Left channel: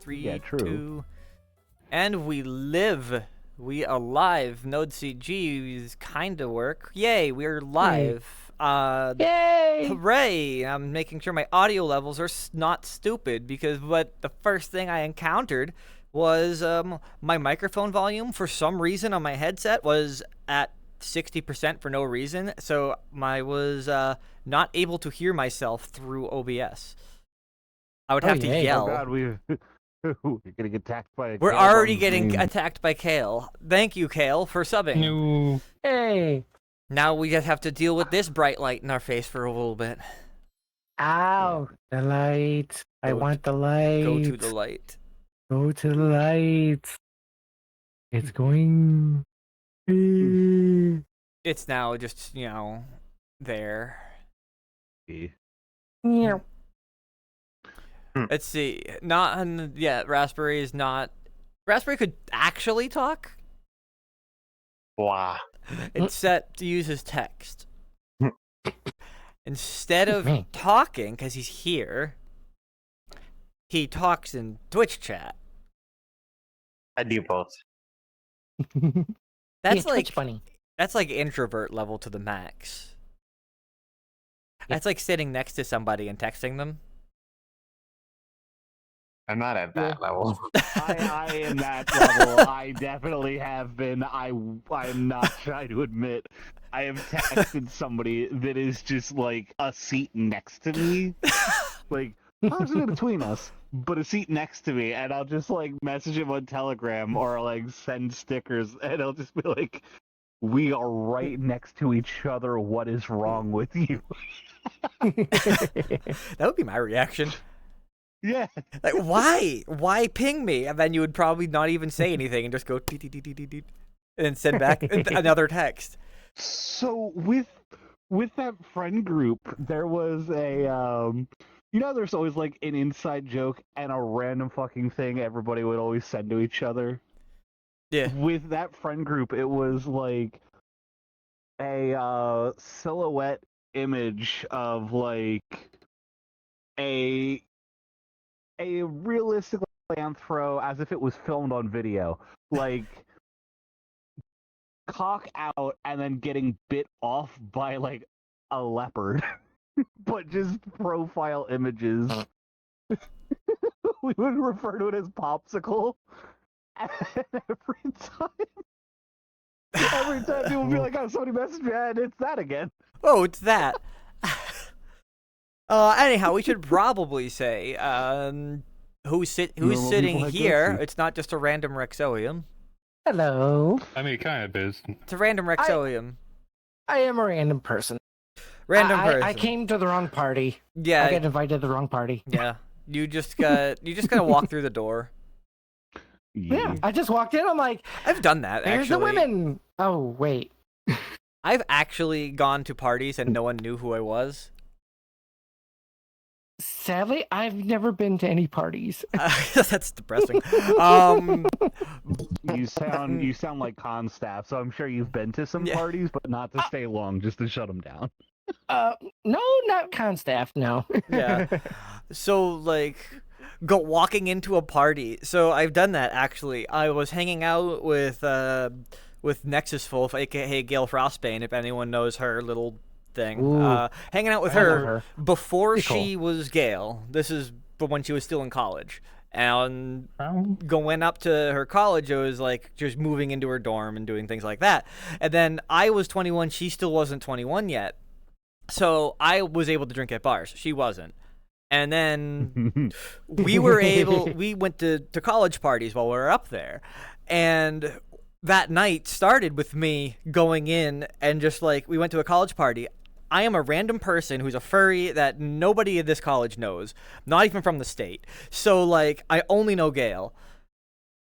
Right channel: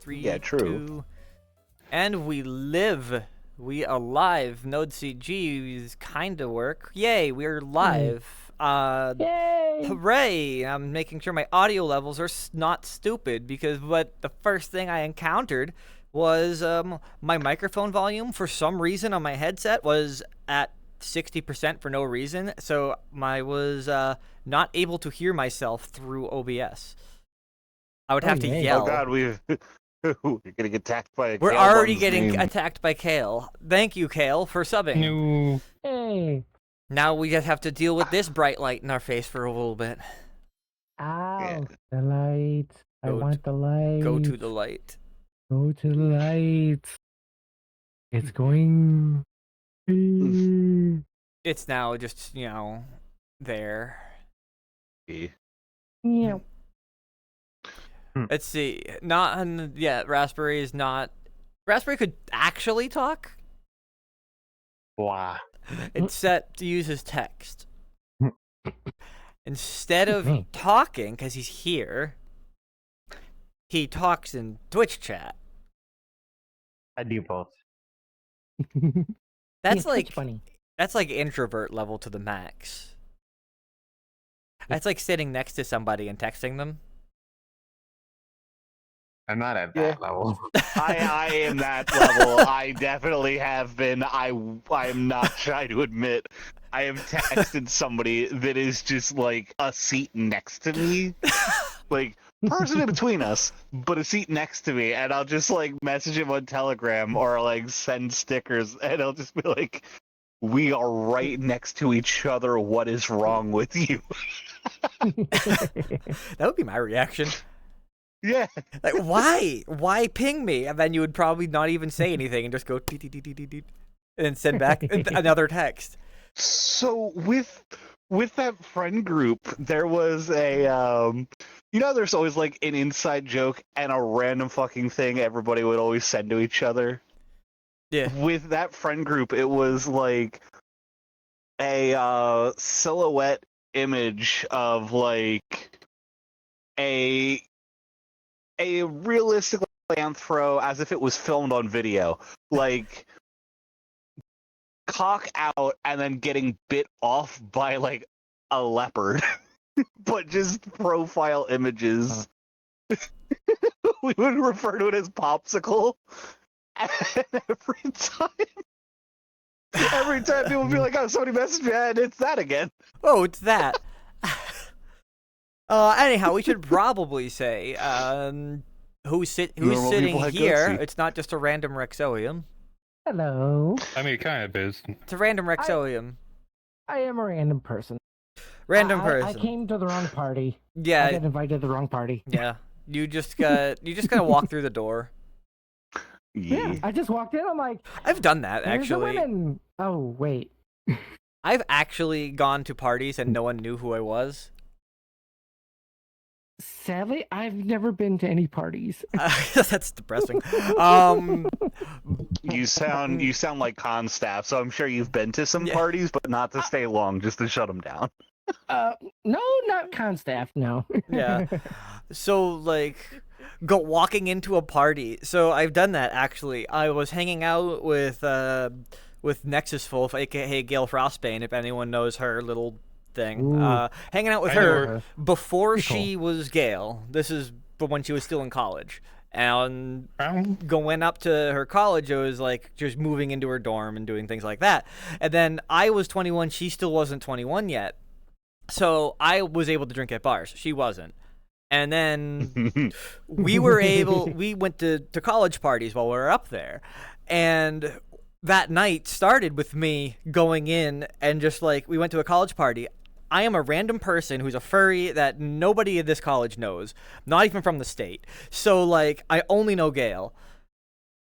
Three, Yeah, true. 2, and we live. We alive. Node CG is kinda work. Yay, we're live. Yay! Hooray! I'm making sure my audio levels are not stupid because the first thing I encountered was my microphone volume for some reason on my headset was at 60% for no reason, so I was not able to hear myself through OBS. I would have to yay. yell. Oh God, we're getting attacked by a We're Kale already on getting stream. attacked by Kale. Thank you, Kale, for subbing. No. Hey! Now we just have to deal with this bright light in our face for a little bit. Ow! The light. I Go want the light. Go to the light. Go to the light. It's going. It's now just, there. Yeah. Let's see. Raspberry is not. Raspberry could actually talk. Blah. It's set to use his text. Instead of Mhm. talking, because he's here, he talks in Twitch chat. I do both. That's like funny. That's like introvert level to the max. That's like sitting next to somebody and texting them. I'm not at that level. I am that level. I definitely have been. I'm not trying to admit. I have texted somebody that is just like a seat next to me, like person in between us, but a seat next to me, and I'll just like message him on Telegram or like send stickers, and I'll just be like, "We are right next to each other. What is wrong with you?" That would be my reaction. Yeah. Like, why? Why ping me? And then you would probably not even say anything and just go "Deet, deet, deet, deet, deet," and then send back another text. So with that friend group, there was a there's always like an inside joke and a random fucking thing everybody would always send to each other. Yeah. With that friend group, it was like a silhouette image of like a realistic anthro as if it was filmed on video, like cock out and then getting bit off by like a leopard, but just profile images. We would refer to it as popsicle, and every time people would be like, "Oh, somebody messaged me, and it's that again." Oh, it's that. Anyhow, we should probably say who's Normal sitting people had here. gutsy. It's not just a random Rexoium. Hello. I mean, it kind of is. It's a random Rexoium. I am a random person. Random I person. came to the wrong party. I Yeah, got invited to the wrong party. yeah. You just gotta walk through the door. Yeah, I just walked in. I'm like, I've done that "Here's the actually. women." Oh wait. I've actually gone to parties and no one knew who I was. Sadly, I've never been to any parties. That's depressing. You sound like con staff, so I'm sure you've been to some Yeah. parties, but not to stay long, just to shut them down. No, not con staff. No. Yeah. So like walking into a party. So I've done that actually. I was hanging out with Nexus Wolf, aka Gale Frostbane, if anyone knows her little thing. Ooh. Hanging out with I know her her. before Pretty she was Gale. This is when she was still in college. And going up to her college, it was like just moving into her dorm and doing things like that. And then I was 21, she still wasn't 21 yet. So I was able to drink at bars. She wasn't. And then we went to college parties while we were up there. And that night started with me going in and just like, we went to a college party. I am a random person who's a furry that nobody at this college knows, not even from the state. So like, I only know Gale.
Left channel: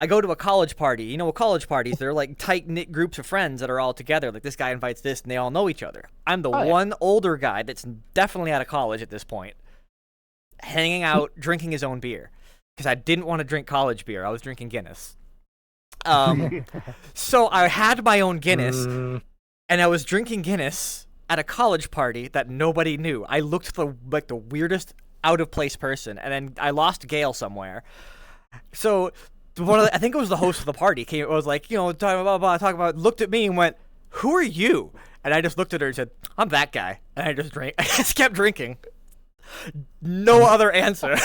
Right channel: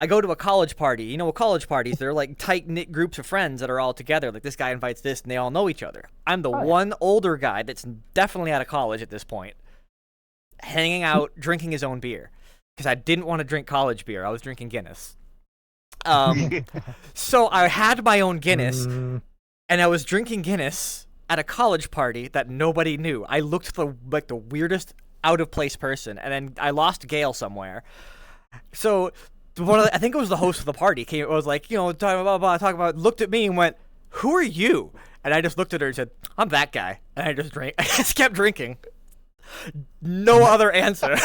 I go to a college party. You know what college parties, they're like tight-knit groups of friends that are all together. Like this guy invites this and they all know each other. I'm the one older guy that's definitely out of college at this point, hanging out, drinking his own beer. Because I didn't want to drink college beer. I was drinking Guinness. So I had my own Guinness, and I was drinking Guinness at a college party that nobody knew. I looked like the weirdest out of place person, and then I lost Gale somewhere. So I think it was the host of the party came. It was like, talking about, looked at me and went, "Who are you?" And I just looked at her and said, "I'm that guy." And I just drank. I just kept drinking. No other answer.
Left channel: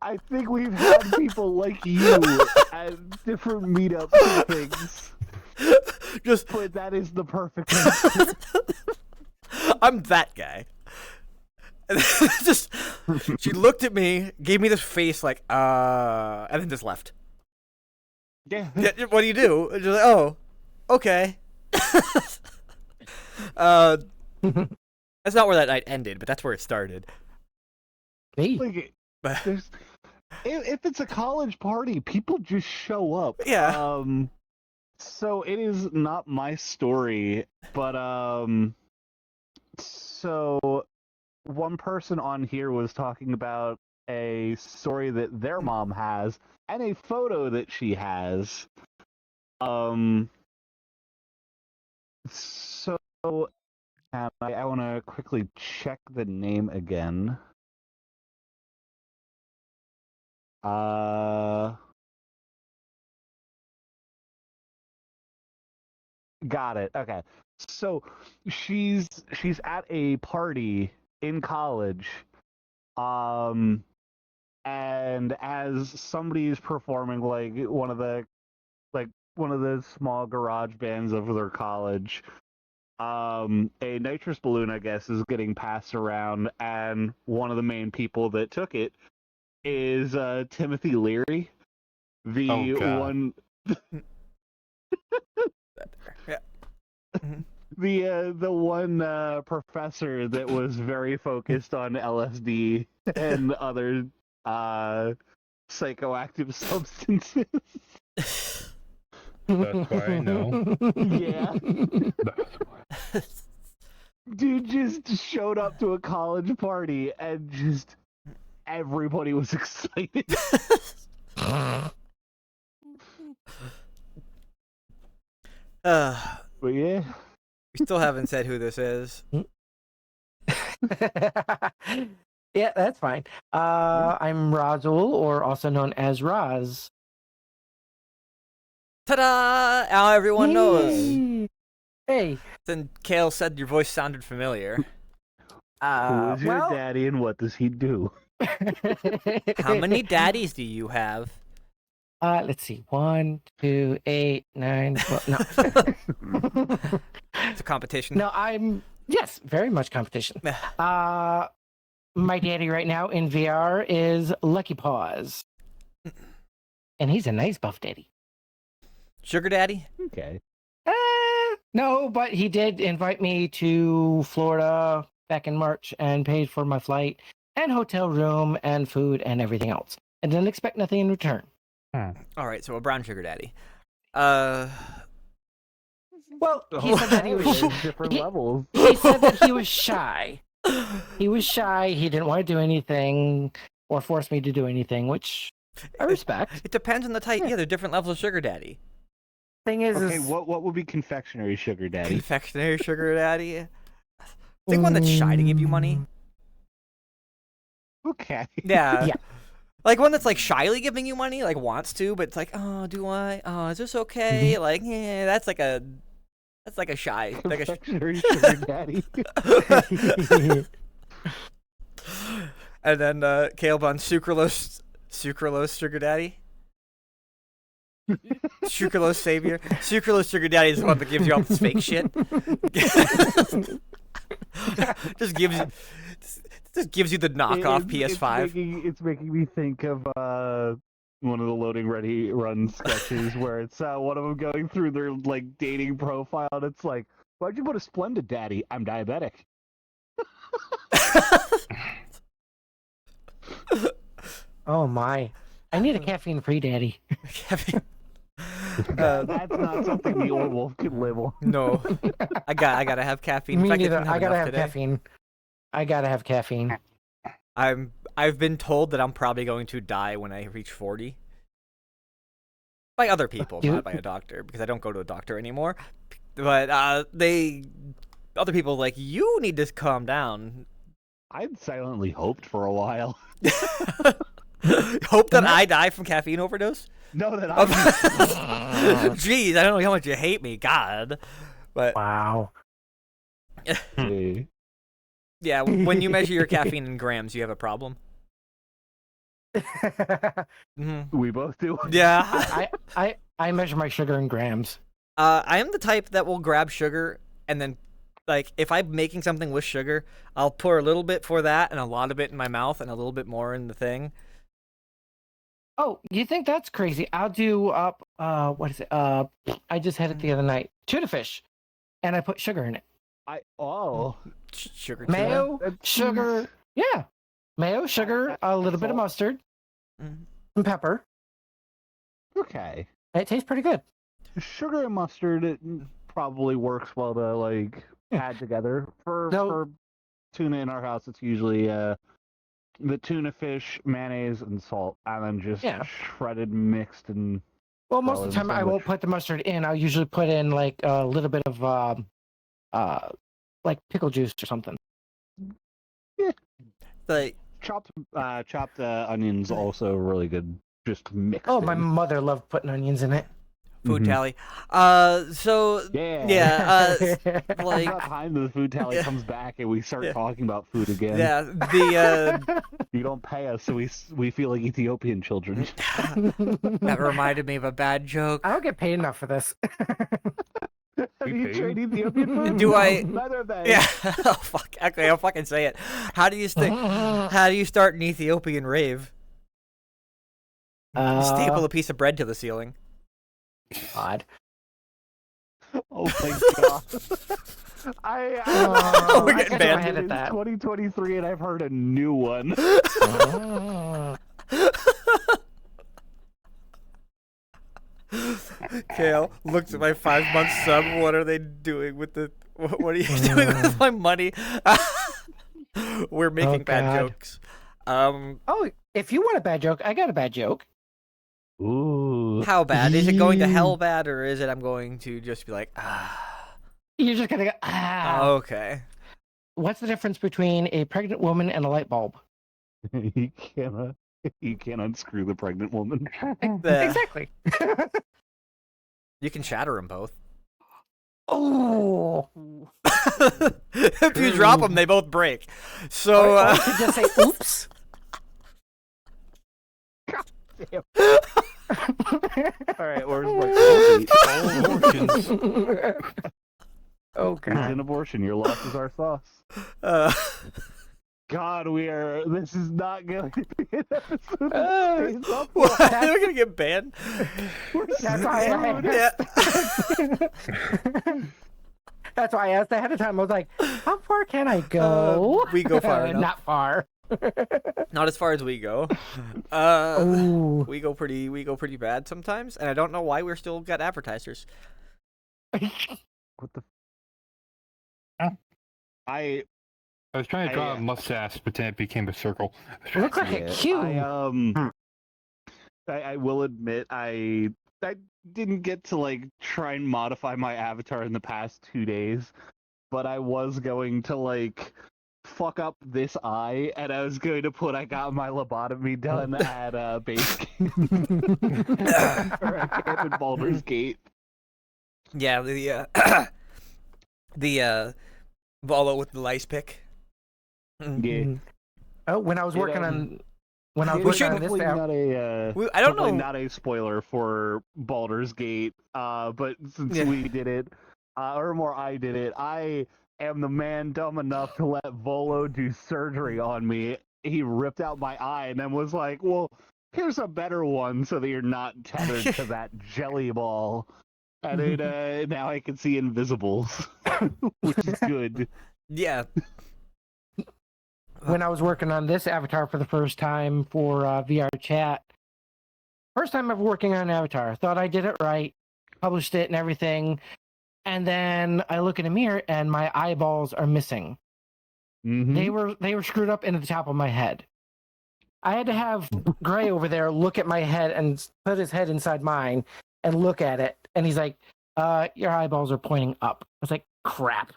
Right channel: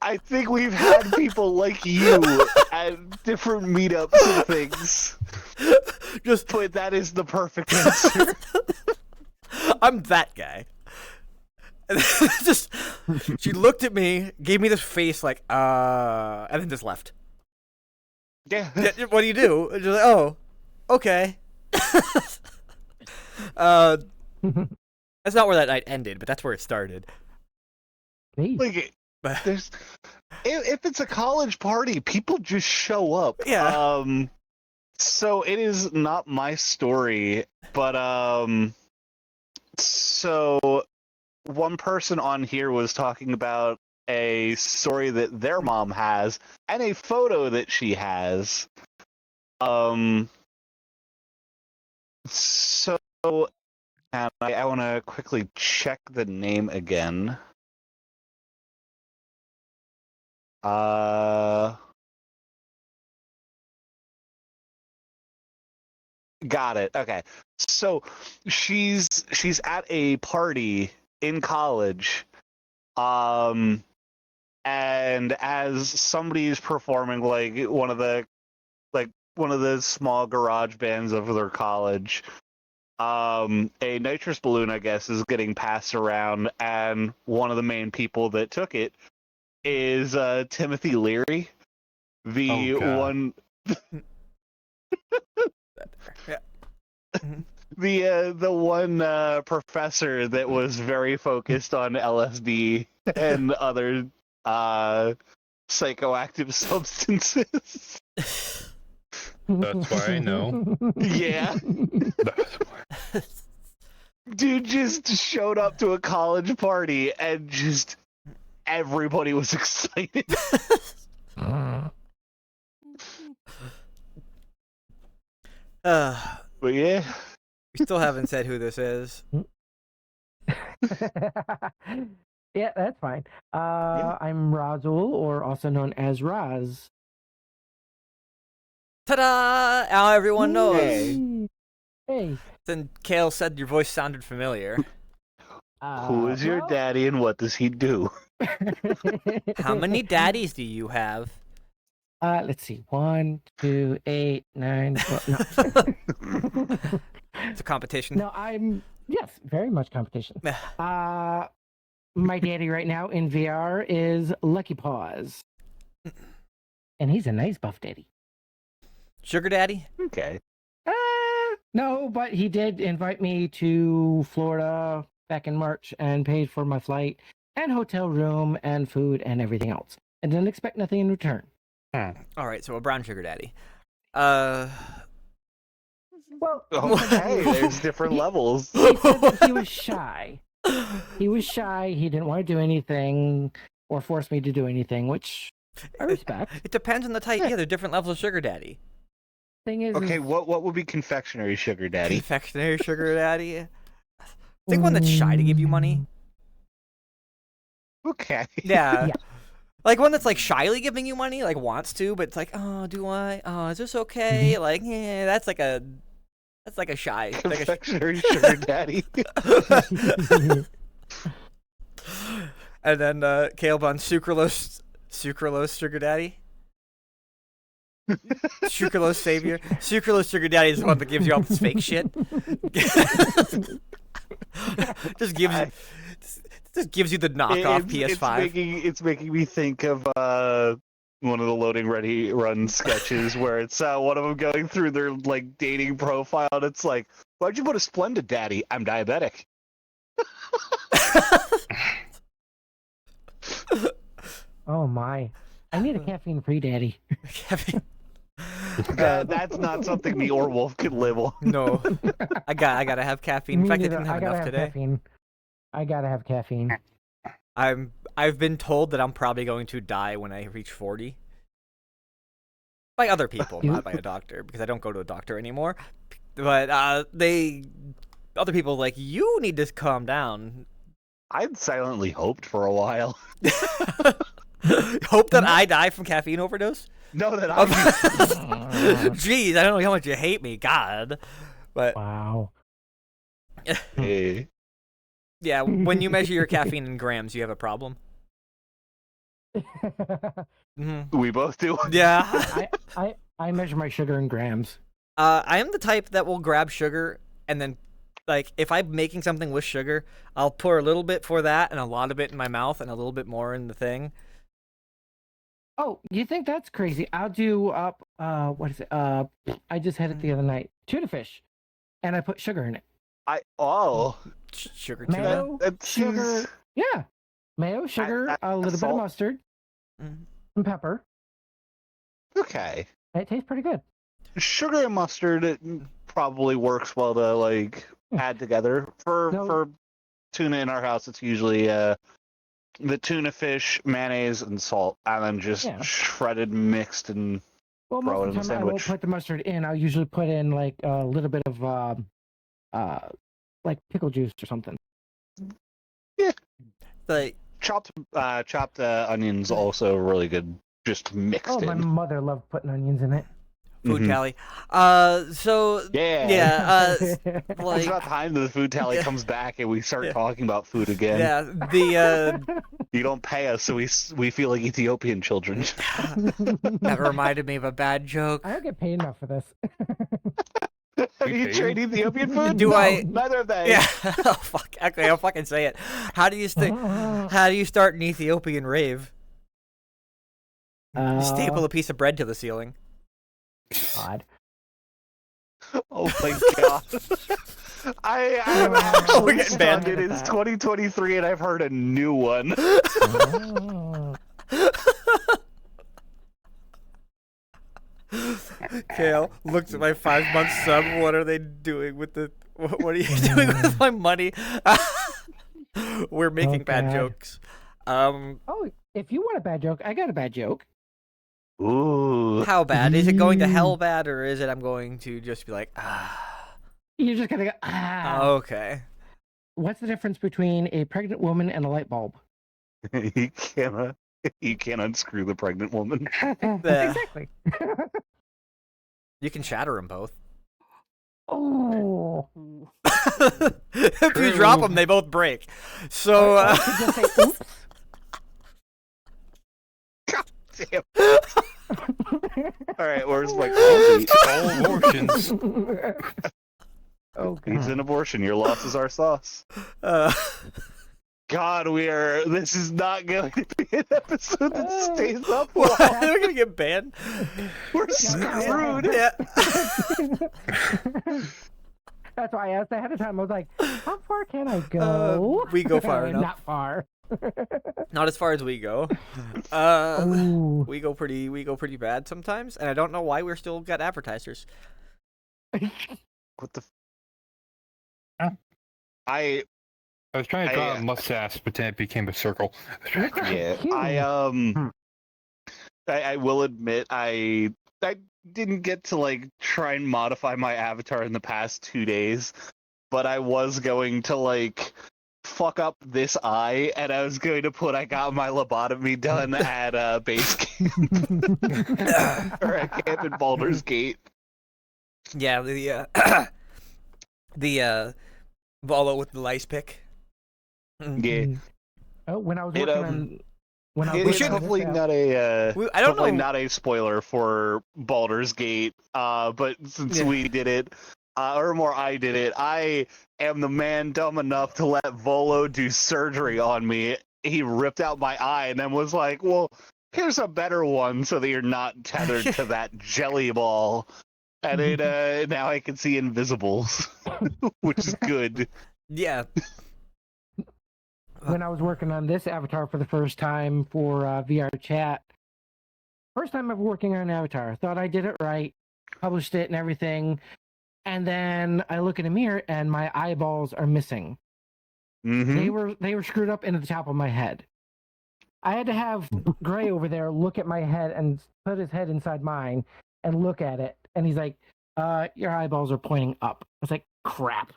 I think we've had people like you at different meetups and things. Just But that is the perfect answer. I'm that guy. And just she looked at me, gave me this face like, and then just left. Yeah. Yeah, what do you do? And just like, oh, okay. That's not where that night ended, but that's where it started. Me. Like, But there's, if it's a college party, people just show up. yeah, So it is not my story, but so one person on here was talking about a story that their mom has and a photo that she has. So and I want to quickly check the name again. Got it. Okay. So she's at a party in college. And as somebody's performing one of the small garage bands of their college, a nitrous balloon, I guess, is getting passed around, and one of the main people that took it is Timothy Leary, the one. yeah. The one professor that was very focused on LSD and other psychoactive substances. That's why I know. Yeah. Dude just showed up to a college party and just everybody was excited. But yeah. We still haven't said who this is. Yeah, that's fine. I'm Razul, or also known as Raz. Ta-da! Now everyone knows. Yay. Hey. Then Kale said your voice sounded familiar. Who is your well- daddy and what does he do? How many daddies do you have? Let's see. 1, 2, 8, 9, 12. No. It's a competition. No, yes, very much competition. My daddy right now in VR is Lucky Paws. And he's a nice buff daddy. Sugar daddy? Okay. No, but he did invite me to Florida back in March and paid for my flight and hotel room and food and everything else. And didn't expect nothing in return. All right, so a brown sugar daddy. Well, Oh, he said that there's different levels. he said that he was shy. He was shy. He didn't want to do anything or force me to do anything, which I respect. It depends on the type. Yeah, there are different levels of sugar daddy. Thing is, Okay, what would be confectionery sugar daddy? Confectionery sugar daddy. Think one that's shy to give you money. Okay. Yeah. Yeah. Like one that's like shyly giving you money, like wants to, but it's like, oh, do I? Oh, is this okay? Like, yeah, that's like a shy. Like Confectionery sugar daddy. And then Caleb on sucralose sugar daddy. Sucralose savior. Sucralose sugar daddy is the one that gives you all this fake shit. just gives you the knockoff PS5. It's making me think of one of the Loading Ready Run sketches where it's one of them going through their dating profile, and it's like, why'd you put a Splendid daddy? I'm diabetic. oh my! I need a caffeine-free daddy. That's not something the Orwolf could live on. No, I gotta have caffeine. In Me fact, I neither. didn't have enough today. Caffeine. I gotta have caffeine. I've been told that I'm probably going to die when I reach 40. By other people, not by a doctor, because I don't go to a doctor anymore. But other people like, you need to calm down. I'd silently hoped for a while. Hope that I die from caffeine overdose? No, that Oh, I. Jeez, I don't know how much you hate me, God. But Wow. Hey. yeah, when you measure your caffeine in grams, you have a problem. Hmm. We both do. Yeah. I measure my sugar in grams. I am the type that will grab sugar and then, like, if I'm making something with sugar, I'll pour a little bit for that and a lot of it in my mouth and a little bit more in the thing. Oh, you think that's crazy? I'll do up. What is it? I just had it the other night. Tuna fish, and I put sugar in it. Sugar tuna. Mayo, That's- sugar. Yeah, mayo, sugar, a little bit of salt. mustard, Mhm. and pepper. Okay. It tastes pretty good. Sugar and mustard it probably works well to like add together. For tuna in our house, it's usually the tuna fish, mayonnaise, and salt, and then just shredded, mixed, and Well, most throw of it the in time the I won't sandwich. put the mustard in. I'll usually put in like a little bit of like pickle juice or something. Like, chopped onions also really good. Just mixed Oh, in. my mother loved putting onions in it. food Mhm. tally. So Yeah. like, It's about time the food tally Yeah. comes back and we start Yeah. talking about food again. yeah, the You don't pay us, so we feel like Ethiopian children. that reminded me of a bad joke. I don't get paid enough for this. Have you tried Ethiopian food? Do I- Neither of them. Yeah. Oh fuck. Okay, I'll fucking say it. How do you start an Ethiopian rave? You staple a piece of bread to the ceiling. God. Oh my god. We're getting banned. It is That. 2023 and I've heard a new one. Kale looks at my 5-month sub. What are they doing with the? What are you doing with my money? We're making bad God. jokes. Oh, if you want a bad joke, I got a bad joke. Ooh. How bad is it going to hell bad, or is it I'm going to just be like, ah? You're just gonna go, ah. Okay. What's the difference between a pregnant woman and a light bulb? you can't unscrew the pregnant woman. The- Exactly. You can shatter them both. Oh. If you drop them, they both break. So. Just say, oops. Damn. All right, where's my All abortions. Oh It's god. an abortion. Your loss is our sauce. uh, God, this is not going to be an episode that stays up. what? We're gonna get banned. We're Yeah, screwed. Yeah. That's why I asked ahead of time. I was like, how far can I go? We go far enough. Not far. Not as far as we go. Ooh. We go pretty bad sometimes, and I don't know why we're still got advertisers. What the? I I was trying to draw I, a mustache, but then it became a circle. Looks like a yeah. cube. I will admit I didn't get to like try and modify my avatar in the past 2 days, but I was going to like fuck up this eye, and I was going to put I got my lobotomy done at base camp or at camp in Baldur's Gate. Yeah, the Volo with the lice pick. Yeah. Oh, when I was working on. When I was It We is working on definitely this not a. I don't Definitely know. not a spoiler for Baldur's Gate, but since Yeah. we did it, or more I did it, I am the man dumb enough to let Volo do surgery on me. He ripped out my eye and then was like, well, here's a better one so that you're not tethered to that jelly ball. And it, now I can see invisibles, which is good. Yeah. when I was working on this avatar for the first time for VR chat. First time ever working on an avatar. Thought I did it right, published it and everything. And then I look in a mirror and my eyeballs are missing. Mm-hmm. They were screwed up into the top of my head. I had to have Gray over there look at my head and put his head inside mine and look at it. And he's like, your eyeballs are pointing up. I was like, crap.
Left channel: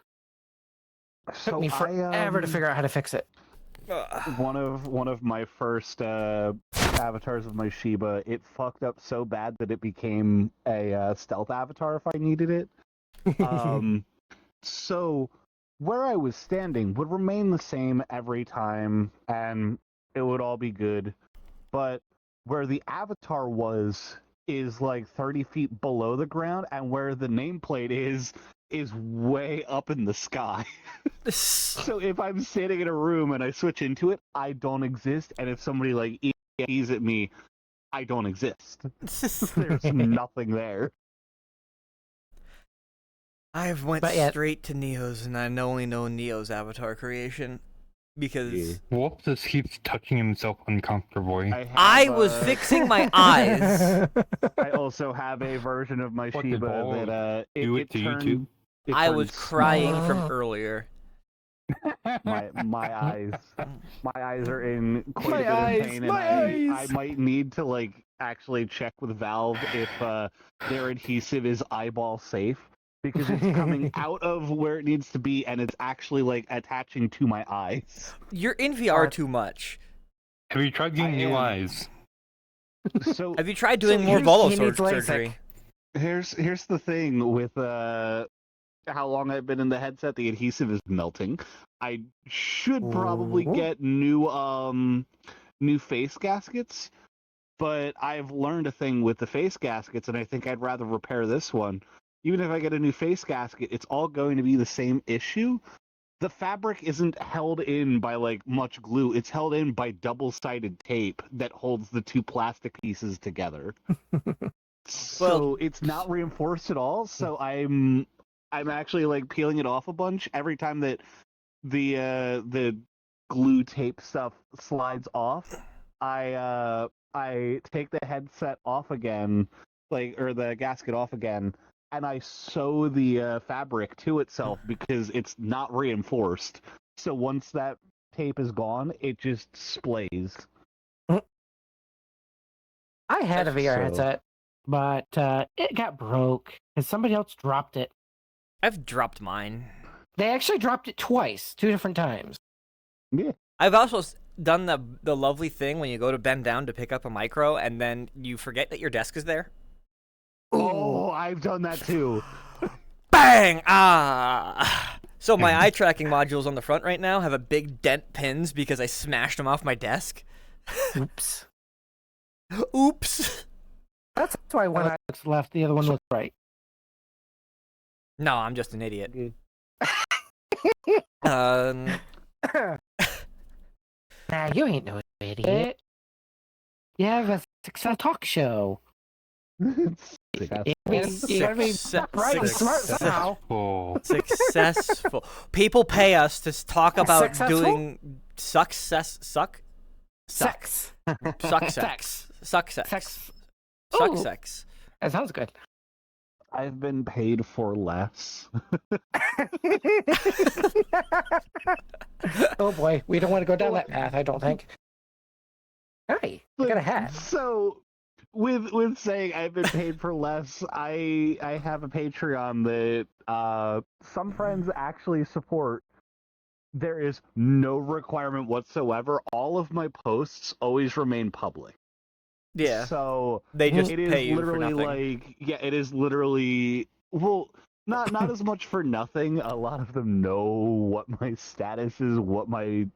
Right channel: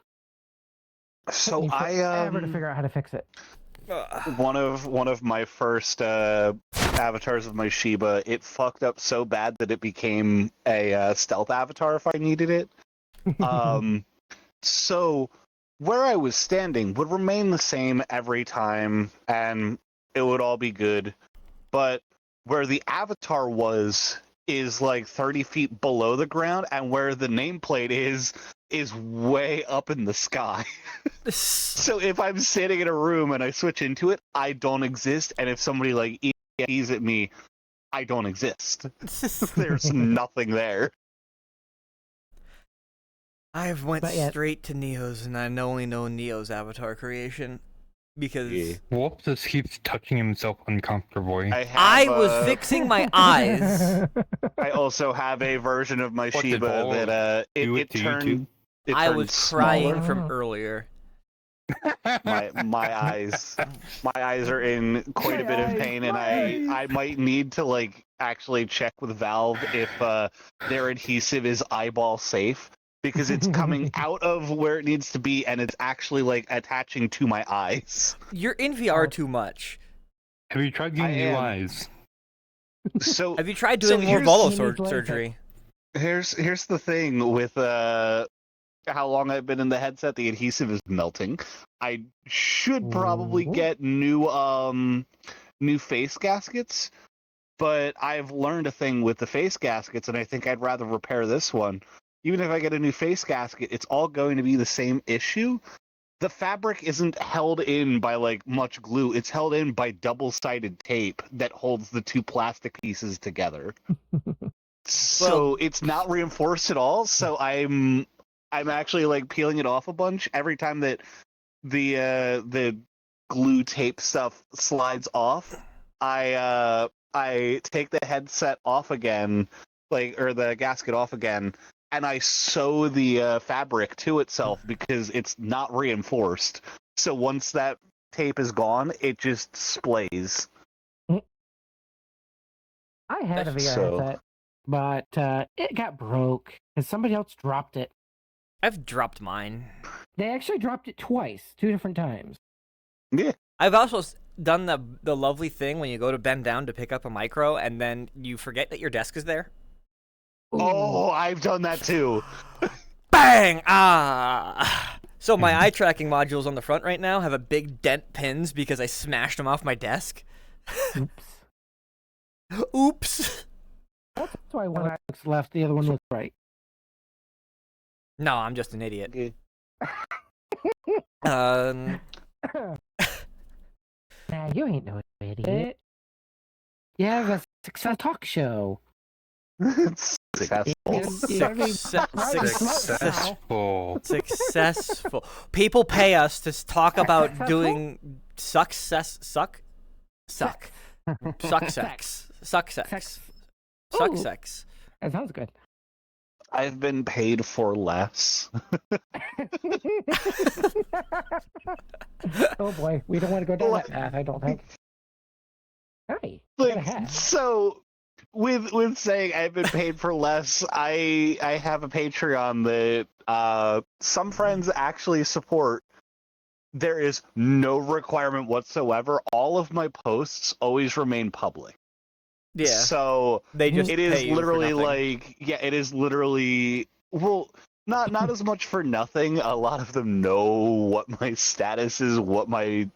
So Took me forever to I figure out how to fix it. one of my first avatars of my Shiba, it fucked up so bad that it became a stealth avatar if I needed it. So where I was standing would remain the same every time, and it would all be good. But where the avatar was is like 30 feet below the ground, and where the nameplate is way up in the sky. So if I'm sitting in a room and I switch into it, I don't exist. And if somebody like EMPs at me, I don't exist. There's nothing there. I've went But yeah. straight to Neo's, and I only know Neo's avatar creation because Yeah. Wolf just keeps touching himself uncomfortably. I was fixing my eyes. I also have a version of my What did Shiba Wolf that do it it to you turned. too? It I turned was small. crying from earlier. My eyes are in quite a bit of My pain, and I eyes. might need to like actually check with Valve if their adhesive is eyeball safe, because it's coming out of where it needs to be and it's actually like attaching to my eyes. You're in VR too much. Have you tried getting I new am. eyes? So Have you tried doing more here's- Volo he needs LASIK. surgery? here's the thing with how long I've been in the headset, the adhesive is melting. I should probably Ooh. get new face gaskets, but I've learned a thing with the face gaskets, and I think I'd rather repair this one. Even if I get a new face gasket, it's all going to be the same issue. The fabric isn't held in by like much glue. It's held in by double-sided tape that holds the two plastic pieces together. So it's not reinforced at all. So I'm actually like peeling it off a bunch every time that the glue tape stuff slides off. I take the headset off again, or the gasket off again, and I sew the fabric to itself because it's not reinforced. So once that tape is gone, it just splays. I had a VR So- headset, but it got broke because somebody else dropped it. I've dropped mine. They actually dropped it twice, 2 different times. Yeah. I've also done the lovely thing when you go to bend down to pick up a micro, and then you forget that your desk is there. Oh, I've done that too. Bang! Ah! So my eye tracking modules on the front right now have a big dent pins because I smashed them off my desk. Oops. Oops. That's why one eye looks left, the other one looks right. No, I'm just an idiot. Okay. Um, Nah, you ain't no idiot. You have a success talk show. Successful. Successful. People pay us to talk about Successful? doing suck sex. Sex. Suck sex. That sounds good. I've been paid for less. Oh boy, we don't want to go down that path, I don't think. Hi, you got a hat. So, with saying I've been paid for less, I have a Patreon that some friends actually support. There is no requirement whatsoever. All of my posts always remain public. Yeah, So they just it pay is you for literally nothing. like, yeah, it is literally, well, not as much for nothing. A lot of them know what my status is, what my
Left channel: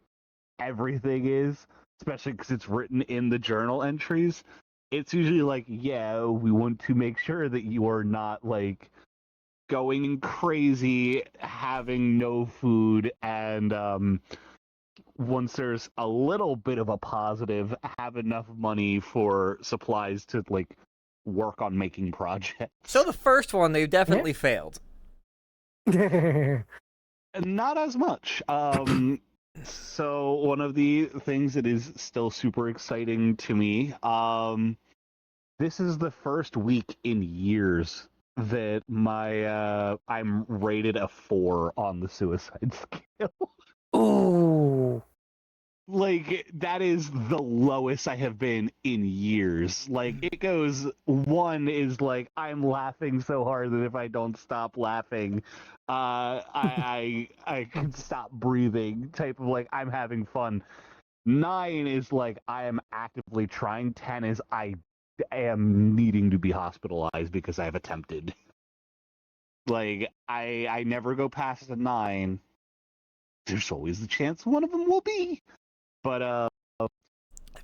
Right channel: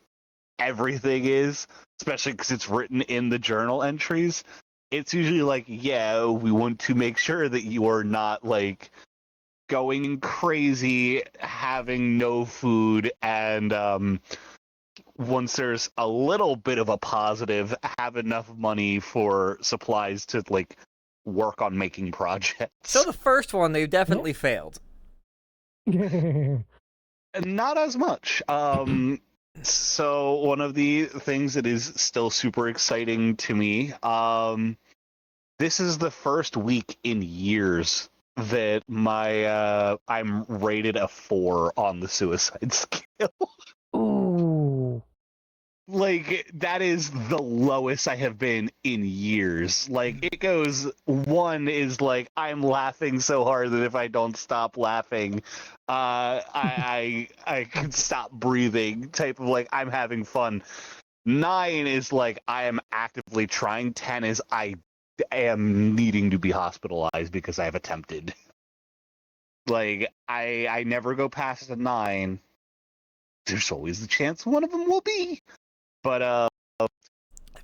everything is, especially because it's written in the journal entries. It's usually like, yeah, we want to make sure that you are not like going crazy, having no food, and once there's a little bit of a positive, have enough money for supplies to like work on making projects. So the first one, they definitely failed. Not as much. So one of the things that is still super exciting to me, this is the first week in years that my I'm rated a 4 on the suicide scale. Ooh. like that is the lowest I have been in years. Like it goes, one is like I'm laughing so hard that if I don't stop laughing, I can stop breathing. Type of like I'm having fun. 9 is like I am actively trying. 10 is I am needing to be hospitalized because I've attempted. Like I never go past a 9. There's always the chance one of them will be. But So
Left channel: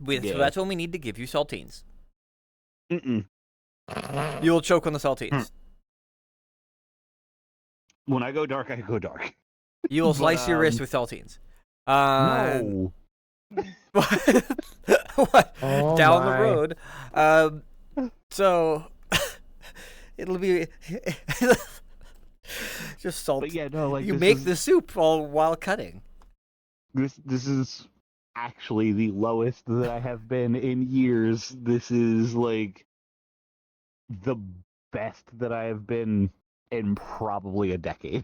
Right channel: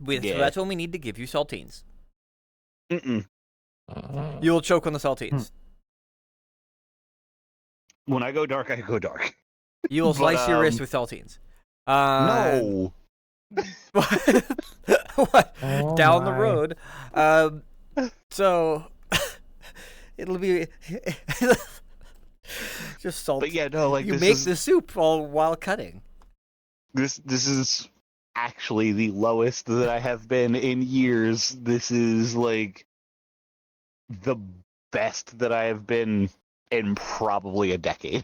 yeah. that's when we need to give you saltines. Mm-mm. You will choke on the saltines. When I go dark, I go dark. You will But, slice your wrist with saltines. No. What? Oh Down the my. road. So it'll be just salt. But yeah, no, like you this make is, the soup all while cutting. this is actually the lowest that I have been in years. This is like the best that I have been in probably a decade.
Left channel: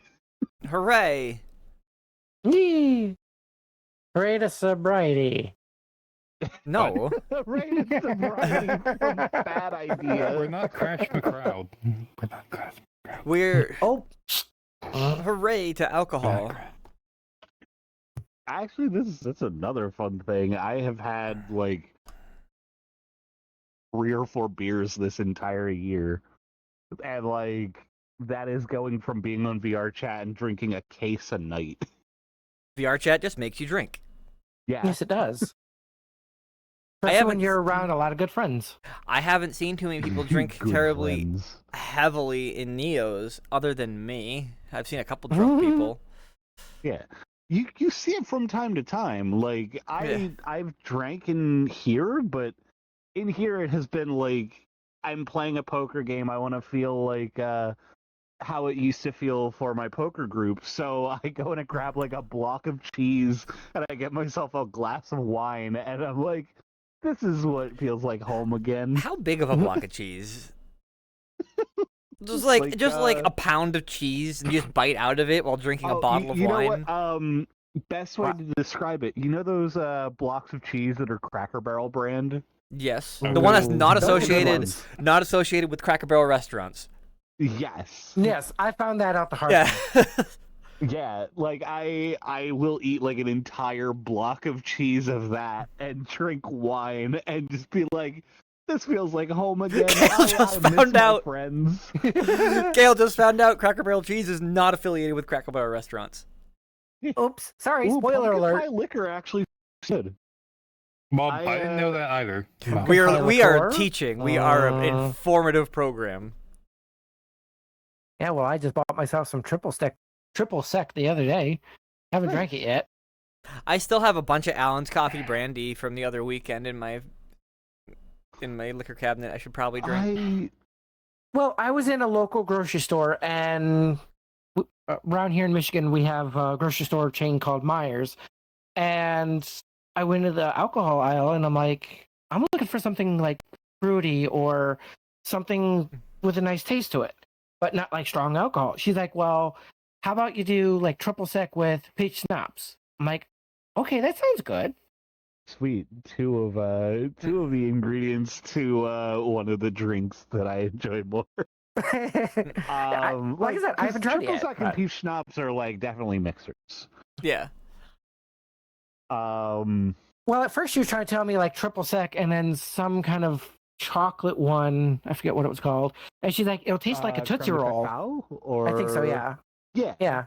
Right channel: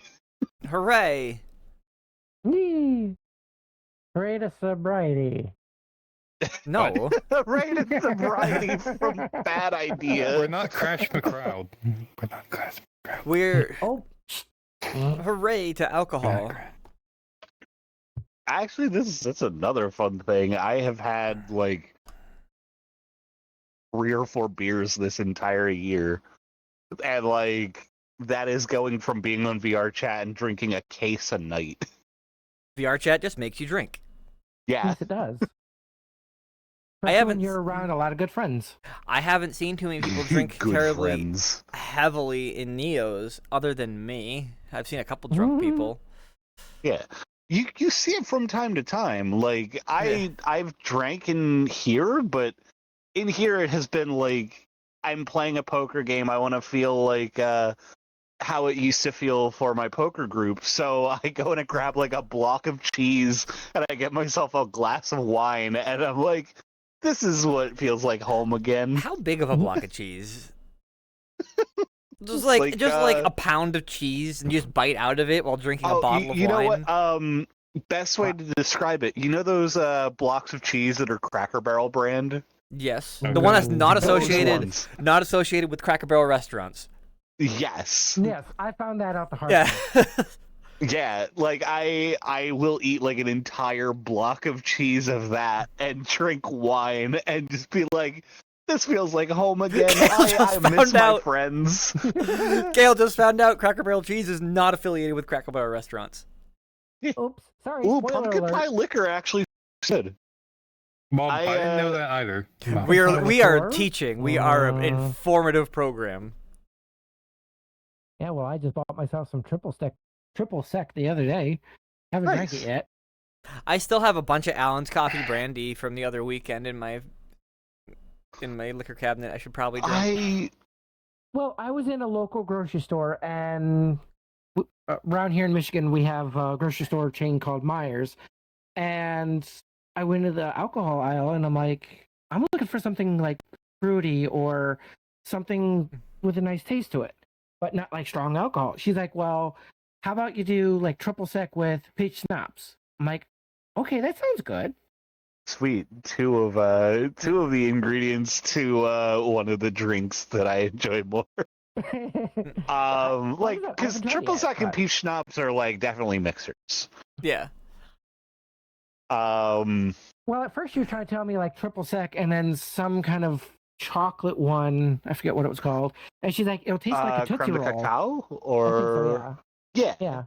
Hooray! Yee. Hooray to sobriety. No. Right at sobriety from Bad We're Idea. not Crash the Crowd. We're not Crash. We're Oh. hooray to alcohol. Actually, that's another fun thing. I have had like 3 or 4 beers this entire year, and like that is going from being on VR chat and drinking a case a night. VR chat just makes you drink. Yeah, Yes, it does. I Especially haven't when you're around a lot of good friends. I haven't seen too many people drink Good terribly friends. heavily in Neos other than me. I've seen a couple drunk Mhm. people. Yeah, you see it from time to time. Like I've drank in here, but in here it has been like I'm playing a poker game. I want to feel like how it used to feel for my poker group. So I go and I grab like a block of cheese and I get myself a glass of wine, and I'm like, this is what feels like home again. How big of a block of cheese? Just like a pound of cheese and you just bite out of it while drinking a bottle of you wine. know what? Best way to describe it. You know those blocks of cheese that are Cracker Barrel brand? Yes. Okay. The one that's not Those associated with Cracker Barrel restaurants. Yes. Yes, I found that out the hard Yeah. way. Yeah, like I will eat like an entire block of cheese of that and drink wine and just be like, this feels like home again. Gail just I miss found my out. friends. Gail just found out Cracker Barrel cheese is not affiliated with Cracker Barrel restaurants. Oops, sorry, Ooh, spoiler pumpkin alert. pie liquor actually said. Well, I, I didn't know that either. No. We are Before? teaching. We are an Mm. informative program. Yeah, well, I just bought myself some triple sec the other day. Haven't drank it Nice. yet. I still have a bunch of Allen's coffee brandy from the other weekend in my liquor cabinet. I should probably drink. Well, I was in a local grocery store, and around here in Michigan, we have a grocery store chain called Myers. And I went to the alcohol aisle, and I'm like, I'm looking for something like fruity or something with a nice taste to it, but not like strong alcohol. She's like, well, how about you do like triple sec with peach schnapps? I'm like, okay, that sounds good. Sweet. Two of the ingredients to one of the drinks that I enjoy more. Like I Like said, I because haven't tried triple yet, sec and but- peach schnapps are like definitely mixers. Yeah. Well, at first she was trying to tell me like triple sec and then some kind of chocolate one. I forget what it was called. And she's like, it'll taste like a Tootsie creme de Roll. cacao, or I think so, yeah. Yeah. Yeah.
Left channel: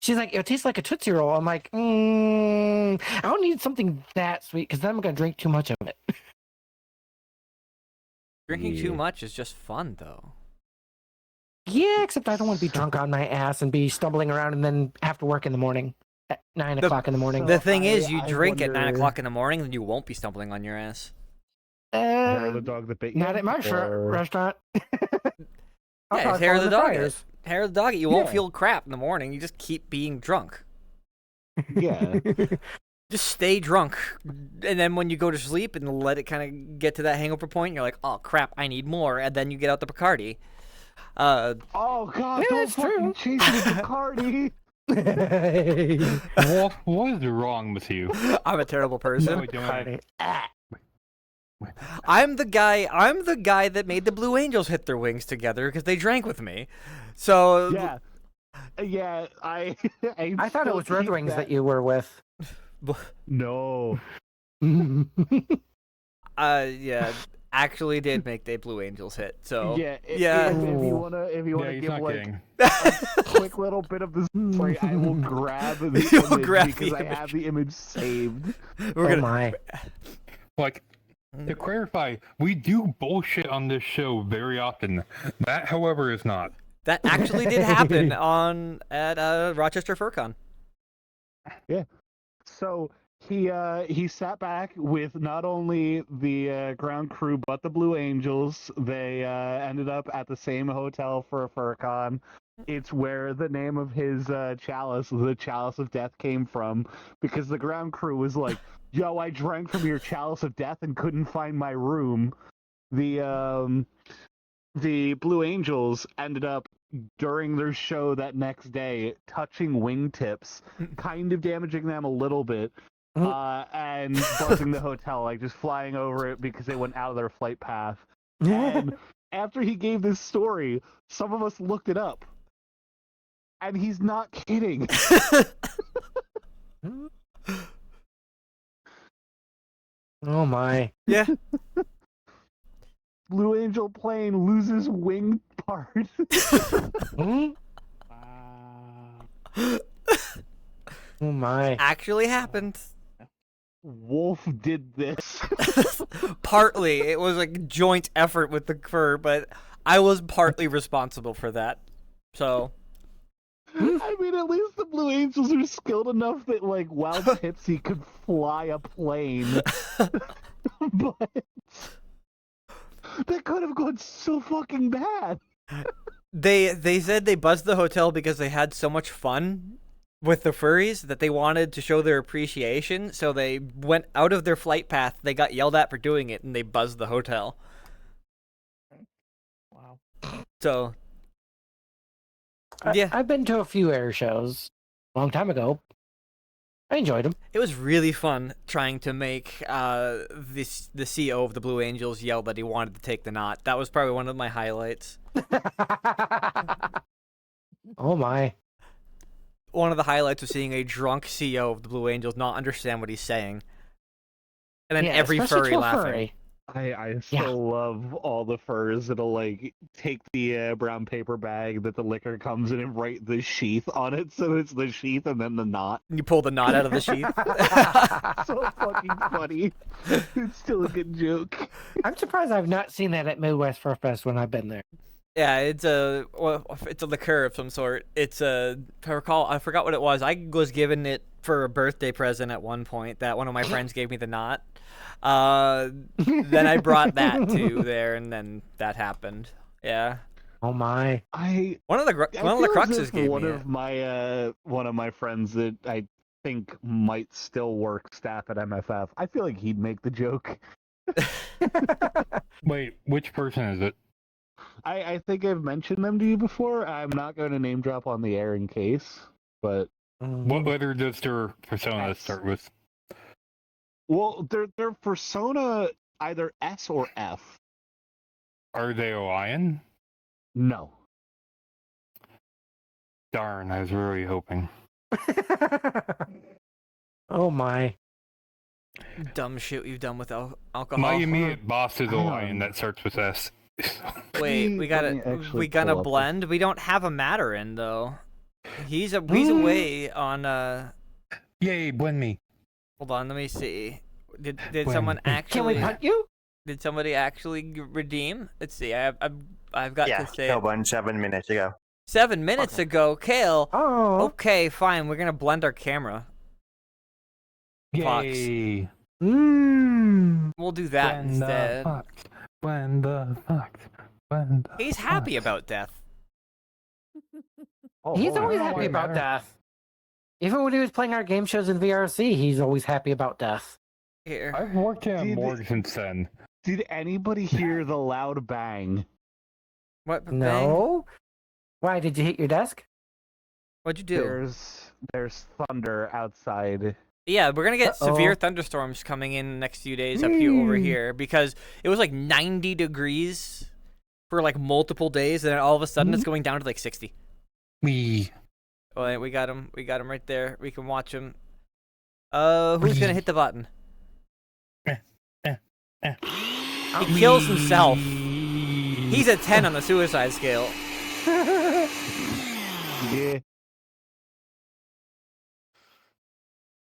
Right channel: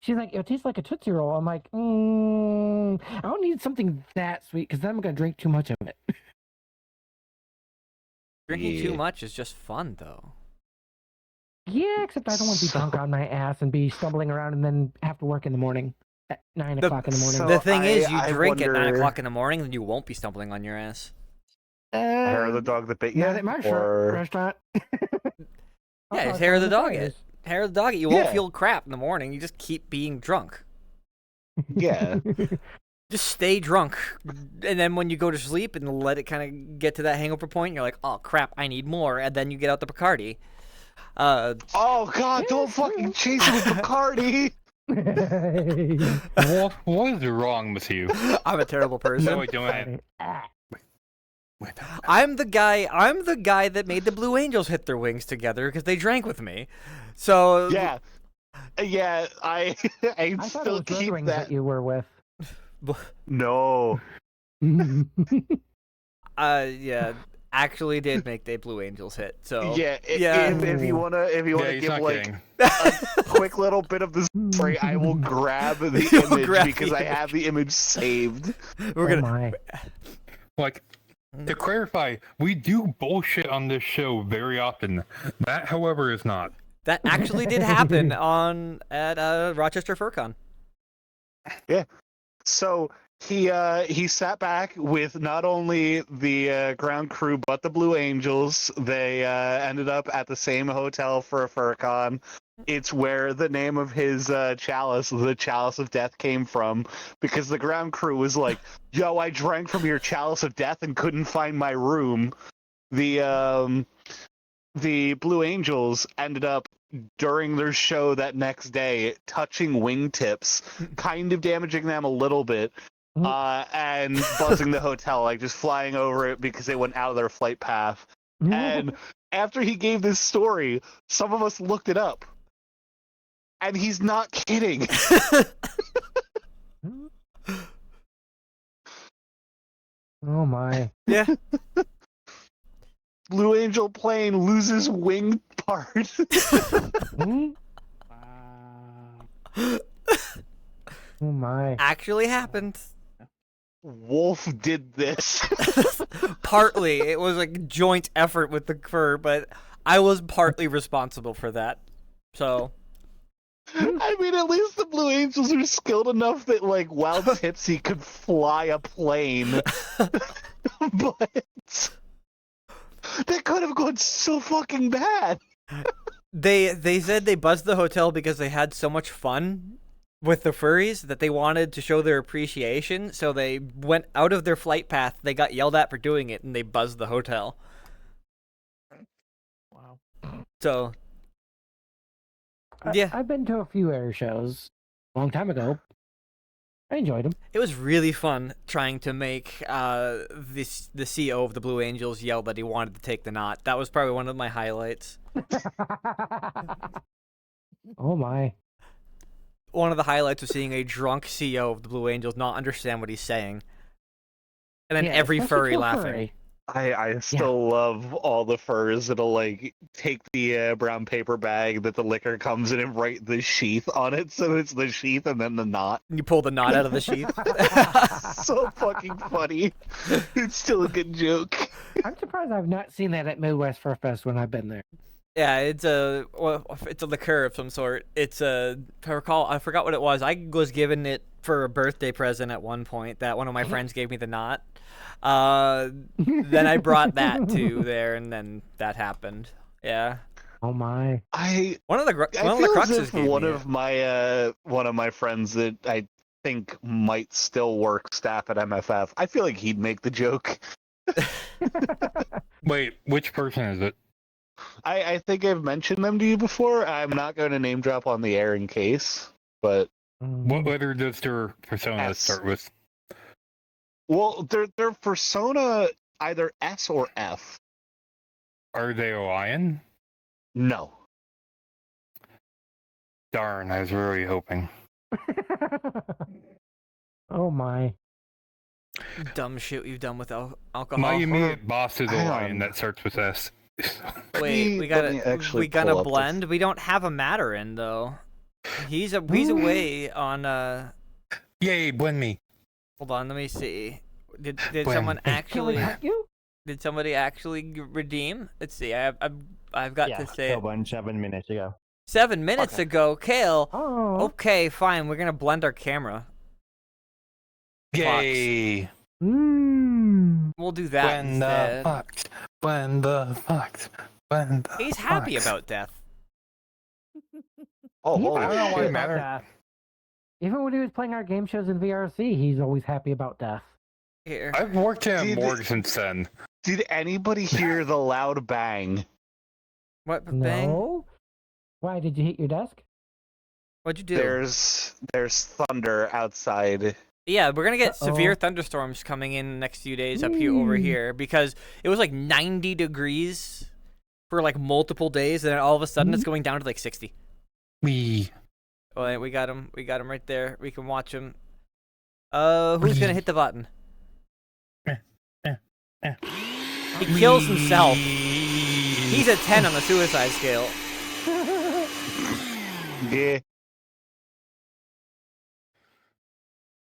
She's like, it'll taste like a Tootsie Roll. I'm like, I don't need something that sweet because then I'm going to drink too much of it. Drinking too Yeah. much is just fun, though. Yeah, except I don't want to be drunk on my ass and be stumbling around and then have to work in the morning at 9 o'clock in the morning. The thing is, you I drink at 9 wonder- o'clock in the morning, and you won't be stumbling on your ass. Hair of the dog that bit you. Not at my or... restaurant. Yeah, it's hair of the dog. Hair of the dog. You won't Yeah. feel crap in the morning. You just keep being drunk. Yeah. Just stay drunk, and then when you go to sleep and let it kind of get to that hangover point, you're like, "Oh crap, I need more," and then you get out the Bacardi. Oh God! Yeah, Don't that's true. fucking chase me, Bacardi. What is wrong with you? I'm a terrible person. No, I don't. I'm the guy that made the Blue Angels hit their wings together because they drank with me. So Yeah. Yeah, I I thought it was Red Wings that you were with. No. yeah, actually did make the Blue Angels hit. So Yeah, yeah. If you wanna Yeah, he's give not like kidding. a quick little bit of the story, I will grab the You'll image grab the because I image. have the image saved. We're Oh gonna. my. Like, to clarify, we do bullshit on this show very often. That, however, is not. That actually did happen at Rochester FurCon. So he sat back with not only the ground crew but the Blue Angels. They ended up at the same hotel for a FurCon. It's where the name of his chalice, the Chalice of Death, came from, because the ground crew was like, "Yo, I drank from your Chalice of Death and couldn't find my room." The Blue Angels ended up during their show that next day touching wingtips, kind of damaging them a little bit, and buzzing the hotel, like just flying over it because they went out of their flight path. And after he gave this story, some of us looked it up. And he's not kidding. Oh my. Yeah. Blue Angel plane loses wing part. Oh my. Actually happened. Wolf did this. Partly, it was a joint effort with the fur, but I was partly responsible for that. So. I mean, at least the Blue Angels are skilled enough that, like, while tipsy, could fly a plane. But that could have gone so fucking bad. They said they buzzed the hotel because they had so much fun with the furries that they wanted to show their appreciation, so they went out of their flight path, they got yelled at for doing it, and they buzzed the hotel. Wow. So, yeah. I've been to a few air shows a long time ago. I enjoyed them. It was really fun trying to make the CEO of the Blue Angels yell that he wanted to take the knot. That was probably one of my highlights. Oh my. One of the highlights was seeing a drunk CEO of the Blue Angels not understand what he's saying. And then Yeah, every especially furry to a laughing. furry. I still love all the furs that'll, like, take the brown paper bag that the liquor comes in and write the sheath on it, so it's the sheath and then the knot. You pull the knot out of the sheath. So fucking funny. It's still a good joke. I'm surprised I've not seen that at Midwest Fur Fest when I've been there. Yeah, it's a liqueur of some sort. It's a, if I recall, I forgot what it was. I was given it for a birthday present at one point. That one of my friends gave me the knot. Then I brought that to there, and then that happened. Yeah. Oh my. One of the cruxes gave one me of it. my one of my friends that I think might still work staff at MFF. I feel like he'd make the joke. Wait, which person is it? I think I've mentioned them to you before. I'm not going to name drop on the air in case, but What letter does their persona S. start with? well, their persona either S or F. Are they a lion? No. Darn, I was really hoping. Oh my. Dumb shit we've done with alcohol. My immediate boss is a Hang lion on. that starts with S. Wait, Let me actually we gotta pull up blend. We don't have a matter in though. He's away on Yay, blend me. Hold on, let me see. Did When? someone Can we actually hunt you? did somebody actually redeem? Let's see. I've got to say it. One 7 minutes ago. 7 minutes ago, Kale. Oh. Okay, fine. We're gonna blend our camera. Fox. Yay. Mmm. We'll do that Blend instead. the fox. Blend the fox. Blend the He's happy fox. about death. Oh, He's holy always shit. happy about death. Even when he was playing our game shows in VRC, he's always happy about death. Here. I've worked in a Did- morgue since then. Did anybody hear the loud bang? What bang? No. Why did you hit your desk? What'd you do? There's thunder outside. Yeah, we're gonna get severe Uh-oh. thunderstorms coming in the next few days up here over here because it was like 90 degrees for like multiple days, and then all of a sudden it's going down to like 60. We. Oh, we got him. We got him right there. We can watch him. Who's gonna hit the button? He kills himself. He's a 10 on the suicide scale. Yeah.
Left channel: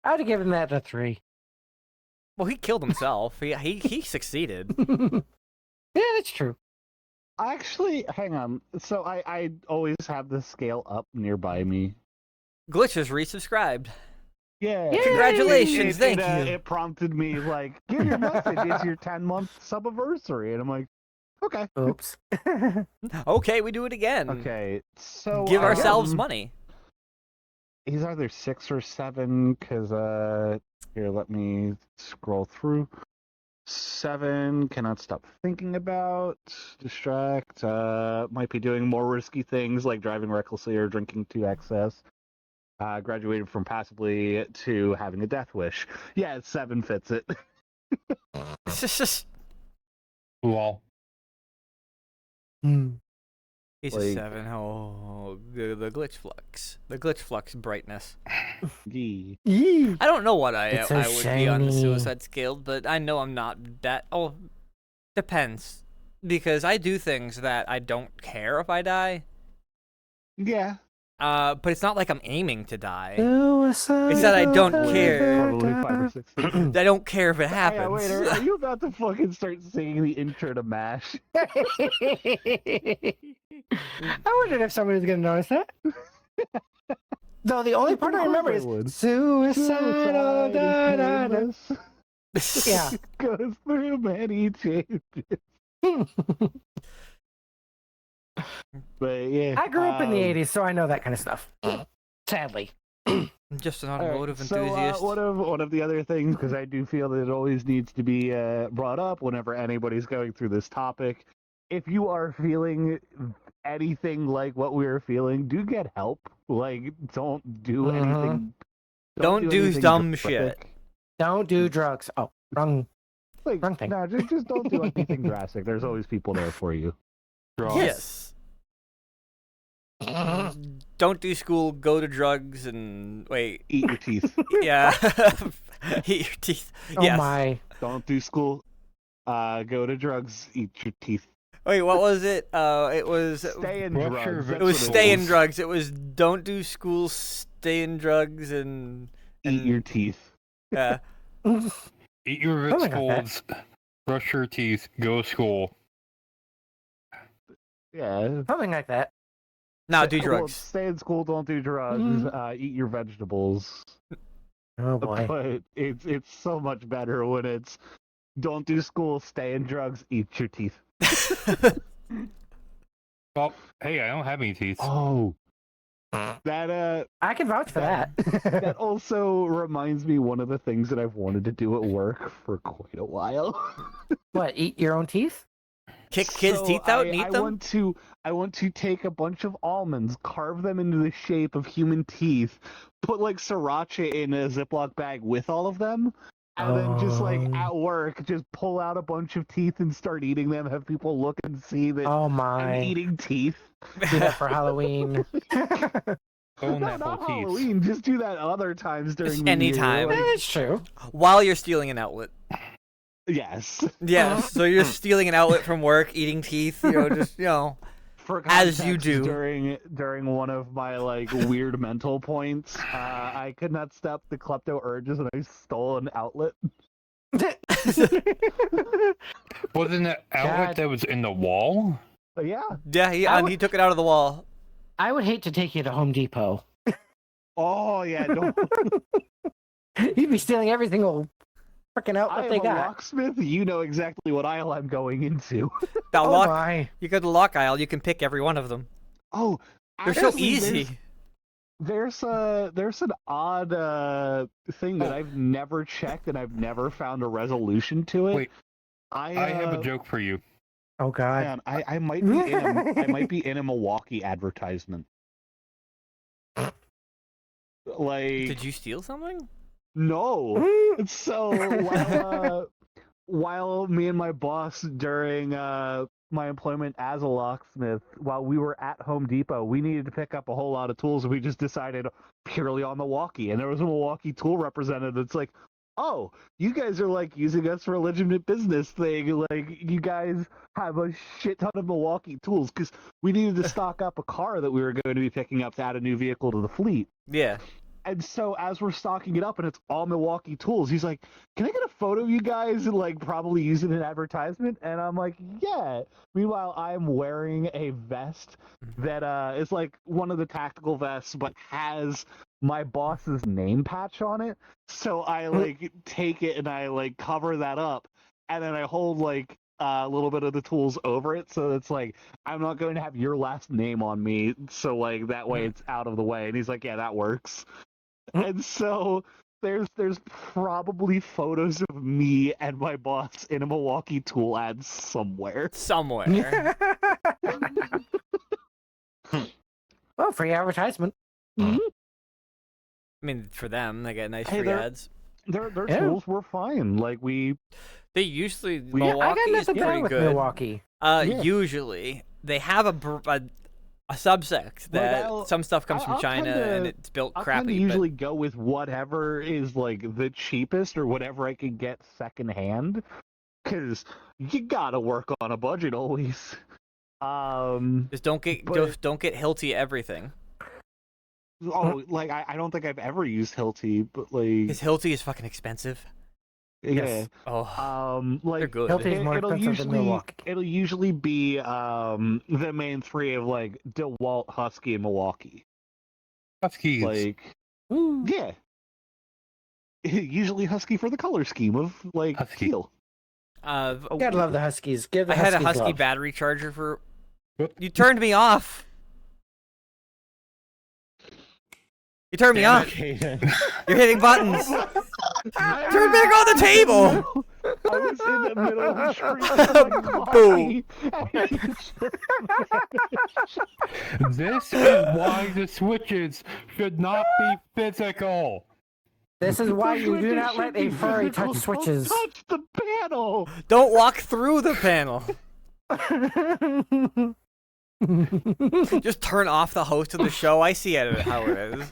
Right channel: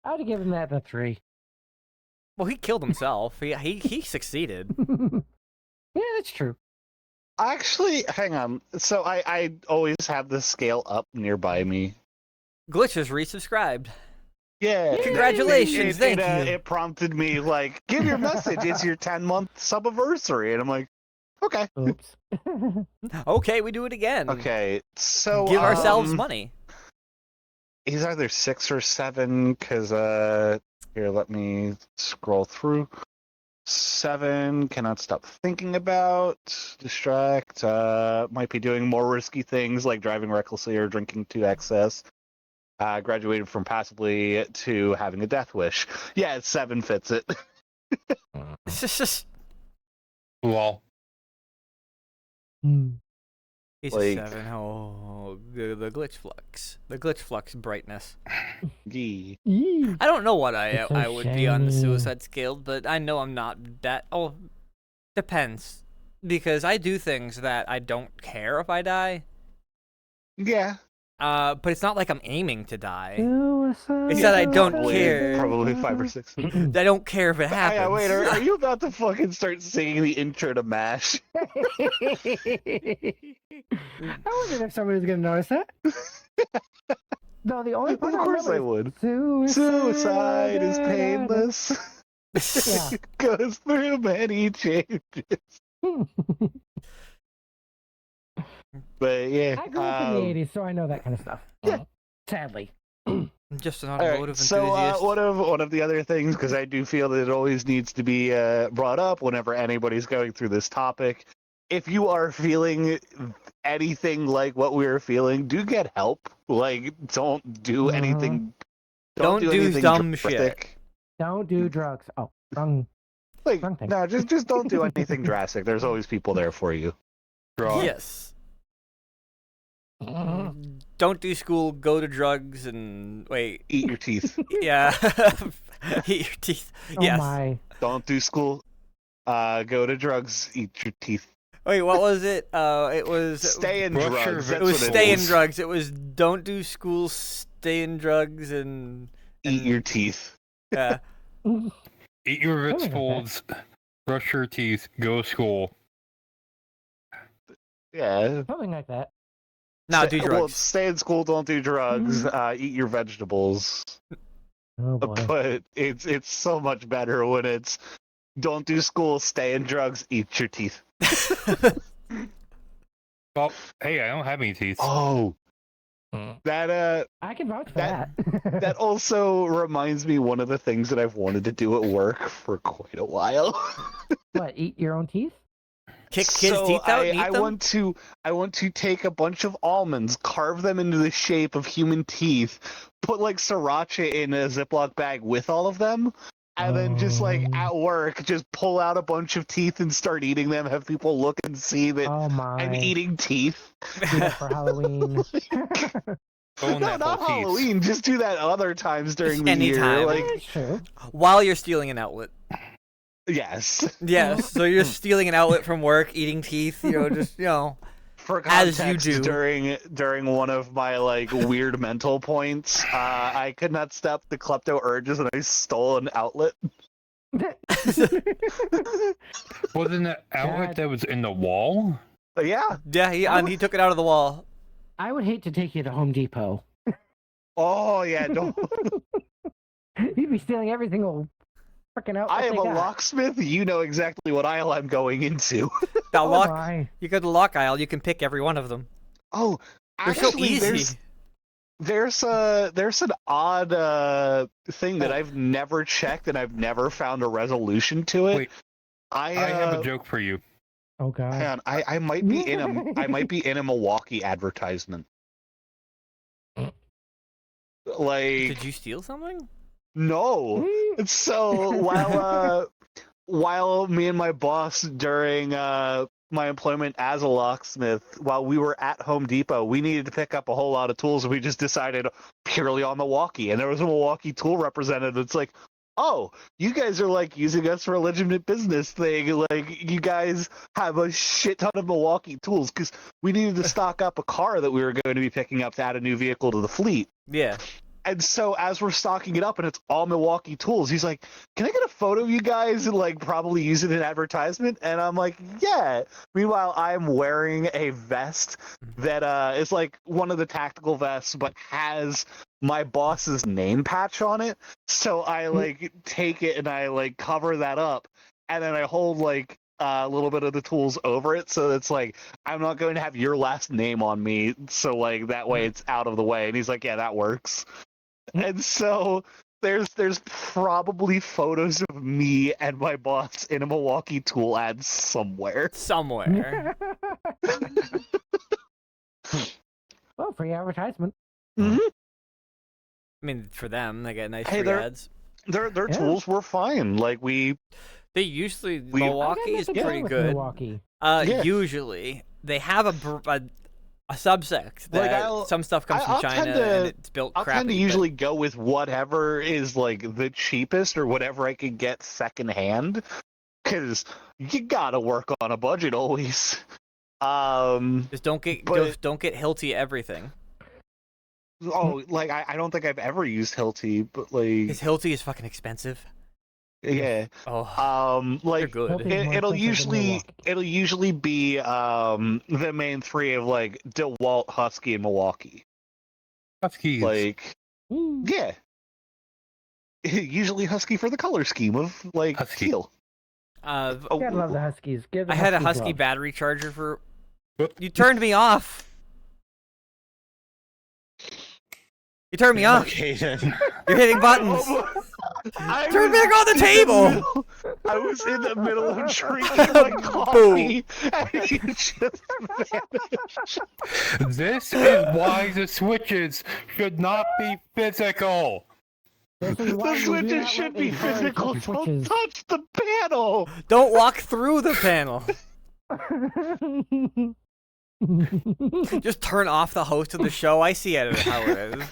I would have given that a 3. Well, he killed himself. He succeeded. Yeah, that's true. Actually, hang on. So I always have the scale up nearby me. Glitch has resubscribed. Yeah. Congratulations, thank you. It prompted me like, give your message. It's your 10-month subiversary, and I'm like, okay. Oops. Okay, we do it again. Okay. So Give ourselves money. He's either 6 or 7, because here, let me scroll through. 7, cannot stop thinking about, distract, might be doing more risky things like driving recklessly or drinking to excess. Graduated from passively to having a death wish. Yeah, 7 fits it. Well, He's Like- a 7. Oh, the glitch flux. The glitch flux brightness. Gee. Yee. I don't know what It's a I would be on the shame. suicide scale, but I know I'm not that. Oh, depends. Because I do things that I don't care if I die. Yeah. But it's not like I'm aiming to die. Suicide. It's that I don't Probably- care. Probably 5 or 6. I don't care if it happens. Yeah, wait, are you about to fucking start singing the intro to MASH? I wondered if somebody was going to notice that. No, the only part I Of course remember I is would. suicide, Suicide is painless. Yeah. Goes through many changes. But yeah. I grew up in the 80s, so I know that kind of stuff. Sadly. I'm just an All right, automotive so, enthusiast. one of the other things, because I do feel that it always needs to be brought up whenever anybody's going through this topic. If you are feeling anything like what we were feeling, do get help. Like, don't do anything. Don't do anything dumb drastic. Don't do drugs. Oh, wrong. Like, Wrong thing. no, just don't do anything drastic. There's always people there for you. drugs. Yes. Don't do school, go to drugs, and wait. Eat your teeth. Yeah. Eat your teeth. Oh Yes. my. Don't do school. Go to drugs. Eat your teeth. Wait, what was it? It was. Stay in Brush your drugs. It was that's what stay in was. drugs. It was don't do school, stay in drugs, and Eat your teeth. yeah. Eat your Oh my God. vegetables, brush your teeth, go to school. Yeah. Something like that. Now do Well, drugs. stay in school. Don't do drugs. Eat your vegetables. Oh boy. But it's so much better when it's don't do school, stay in drugs, eat your teeth. Well, hey, I don't have any teeth. Oh, that I can vouch for that. that also reminds me one of the things that I've wanted to do at work for quite a while. What? Eat your own teeth? Kick kids' So teeth out and eat I them. want to take a bunch of almonds, carve them into the shape of human teeth, put like sriracha in a Ziploc bag with all of them, and then just like Oh. at work, just pull out a bunch of teeth and start eating them. Have people look and see that Oh my. I'm eating teeth. Do that for Halloween. Own No, that not whole teeth. Halloween. Just do that other times during the anytime. year. Yeah, Like, it's true. While you're stealing an outlet. yes. Yes. So you're stealing an outlet from work, eating teeth. Just For As you context, do. during one of my like weird mental points, I could not stop the klepto urges and I stole an outlet. Wasn't that outlet God. that was in the wall? But yeah. Yeah. He took it out of the wall. I would hate to take you to Home Depot. Oh yeah. Don't. You'd be stealing every single freaking outfit I am they a got. locksmith. You know exactly what aisle I'm going into. Now Oh lock. my. You go to the lock aisle. You can pick every one of them. Oh, They're so actually, easy. There's an odd thing that I've never checked and I've never found a resolution to it. Wait, I I have a joke for you. Oh god. Man, I might be in a Milwaukee advertisement. Like, Did you steal something? no. So while me and my boss during my employment as a locksmith, while we were at Home Depot, we needed to pick up a whole lot of tools, and we just decided purely on Milwaukee. And there was a Milwaukee tool representative. It's like, oh, you guys are like using us for a legitimate business thing. Like, you guys have a shit ton of Milwaukee tools because we needed to stock up a car that we were going to be picking up to add a new vehicle to the fleet. Yeah. And so as we're stocking it up and it's all Milwaukee tools, he's like, can I get a photo of you guys and like probably use it in advertisement? And I'm like, yeah. Meanwhile, I'm wearing a vest that is like one of the tactical vests, but has my boss's name patch on it. So I like take it and I like cover that up. And then I hold like a little bit of the tools over it. So it's like, I'm not going to have your last name on me. So like that way it's out of the way. And he's like, yeah, that works. And so there's probably photos of me and my boss in a Milwaukee tool ad somewhere. Somewhere. Well, free advertisement. I mean, for them, they get nice Hey, free they're- ads. Their Yeah. tools were fine. Like They usually I got Milwaukee is nothing pretty wrong with good. Milwaukee. Yeah. Usually they have a subsect that I'll- some stuff comes from I'll China tend to- and it's built I'll crappy. tend to but- usually go with whatever is like the cheapest or whatever I can get secondhand, because you gotta work on a budget always. Just don't get but- don't get Hilti everything Like I don't think I've ever used Hilti, but like because Hilti is fucking expensive. yeah. Oh, Like they're good. Hilti- It's more it'll expensive than usually be the main three of like DeWalt, Husky, and Milwaukee. Huskies. Like Ooh. yeah, usually Husky for the color scheme of like Husky. teal. Gotta love the Huskies. Give the I had a Husky love. battery charger for. Whoop. You turned me off. You turned me off. Caden. You're hitting buttons. I Turn was- back on the table. I was in the middle of drinking my Boom. coffee, and you just This is why the switches should not be physical. This is why the you do switches not should let be a furry physical. touch Don't switches. touch the panel. Don't walk through the panel. Just turn off the host of the show. I see it how it is.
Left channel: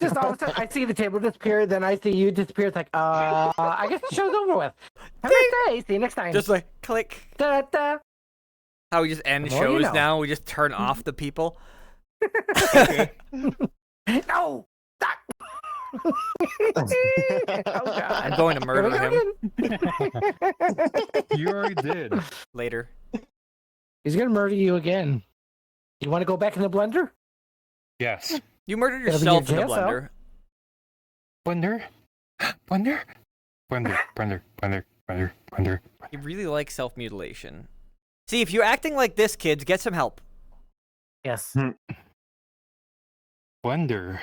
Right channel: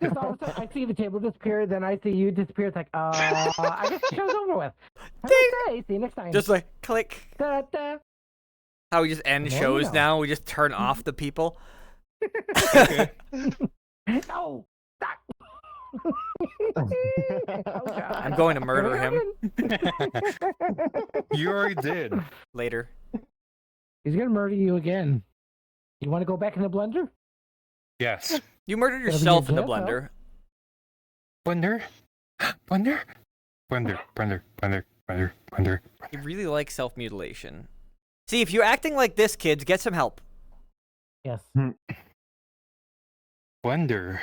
Just all of a sudden, I see the table disappear, then I see you disappear. It's like, I guess the show's over with. Have a nice day. See you next time. Just like click. Da, da. How we just end Well, you shows know. now. We just turn off the people. No! Stop! Oh, God. I'm going to murder him You already did. later. He's gonna murder you again. You want to go back in the blender? Yes. You murdered It'll be yourself in your the jail cell. blender. Blender. Blender. Blender. Blender. Blender. Blender. Blender. You really like self-mutilation. See, if you're acting like this, kids, get some help. Yes. Blender.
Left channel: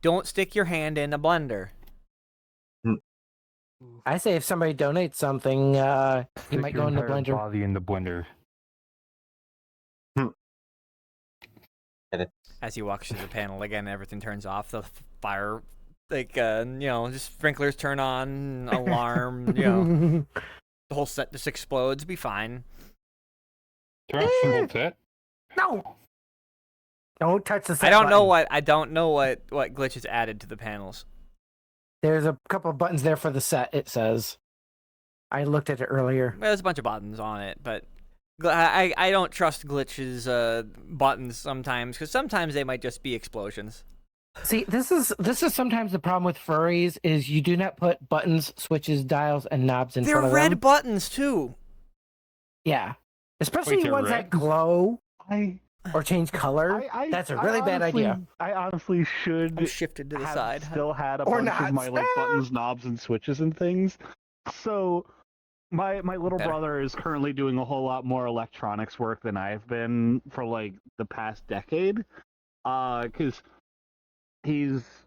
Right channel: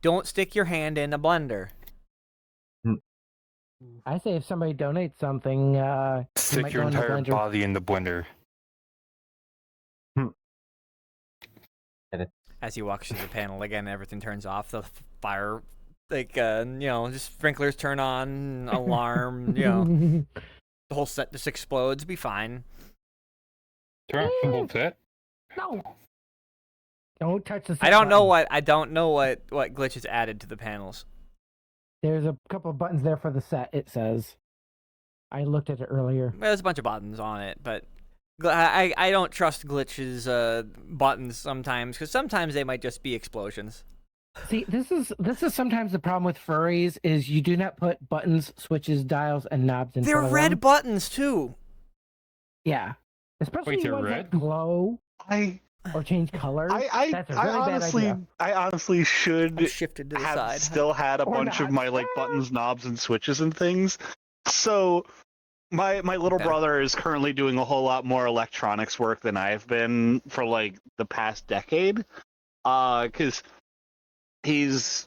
Don't stick your hand in a blender. I say if somebody donates something, you Stick might your go in the entire blender. body in the blender. As you walk through the panel again, everything turns off. The fire, like, just sprinklers turn on, alarm, the whole set just explodes. Be fine. Turn off the whole set. No! Don't touch the. I don't know what glitches added to the panels. There's a couple of buttons there for the set. It says. I looked at it earlier. There's a bunch of buttons on it, but I don't trust glitches buttons sometimes because sometimes they might just be explosions. See, this is sometimes the problem with furries is you do not put buttons, switches, dials, and knobs in They're front of red them. buttons too. Yeah, especially Wait, they're ones red? that glow I or change color. That's a really bad idea. I honestly should I'm shifted to the have side. still had a Or bunch of not. my like buttons, knobs, and switches and things. So my little Better. brother is currently doing a whole lot more electronics work than I've been for like the past decade. Because he's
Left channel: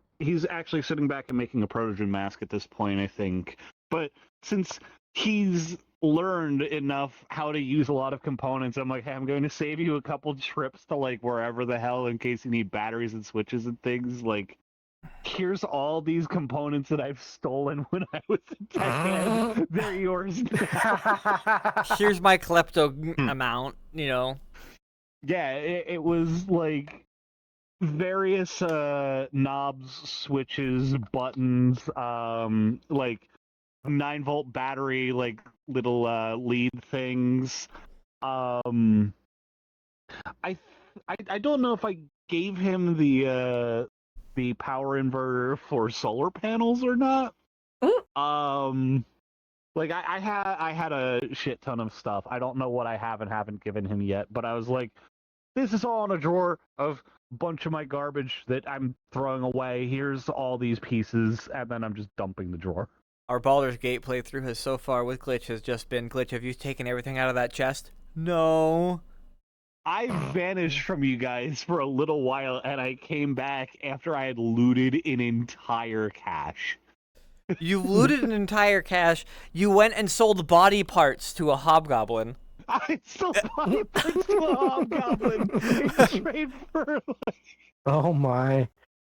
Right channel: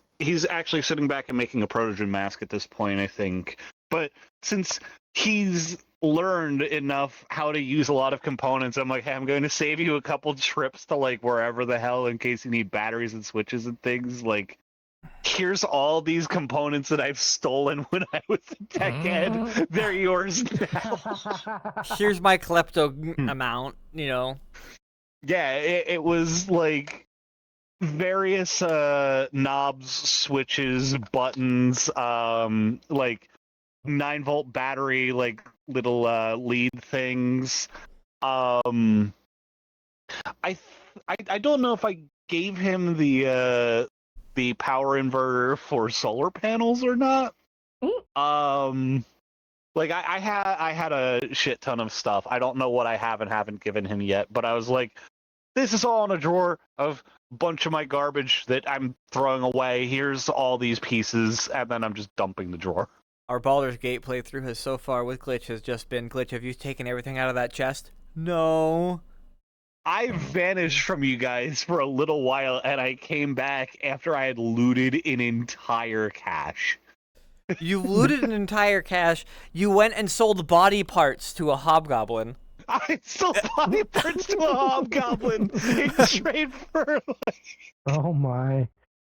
actually sitting back and making a Protogen mask at this point, I think. But since he's learned enough how to use a lot of components. I'm like, hey, I'm going to save you a couple trips to like wherever the hell in case you need batteries and switches and things. Like, here's all these components that I've stolen when I was a tech head. They're yours now. Here's my klepto amount, you know. Yeah, it was like various knobs, switches, buttons, like 9-volt battery, like little lead things. I don't know if I gave him the power inverter for solar panels or not. Like I had a shit ton of stuff. I don't know what I have and haven't given him yet, but I was like, this is all in a drawer of a bunch of my garbage that I'm throwing away. Here's all these pieces, and then I'm just dumping the drawer. Our Baldur's Gate playthrough has so far with Glitch has just been, Glitch, have you taken everything out of that chest? No. I vanished from you guys for a little while, and I came back after I had looted an entire cache. You looted an entire cache. You went and sold body parts to a hobgoblin. I sold body parts to a hobgoblin in trade for like, Oh my.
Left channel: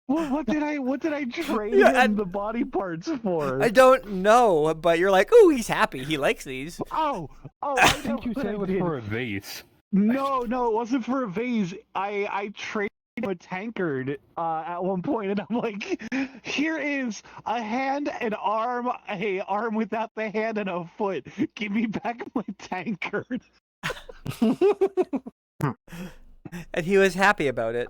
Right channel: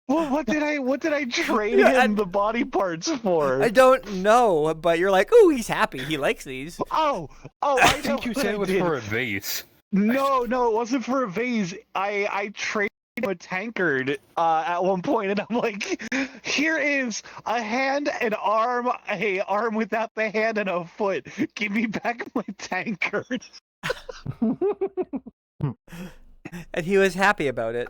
what did I trade Yeah, him the body parts for? I don't know, but you're like, ooh, he's happy. He likes these. Oh, I think you said it was for a vase. No, it wasn't for a vase. I traded him a tankard at one point, and I'm like, here is a hand, an arm, a arm without the hand, and a foot. Give me back my tankard. And he was happy about it.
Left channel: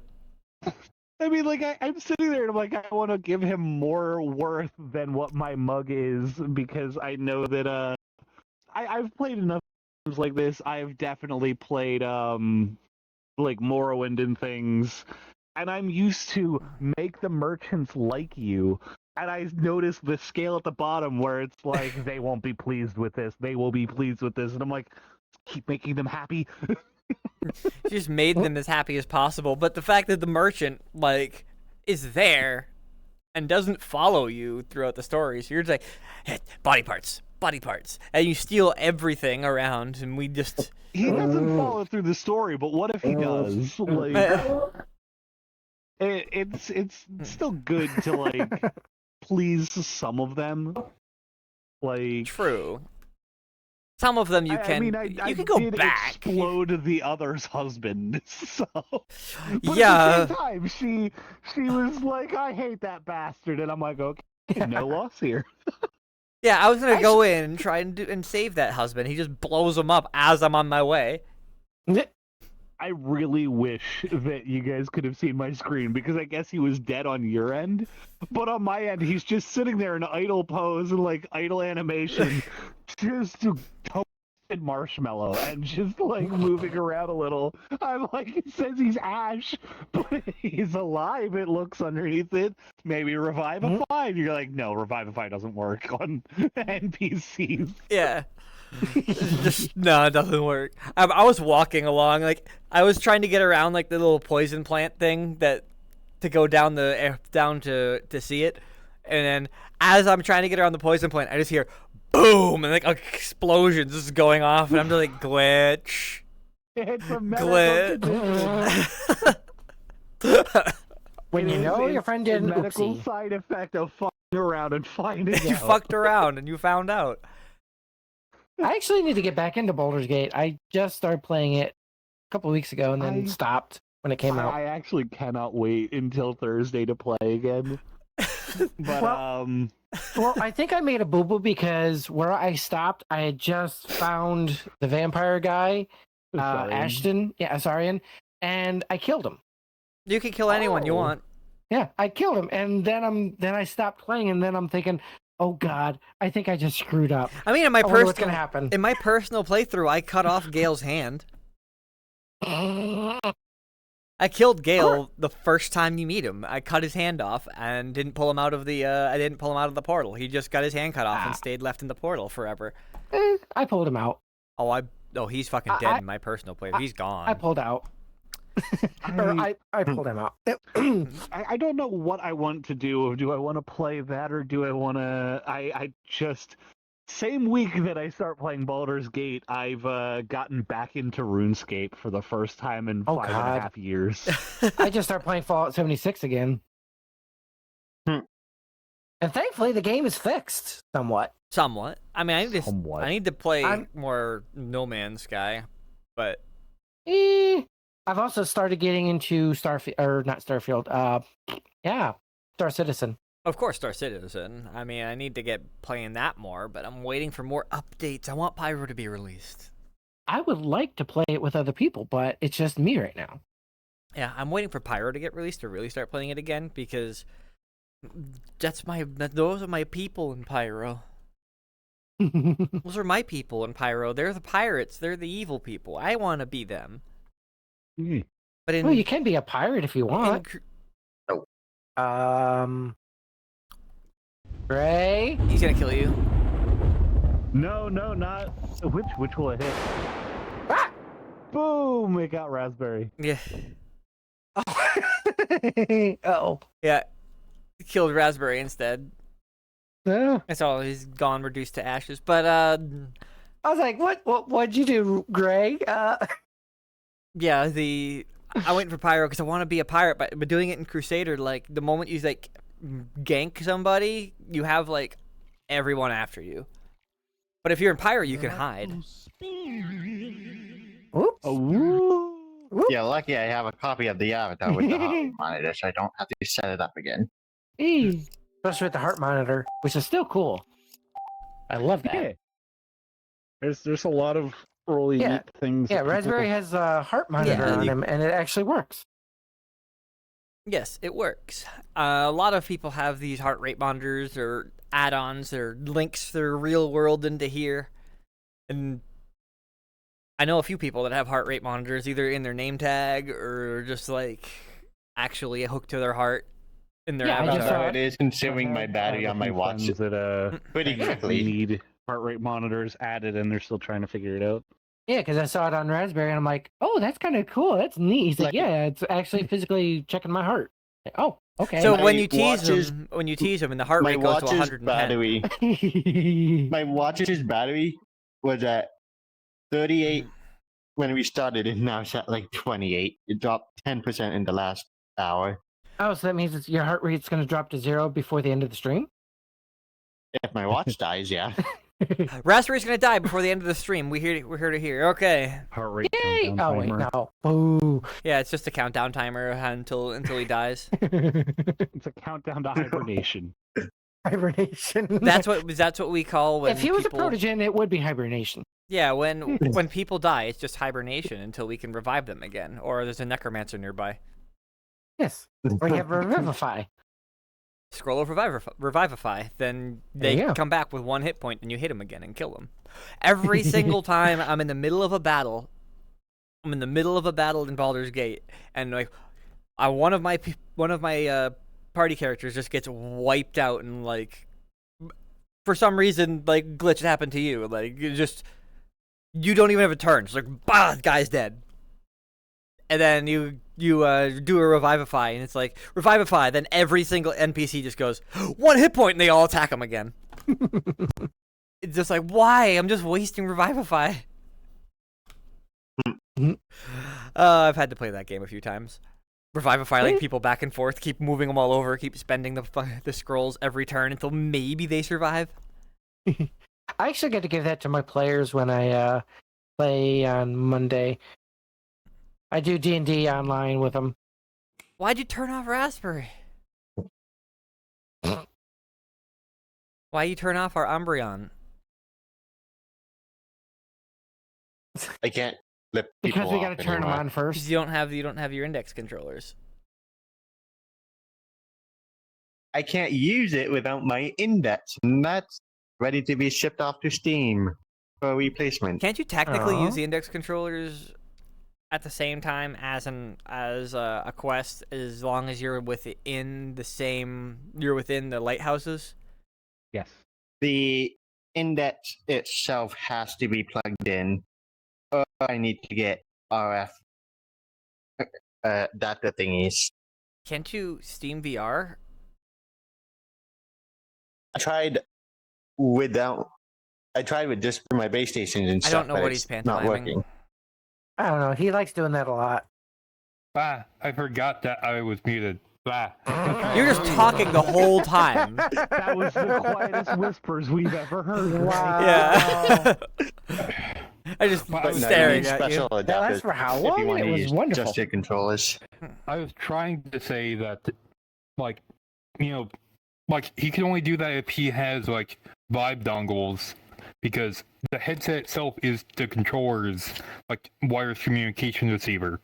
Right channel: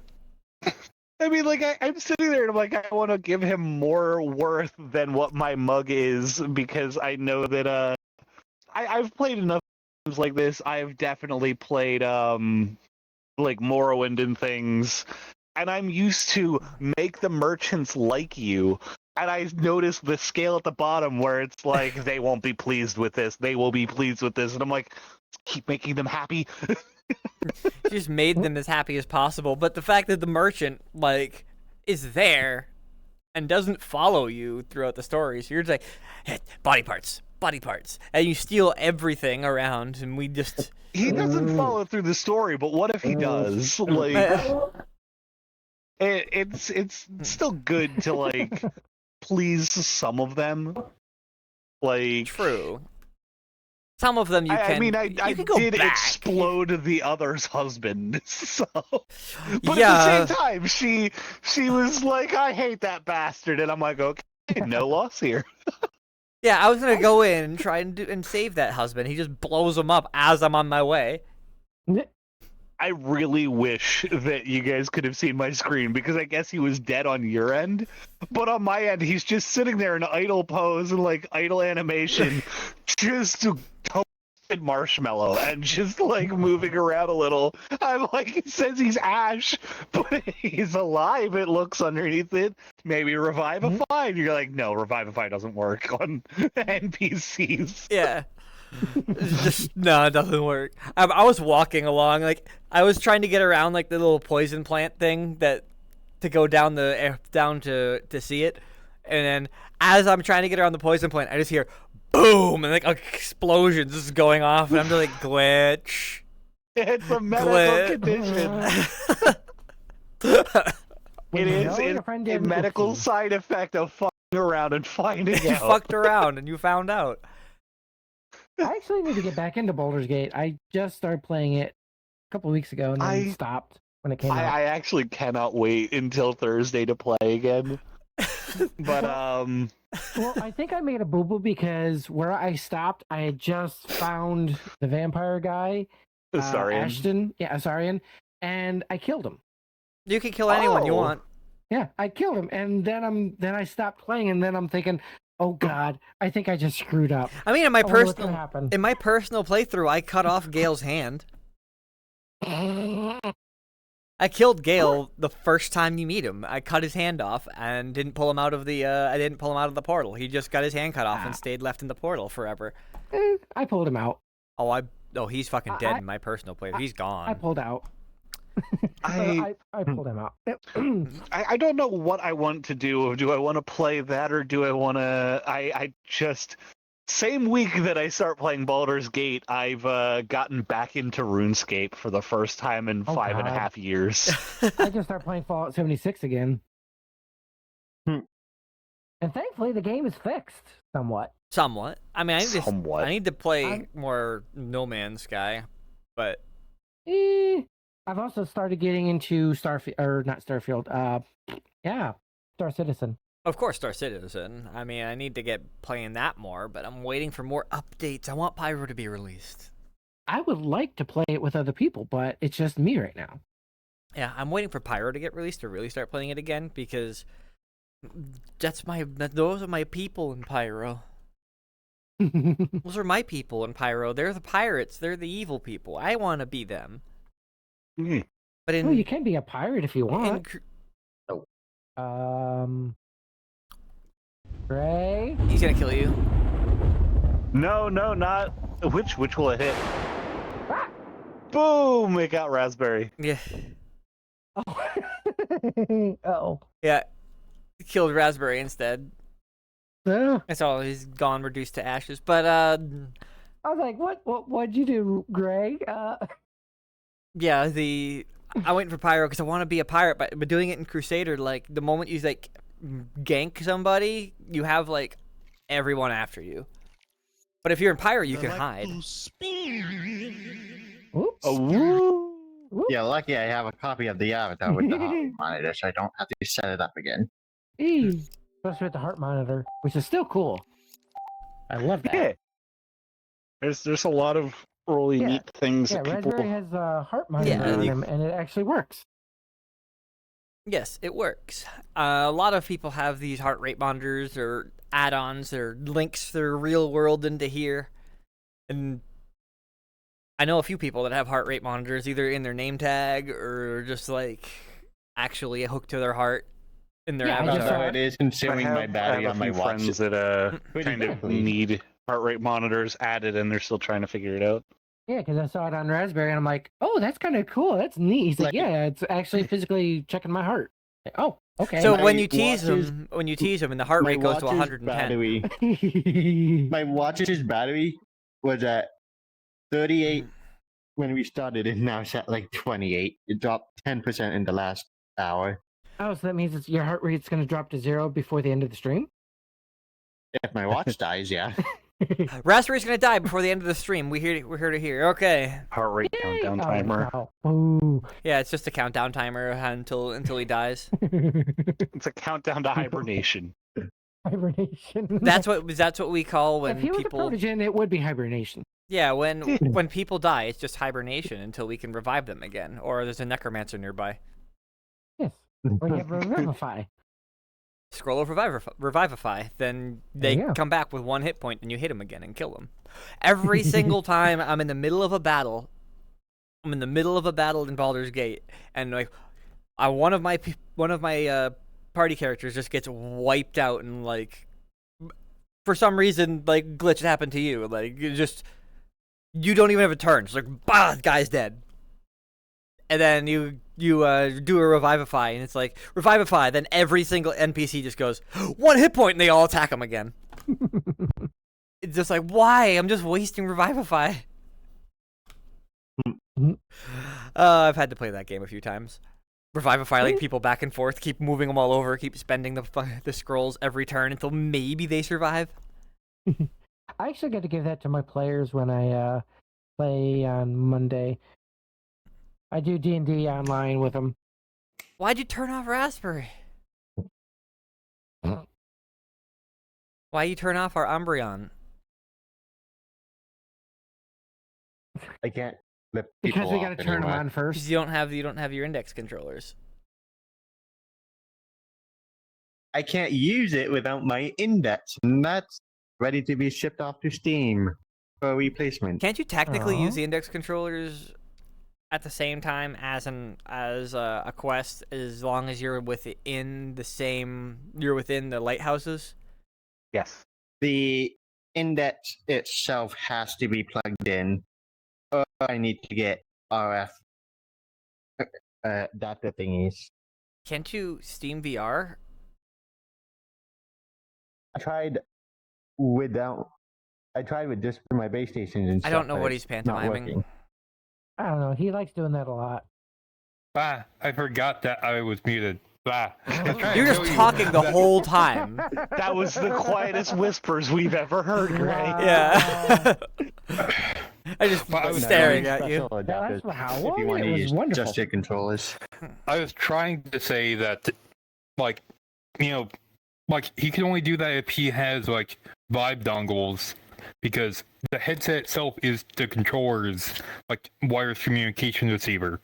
I mean, like, I'm sitting there and I'm like, I want to give him more worth than what my mug is, because I know that, I've played enough games like this. I've definitely played, like, Morrowind and things, and I'm used to make the merchants like you, and I noticed the scale at the bottom where it's like, they won't be pleased with this, they will be pleased with this, and I'm like, keep making them happy. She just made them as happy as possible. But the fact that the merchant, like, is there and doesn't follow you throughout the story, so you're just like, hey, body parts, and you steal everything around, and we just... He doesn't follow through the story, but what if he does? Like, it's still good to, like, please some of them. Like, True. Some of them you can. I mean, you I can go did back. explode the other's husband, so. But Yeah. at the same time, she was like, "I hate that bastard," and I'm like, "Okay, no loss here." Yeah, I was gonna go in and try and save that husband. He just blows him up as I'm on my way. I really wish that you guys could have seen my screen, because I guess he was dead on your end, but on my end, he's just sitting there in idle pose and like idle animation, just toasted marshmallow and just like moving around a little. I'm like, it says he's Ash, but he's alive. It looks underneath it. Maybe Revivify. You're like, no, Revivify doesn't work on NPCs. Yeah. No, it doesn't work. I was walking along, like I was trying to get around like the little poison plant thing that to go down to see it, and then as I'm trying to get around the poison plant, I just hear boom and like explosions just going off, and I'm just like, Glitch. It's a medical condition. When It you is know your friend did a an medical oopsie. side effect of fucking around and finding You out. fucked around and you found out. I actually need to get back into Baldur's Gate. I just started playing it a couple of weeks ago and then stopped when it came out. I actually cannot wait until Thursday to play again. But Well, I think I made a boo-boo because where I stopped, I had just found the vampire guy, sorry. Ashton, Asarian, and I killed him. You can kill anyone you Oh. want. Yeah, I killed him, and then I stopped playing, and then I'm thinking, oh God, I think I just screwed up. I mean, in my I wonder what's personal gonna happen. playthrough, I cut off Gale's hand. I killed Gale the first time you meet him. I cut his hand off and didn't pull him out of the portal. He just got his hand cut off and stayed left in the portal forever. I pulled him out. He's fucking dead in my personal playthrough. He's gone. I pulled out. I pulled him out. I don't know what I want to do. Do I want to play that, or do I want to? I just Same week that I start playing Baldur's Gate, I've gotten back into RuneScape for the first time in Oh, 5.5 God. years. I just started playing Fallout 76 again. Hmm. And thankfully, the game is fixed somewhat. Somewhat. I mean, Somewhat. I need to play I'm- more No Man's Sky, but I've also started getting into Starfield, or not Starfield. Yeah, Star Citizen. of course, Star Citizen. I mean, I need to get playing that more, but I'm waiting for more updates. I want Pyro to be released. I would like to play it with other people, but it's just me right now. Yeah, I'm waiting for Pyro to get released to really start playing it again because those are my people in Pyro. Those are my people in Pyro. They're the pirates. They're the evil people. I want to be them. Hmm. But in Well, you can be a pirate if you in want. Cru- Ray? he's gonna kill you. No, not which will it hit? Ah! Boom! It got raspberry. Yeah, Oh. yeah. Killed Raspberry instead. Oh. That's all. He's gone, reduced to ashes. But I was like, what'd you do, Gray? yeah, I'm waiting for Pyro because I want to be a pirate. But doing it in Crusader, like the moment you like gank somebody, you have like everyone after you. But if you're in Pyro, you can hide. Oops. Oh, woo! Yeah, lucky I have a copy of the avatar with the heart monitor, so I don't have to set it up again. Especially with the heart monitor, which is still cool. I love that. Yeah. There's a lot of really Yeah. neat things. Yeah, that people- Raspberry has a heart monitor Yeah, on you- him, and it actually works. Yes, it works. A lot of people have these heart rate monitors or add-ons or links their real world into here, and I know a few people that have heart rate monitors either in their name tag or just like actually hooked to their heart in their Yeah, I That's just, avatar. how it is consuming my battery I have on a my few watch. friends that Pretty kind of quickly. need heart rate monitors added, and they're still trying to figure it out. Yeah, because I saw it on Raspberry, and I'm like, oh, that's kind of cool. That's neat. He's like, Like- yeah, it's actually physically checking my heart. Like, oh, okay. So My when you tease watch is- them, and the heart My rate goes to watch's 110. battery, my watch's battery was at 38 when we started, and now it's at like 28. It dropped 10% in the last hour. Oh, so that means your heart rate's going to drop to 0 before the end of the stream? If my watch dies, yeah. Raspberry's gonna die before the end of the stream. We're here to hear. Okay. Heart rate Yay! countdown Oh, wait, timer. no. Boo. Yeah, it's just a countdown timer until he dies. It's a countdown to hibernation. Hibernation. That's what we call when if he was people. a protogen, it would be hibernation. Yeah, when people die, it's just hibernation until we can revive them again, or there's a necromancer nearby. Yes. Or you have Revivify. Scroll of Revivify, then they Yeah. come back with 1 hit point, and you hit them again and kill them. Every single time I'm in the middle of a battle, in Baldur's Gate, and like, one of my party characters just gets wiped out, and like, for some reason, like glitch happened to you, like you don't even have a turn. It's like, bah, guy's dead. And then you do a Revivify, and it's like, Revivify, then every single NPC just goes, 1 hit point, and they all attack him again. It's just like, why? I'm just wasting Revivify. I've had to play that game a few times. Revivify, like, people back and forth, keep moving them all over, keep spending the scrolls every turn until maybe they survive. I actually get to give that to my players when I play on Monday. I do D&D online with them. Why'd you turn off Raspberry? Why you turn off our Umbreon? I can't flip Because people we off got to turn them anymore. on Because first. you don't have your index controllers. I can't use it without my index, and that's ready to be shipped off to Steam for replacement. Can't you technically Aw. use the index controllers at the same time as a quest, as long as you're within the lighthouses? Yes. The index itself has to be plugged in, or I need to get RF data thingies. Can't you Steam VR? I tried without I tried with just my base stations and I stuff. don't know but what it's he's not pantomiming. working. I don't know. He likes doing that a lot. Ah, I forgot that I was muted. Ah. You're just talking the whole time. That was the quietest whispers we've ever heard, Gray. Wow. Yeah. I just Well, I was staring There's at you. special No, adapters that's for how if long you want it to was use wonderful. just your controllers. I was trying to say that, like, you know, like he can only do that if he has like Vibe dongles, because the headset itself is the controller's like wireless communication receiver.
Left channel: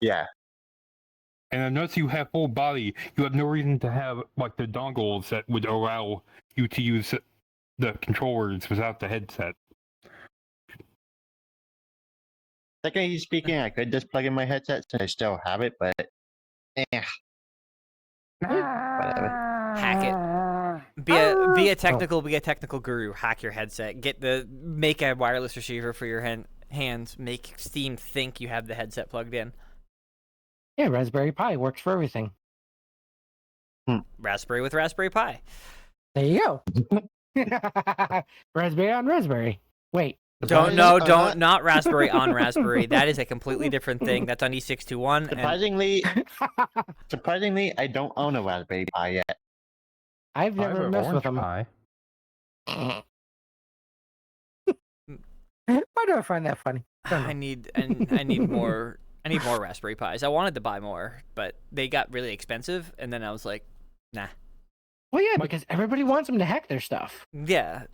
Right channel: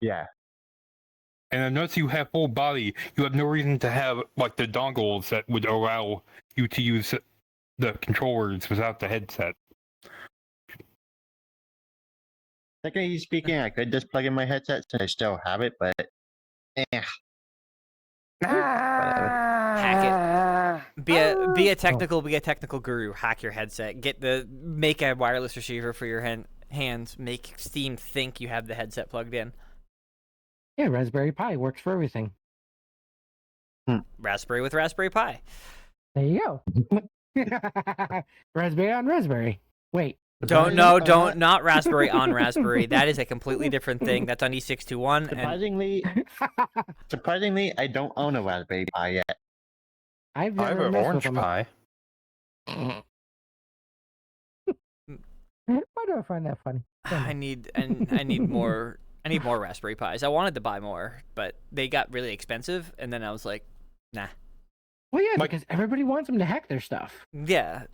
Yeah. And unless you have full body, you have no reason to have like the dongles that would allow you to use the controllers without the headset. Technically speaking, I could just plug in my headset since I still have it, but whatever. Hack it. Be a technical guru. Hack your headset. Make a wireless receiver for your hands. Make Steam think you have the headset plugged in. Yeah, Raspberry Pi works for everything. Raspberry with Raspberry Pi. There you go. Raspberry on Raspberry. Wait. Not Raspberry on Raspberry. That is a completely different thing. That's on E621. And Surprisingly, I don't own a Raspberry Pi yet. I've I have never an messed with orange them. pie. Why do I find that funny? I need more. I need more Raspberry Pis. I wanted to buy more, but they got really expensive, and then I was like, nah. Well, yeah, Like- because everybody wants them to hack their stuff. Yeah,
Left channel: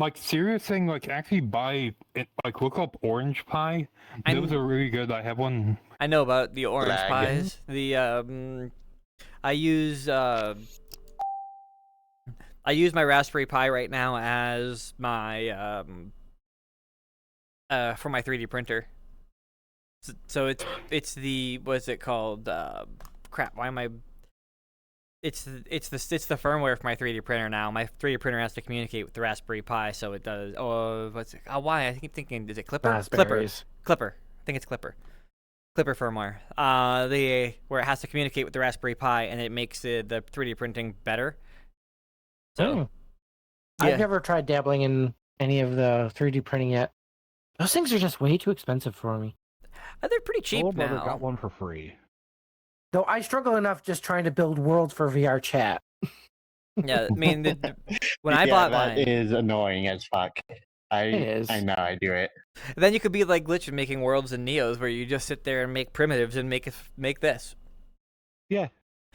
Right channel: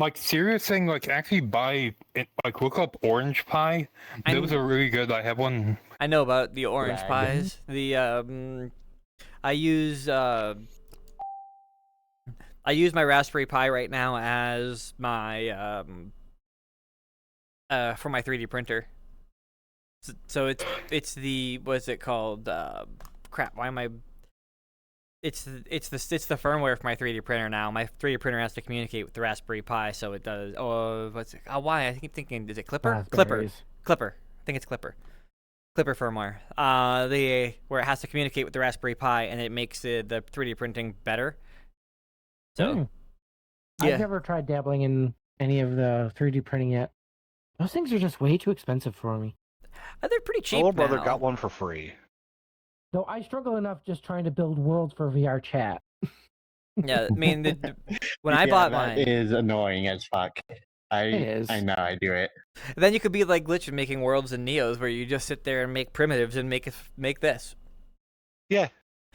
Like serious thing, like actually buy it, like look up Orange Pie. Those are really good. I have one. I know about the orange Dragon. pies. I use my Raspberry Pi right now as my for my 3D printer. So it's the what's it called? Crap. Why am I? It's the firmware for my 3D printer now. My 3D printer has to communicate with the Raspberry Pi, so it does. Oh, what's it? Oh, why? I keep thinking, is it Clipper? Raspberries. Clipper. I think it's Clipper. Clipper firmware. Where it has to communicate with the Raspberry Pi, and it makes the 3D printing better. So, yeah. I've never tried dabbling in any of the 3D printing yet. Those things are just way too expensive for me. They're pretty cheap My little brother now. got one for free. Though I struggle enough just trying to build worlds for VR chat. Yeah, I mean, when I bought that mine, is annoying as fuck. It is. I know I do it. then you could be like Glitch and making worlds in Neos, where you just sit there and make primitives and make this. Yeah.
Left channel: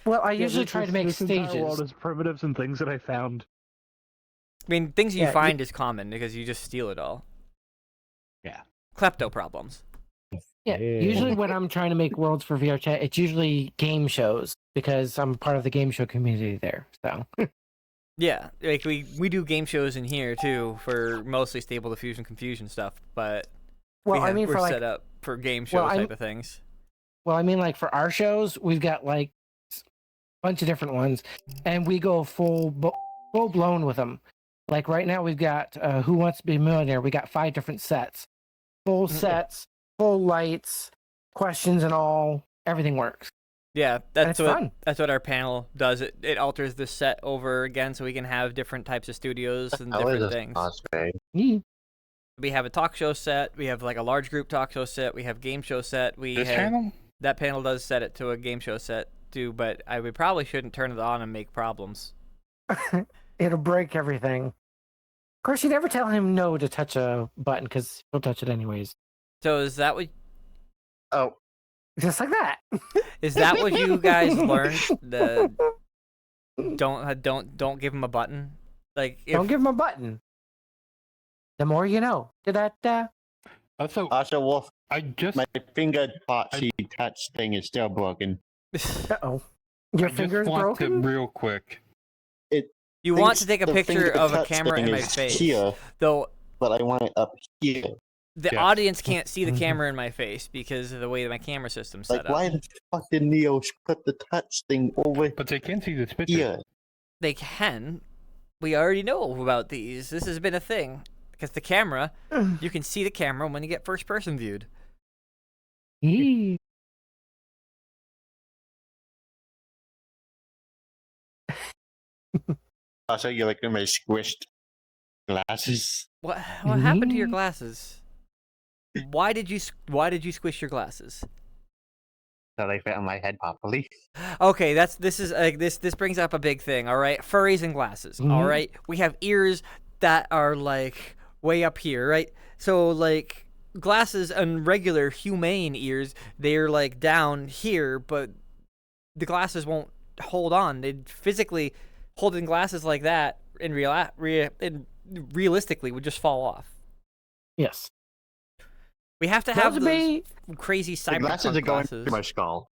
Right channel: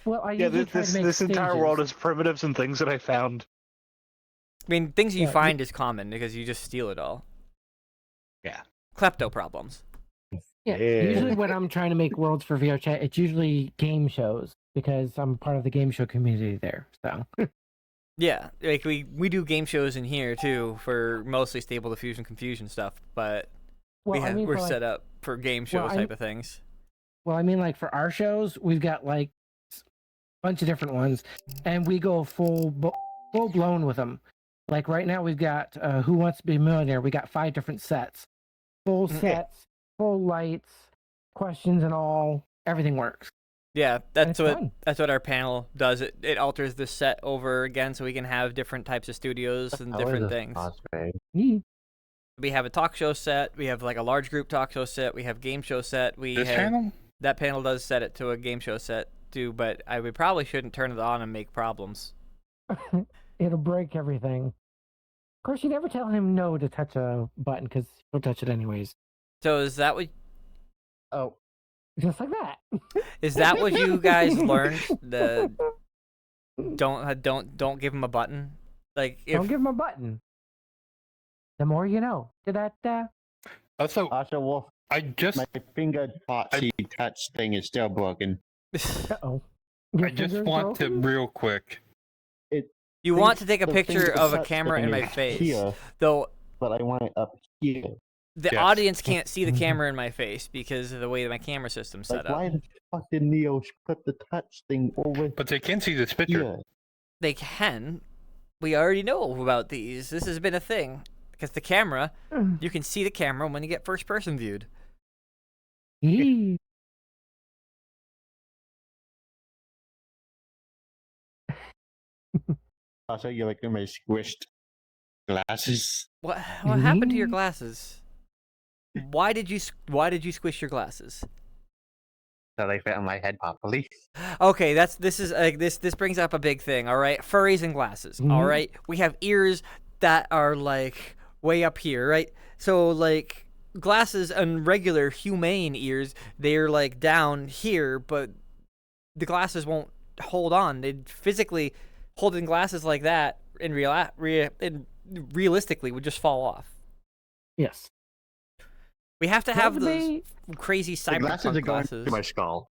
Well, I usually try to make this stages. entire world is primitives and things that I found. I mean, things you Yeah, find is common because you just steal it all. Yeah. Klepto problems. Yeah, Yeah. usually when I'm trying to make worlds for VR chat, it's usually game shows because I'm part of the game show community there. So Yeah, like we do game shows in here too for mostly Stable Diffusion Confusion stuff, but well, I mean, we're for set like, up for game shows Well, I type mean- of things. well, I mean, like for our shows, we've got like a bunch of different ones, and we go full blown with them. Like right now, we've got Who Wants to Be a Millionaire. We got 5 different sets, full Mhm. sets, full lights, questions and all. Everything works. Yeah, And that's it's what fun. that's what our panel does. It alters the set over again so we can have different types of studios and different things. Yee. We have a talk show set. We have like a large group talk show set. We have game show set. This channel? That panel does set it to a game show set too, but we probably shouldn't turn it on and make problems. It'll break everything. Of course, you never tell him no to touch a button because he'll touch it anyways. So is that what Oh, Just like that. you guys learned? The don't give him a button. Like if Don't give him a button. The more you know. Da-da-da. Also, also, Wolf, I just my finger boxy touch thing is still broken. Uh-oh. I Your just finger's want broken? to real quick. you want to Thinks take a the picture finger of a touch camera thing in my is face, here, though. but I want it up here. The Yes. audience can't see the Mhm. camera in my face because of the way my camera system's set Like, up. why the fucking Neo put the touch thing over But they can see this picture. here? They can. We already know about these. This has been a thing. Because the camera, you can see the camera when you get first person viewed. Yee. Also, you're like my squished Glasses. What happened to your Mhm. glasses? Why did you squish your glasses? So they fit on my head properly. Okay, this brings up a big thing. All right, furries and glasses. All Mhm. right, we have ears that are like way up here, right? So like glasses and regular humane ears, they're like down here, but the glasses won't hold on. They physically holding glasses like that realistically would just fall off. Yes. We have to have Those would those be- crazy The glasses cyberpunk are going glasses. to my skull.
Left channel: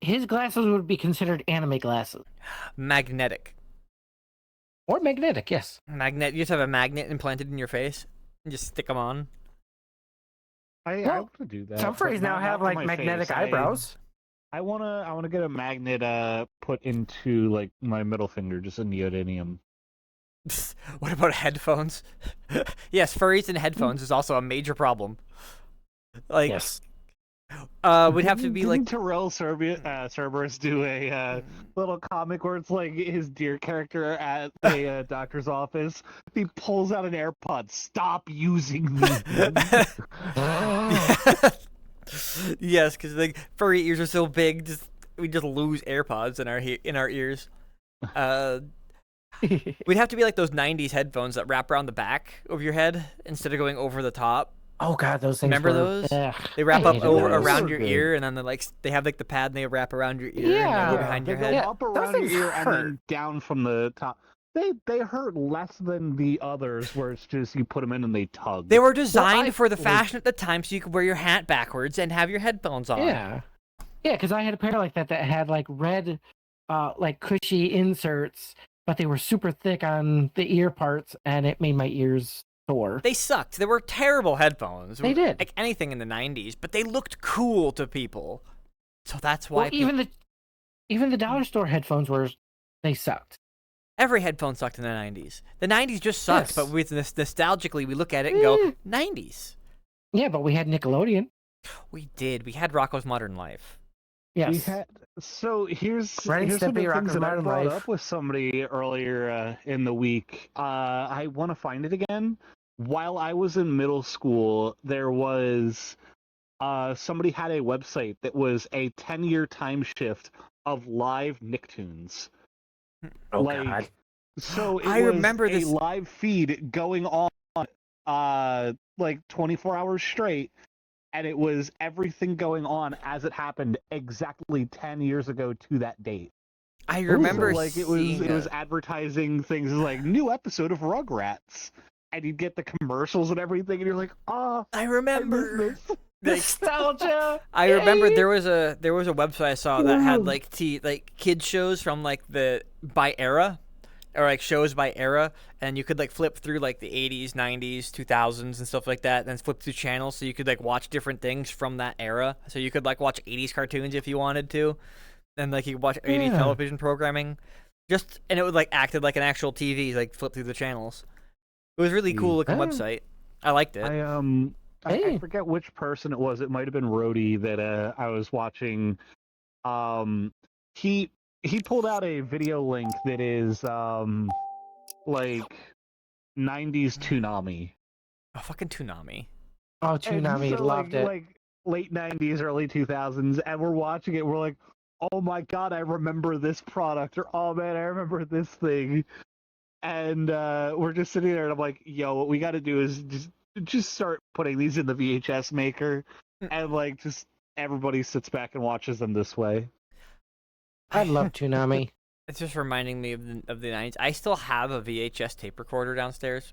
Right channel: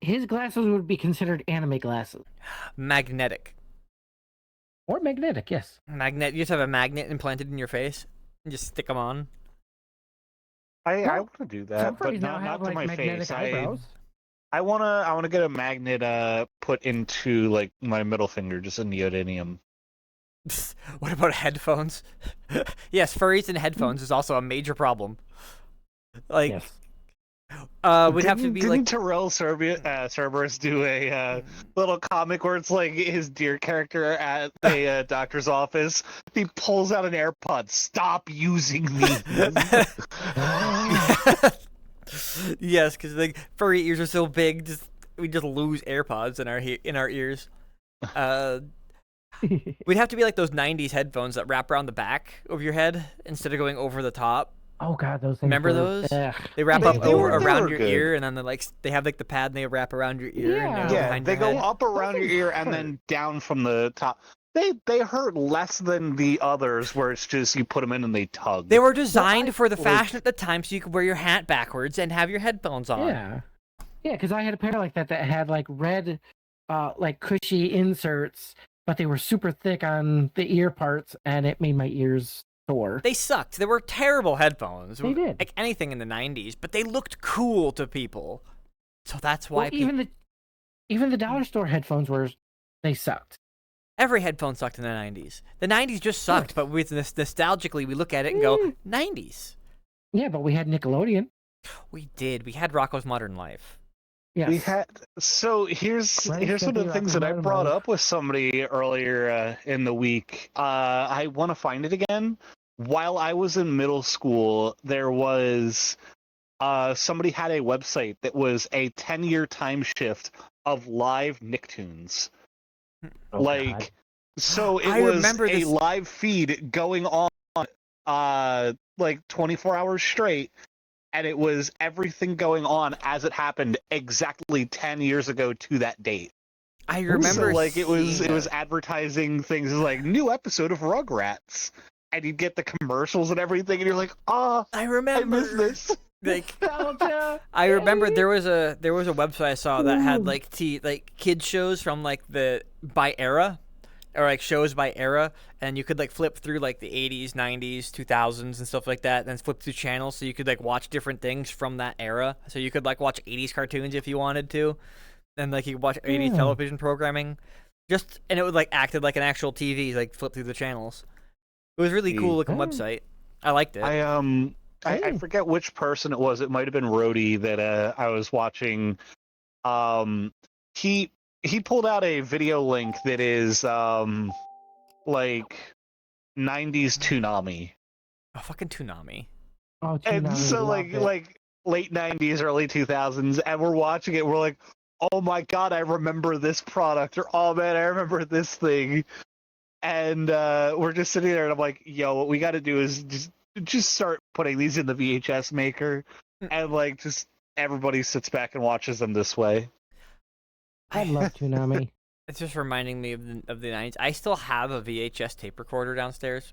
His glasses would be considered anime glasses. Magnetic. Or magnetic, yes. You just have a magnet implanted in your face and just stick them on. I Well, want to do that. Some but furries now not have to like my magnetic face. eyebrows. I wanna get a magnet put into like my middle finger, just a neodymium. What about headphones? Yes, furries and headphones is also a major problem. Like, Yes. would have to be Didn't like Terrell Cerberus do a little comic where it's like his deer character at a doctor's office? He pulls out an AirPod. Stop using these. yes, because like furry ears are so big, we just lose AirPods in our ears. We'd have to be like those '90s headphones that wrap around the back of your head instead of going over the top. Oh god, those things. Remember were- those? Ugh. They wrap Yeah, up they over were around your good. ear, and then they have like the pad, and they wrap around your ear and Yeah. go Yeah, behind they your go head. up around your things ear and hurt. then down from the top. They hurt less than the others, where it's just you put them in and they tug. They were designed for the fashion at the time, so you could wear your hat backwards and have your headphones on. Yeah. Yeah, because I had a pair like that had like red, like cushy inserts, but they were super thick on the ear parts, and it made my ears sore. They sucked. They were terrible headphones. They did. Like anything in the '90s, but they looked cool to people. So that's why Well, even the dollar store headphones they sucked. every headphone sucked in the '90s. The '90s just sucked, Yes. but with nostalgically, we look at it and go, Mm. '90s. Yeah, but we had Nickelodeon. We did. We had Rocko's Modern Life. Yes. We had here's Ren and one of Stimpy, the Rock things and that I Modern brought Life. up with somebody earlier in the week. I want to find it again. While I was in middle school, there was somebody had a website that was a 10-year time shift of live Nicktoons. Oh, God. So it I was remember a this- live feed going on like 24 hours straight, and it was everything going on as it happened exactly 10 years ago to that date. I remember So, like it was seeing advertising things like new episode of Rugrats, and you'd get the commercials and everything, and you're like, oh, I I miss remember. this. Like, Nostalgia. I remember there was a website I saw that had like kids shows from like by era, or like shows by era, and you could like flip through like the 80s, 90s, 2000s and stuff like that, and then flip through channels so you could like watch different things from that era. So you could like watch 80s cartoons if you wanted to, and like you could watch 80s television programming, and it would like acted like an actual TV, like flip through the channels. It was really cool looking Yeah. website. I liked it. I Hey. forget which person it was. It might have been Rhodey that I was watching. He pulled out a video link that is like 90s Toonami. Oh, fucking Toonami. Oh, And Toonami so loved it. like late 90s, early 2000s, and we're watching it. We're like, oh my god, I remember this product, or oh man, I remember this thing. And we're just sitting there, and I'm like, yo, what we got to do is just start putting these in the VHS maker, and like just everybody sits back and watches them this way. I love Toonami. It's just reminding me of the 90s. I still have a VHS tape recorder downstairs.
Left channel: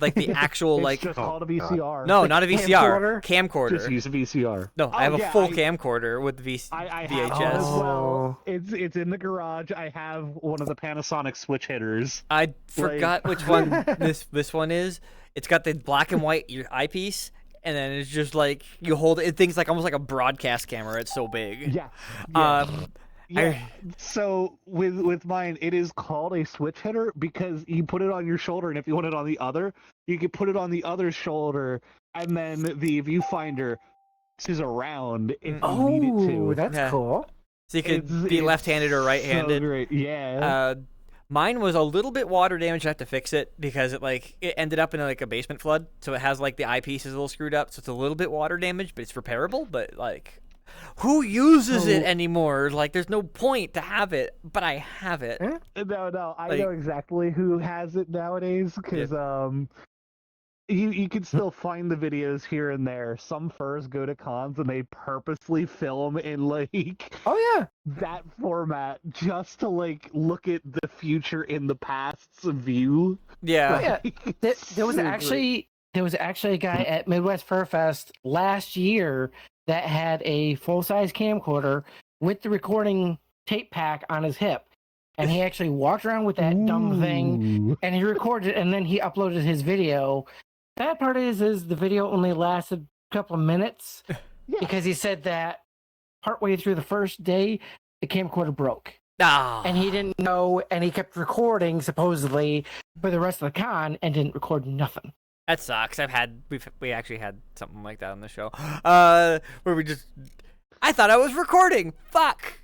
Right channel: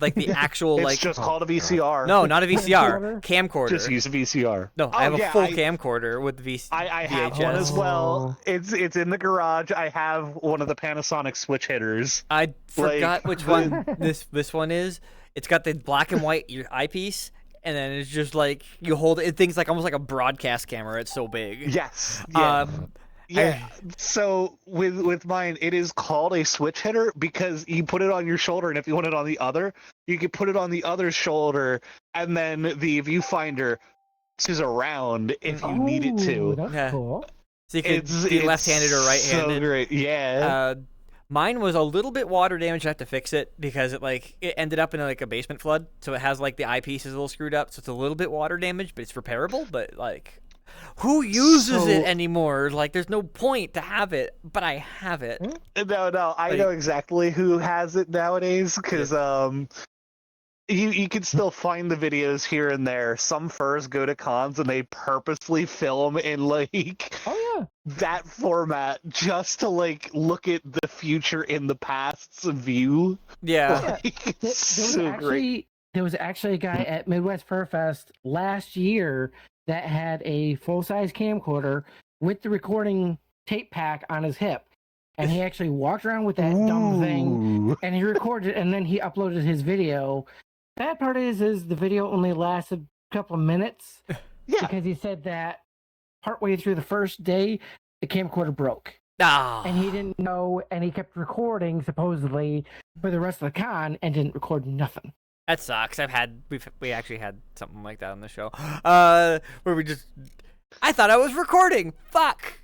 Like the actual It's like just called a VCR. no, not a VCR, camcorder. Just use a VCR. No, I have yeah, a full camcorder with I have VHS. one as well. Oh. It's in the garage. I have one of the Panasonic switch hitters. I forgot which one this one is. It's got the black and white eyepiece, and then it's just like you hold it. Things like almost like a broadcast camera. It's so big. Yes. Yeah. I So with mine, it is called a switch hitter because you put it on your shoulder, and if you want it on the other, you can put it on the other shoulder, and then the viewfinder is around if you need it Oh, to. that's Yeah. cool. so you could It's be left-handed or so right-handed. great. Yeah. Mine was a little bit water damaged. I had to fix it because it ended up in like a basement flood, so it has like the eyepiece is a little screwed up, so it's a little bit water damaged, but it's repairable. But like, who uses it anymore? Like, there's no point to have it, but I have it. No, I Like- know exactly who has it nowadays because you can still find the videos here and there. Some furs go to cons and they purposely film in like Oh yeah. that format just to like look at the future in the past's view. Yeah. Like, There, it's there was so great. actually a guy at Midwest Fur Fest last year that had a full-size camcorder with the recording tape pack on his hip, and he actually walked around with that dumb thing, Ooh. and he recorded, and then he uploaded his video. Bad part is the video only lasted a couple of minutes Yeah. because he said that partway through the first day, the camcorder broke. Ah. And he didn't know, and he kept recording supposedly for the rest of the con and didn't record nothing. That sucks. We actually had something like that on the show. Where I thought I was recording. Fuck.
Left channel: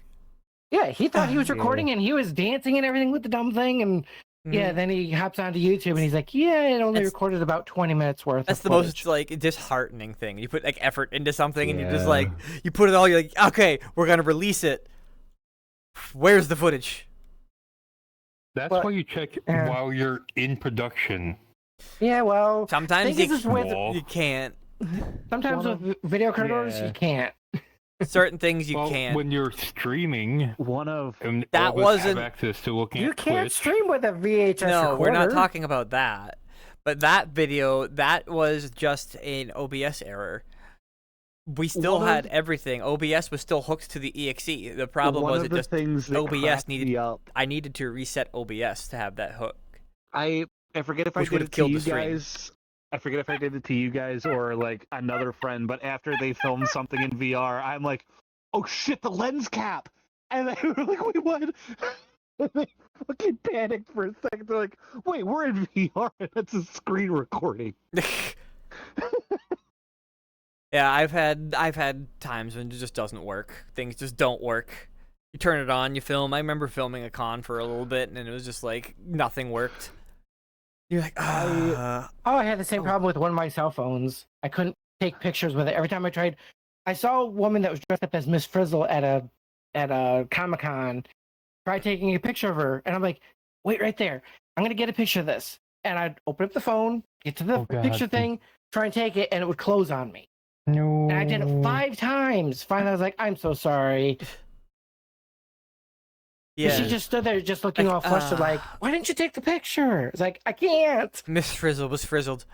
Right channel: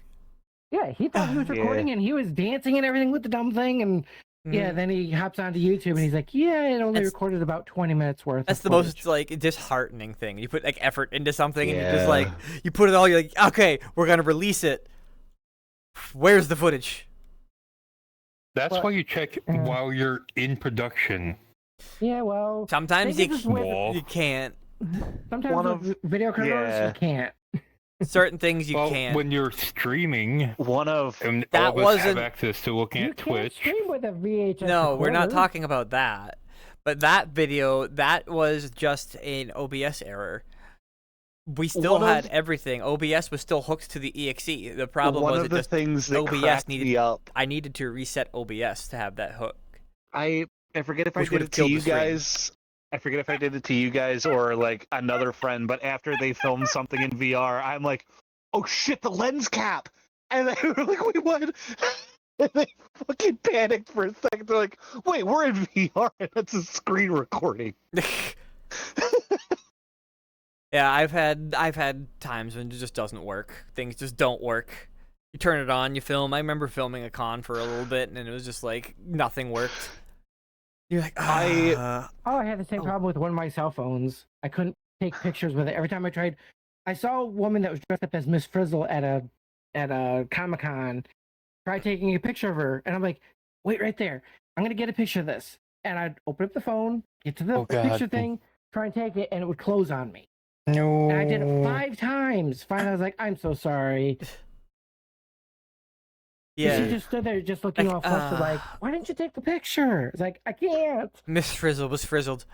Yeah, he thought he was Yeah. recording and he was dancing and everything with the dumb thing, and yeah, then he hops onto YouTube and he's like, "Yeah, it only That's- recorded about 20 minutes worth." That's of the footage." most like disheartening thing. You put like effort into something and you just Yeah. like you put it all. You're like, okay, we're gonna release it. Where's the footage? That's But- why you check Yeah. while you're in production. Yeah, well, Sometimes this you, is with- Wall. you can't. sometimes One with video controllers yeah. you can't. Certain things you Well, can't. when you're streaming, One of and That all of us wasn't- have access to looking You at can't Twitch. stream with a VHS. No, we're not recorder. talking about that. But that video, that was just an OBS error. We still One had of- everything. OBS was still hooked to the EXE. The problem one was of it the just things that OBS cracked needed- me up. I needed to reset OBS to have that hook. I forget if I Which did would've it to killed you the stream. guys. I forget if I did it to you guys or like another friend, but after they filmed something in VR, I'm like, "Oh shit, the lens cap!" And they were like, "Wait, what?" And they fucking panicked for a second. They're like, "Wait, we're in VR. That's a screen recording." Yeah, I've had times when it just doesn't work. Things just don't work. You turn it on, you film. I remember filming a con for a little bit, and it was just like nothing worked. You're like, Oh, I had the same Oh. problem with one of my cell phones. I couldn't take pictures with it. Every time I tried, I saw a woman that was dressed up as Miss Frizzle at a Comic-Con. Tried taking a picture of her, and I'm like, "Wait right there. I'm gonna get a picture of this." And I'd open up the phone, get to the Oh, God. picture thing, try and take it, and it would close on me. No. And I did it 5 times. Finally, I was like, "I'm so sorry." yeah. She just stood there, just looking Like, all flustered, like, "Why didn't you take the picture?" It's like, "I can't." Miss Frizzle was frizzled.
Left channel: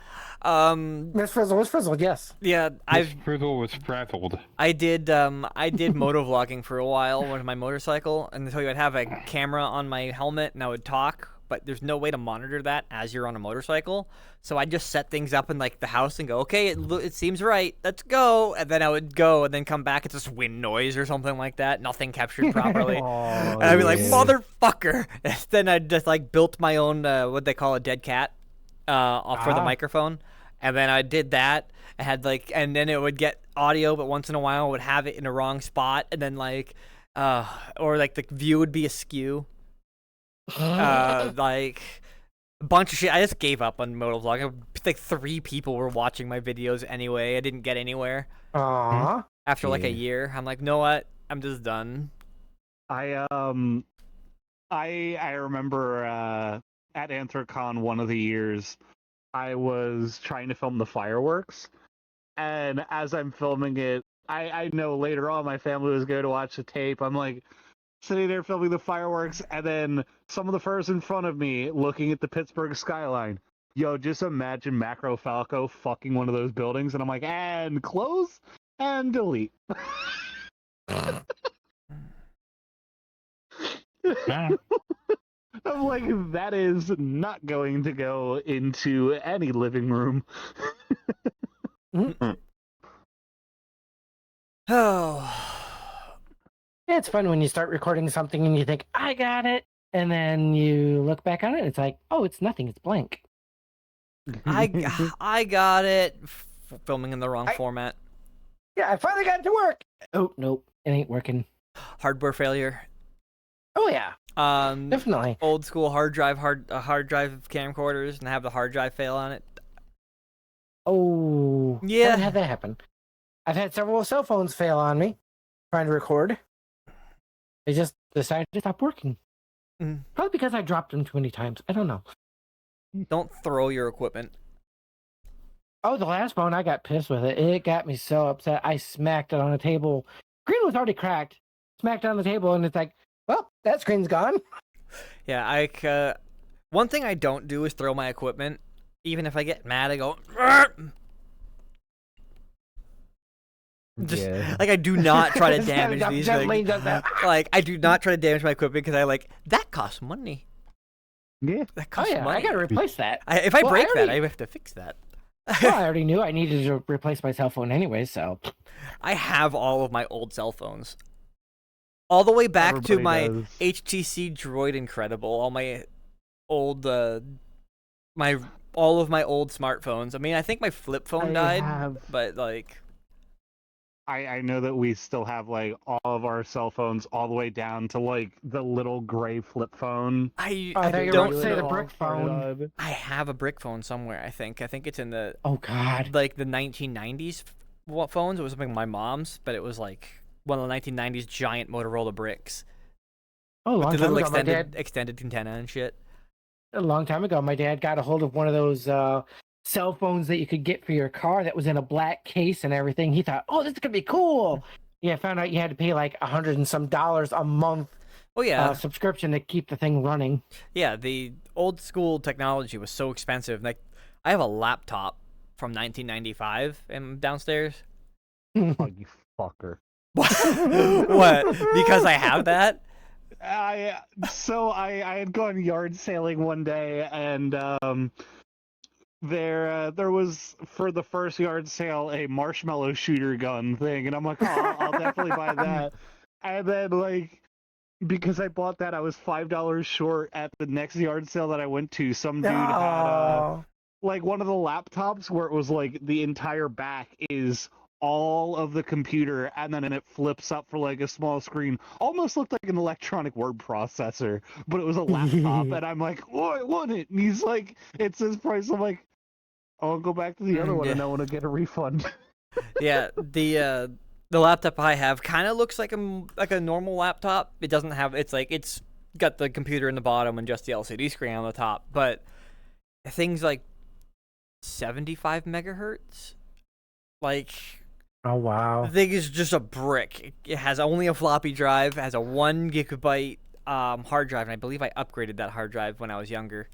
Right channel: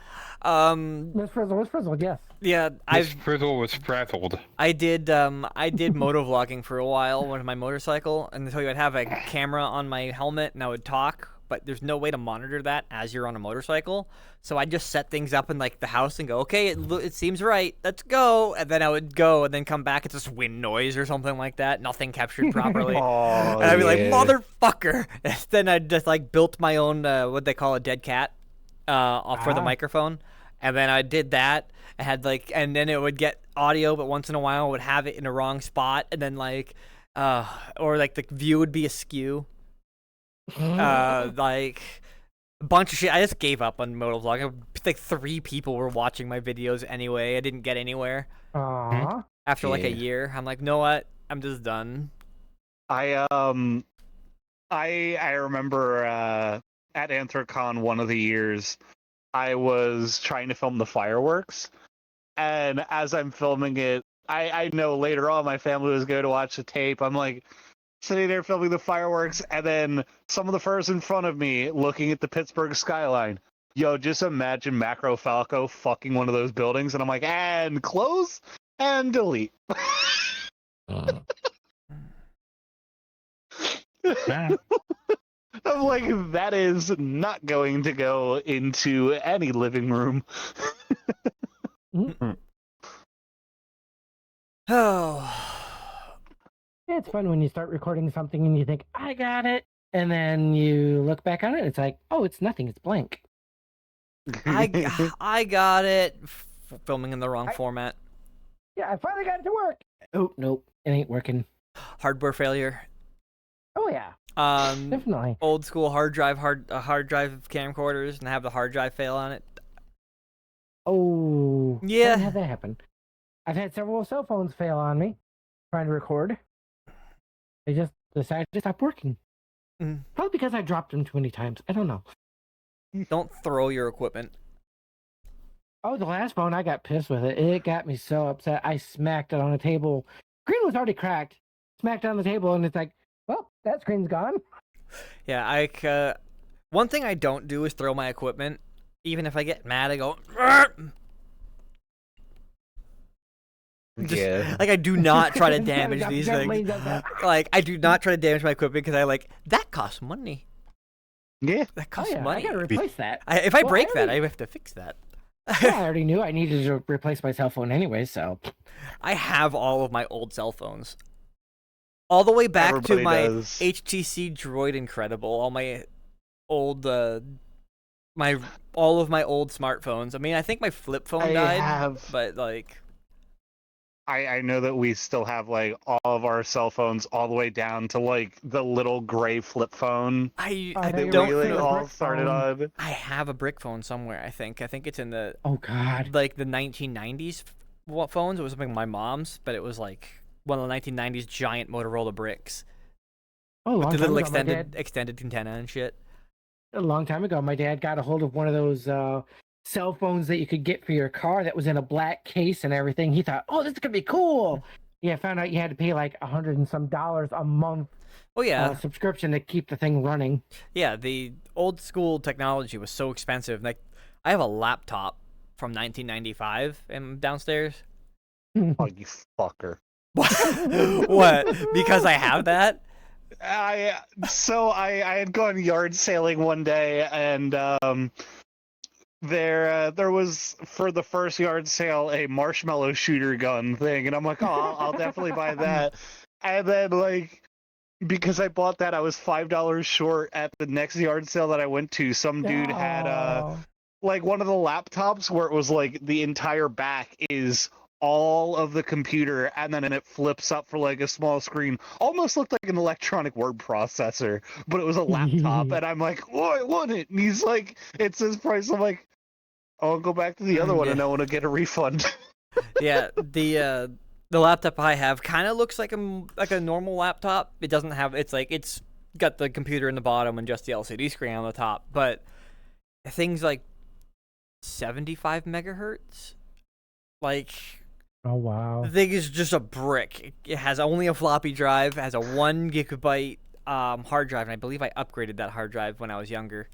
Miss Frizzle was frizzled, yes. Yeah, This Frizzle was frazzled. I did moto vlogging for a while on my motorcycle, and so I'd have a camera on my helmet and I would talk, but there's no way to monitor that as you're on a motorcycle. So I just set things up in like the house and go, okay, it seems right, let's go, and then I would go and then come back. It's just wind noise or something like that, nothing captured properly. And I'd be like, motherfucker. Then I just like built my own what they call a dead cat for the Ah. microphone, and then I did that. I had like, and then it would get audio, but once in a while I would have it in a wrong spot, and then like, or like the view would be askew. Like a bunch of shit. I just gave up on motovlog. Like 3 people were watching my videos anyway. I didn't get anywhere. Aww. After like a Yeah. year, I'm like, know what? I'm just done. I remember at Anthrocon one of the years, I was trying to film the fireworks, and as I'm filming it, I know later on my family was going to watch the tape. I'm like sitting there filming the fireworks, and then some of the furs in front of me looking at the Pittsburgh skyline. Yo, just imagine Macro Falco fucking one of those buildings, and I'm like, and close and delete. Ah, I'm like, that is not going to go into any living room. Oh. It's fun when you start recording something and you think, "I got it." And then you look back on it, it's like, "Oh, it's nothing, it's blank." I got it. Filming in the wrong format. Yeah, I finally got it to work. Oh, nope, it ain't working. Hardware failure. Oh, yeah. Definitely. Old school hard drive camcorders and have the hard drive fail on it. Oh, Yeah. haven't had that happen. I've had several cell phones fail on me trying to record. They just decided to stop working. Mm. Probably because I dropped them too many times. I don't know. Don't throw your equipment. Oh, the last phone, I got pissed with it. It got me so upset. I smacked it on the table. Screen was already cracked. Smacked it on the table, and it's like, well, that screen's gone. Yeah, one thing I don't do is throw my equipment. Even if I get mad, I go. Just, like, I do not try to damage these things. Like, I do not try to damage my equipment because that costs money. Yeah. That costs I money. gotta replace that. If I break that, I have to fix that. Well, I already knew I needed to replace my cell phone anyway, so. I have all of my old cell phones. All the way back to Everybody my does. HTC Droid Incredible, all my old, all of my old smartphones. I mean, I think my flip phone died, but like, I know that we still have like all of our cell phones all the way down to like the little gray flip phone. I know you're don't saying know. the all brick started phone. on. I have a brick phone somewhere. I think it's in the Oh, God. like the 1990s phones. It was something my mom's, but it was like one of the 1990s giant Motorola bricks Oh, a with long the time little ago, my dad, extended antenna and shit. a long time ago, my dad got a hold of one of those cell phones that you could get for your car that was in a black case and everything. He thought, oh, this is going to be cool. Yeah, found out you had to pay like $100 and some a month Oh yeah, subscription to keep the thing running. yeah. The old school technology was so expensive. Like, I have a laptop from 1995 downstairs. Oh, you fucker. What? Because I have that? I had gone yard sailing one day, and there was, for the first yard sale, a marshmallow shooter gun thing, and I'm like, oh, I'll definitely buy that. And then, like, because I bought that, I was $5 short at the next yard sale that I went to. Some dude had like one of the laptops where it was like the entire back is all of the computer, and then it flips up for like a small screen. Almost looked like an electronic word processor, but it was a laptop. And I'm like, oh, I want it. And he's like, it's this price. I'm like, I'll go back to the other one, Yeah. and I want to get a refund. Yeah, the laptop I have kind of looks like a normal laptop. It doesn't have it's got the computer in the bottom and just the LCD screen on the top, but things like 75 megahertz. Like, Oh, wow. the thing is just a brick. It has only a floppy drive, has a 1 gigabyte hard drive, and I believe I upgraded that hard drive when I was younger.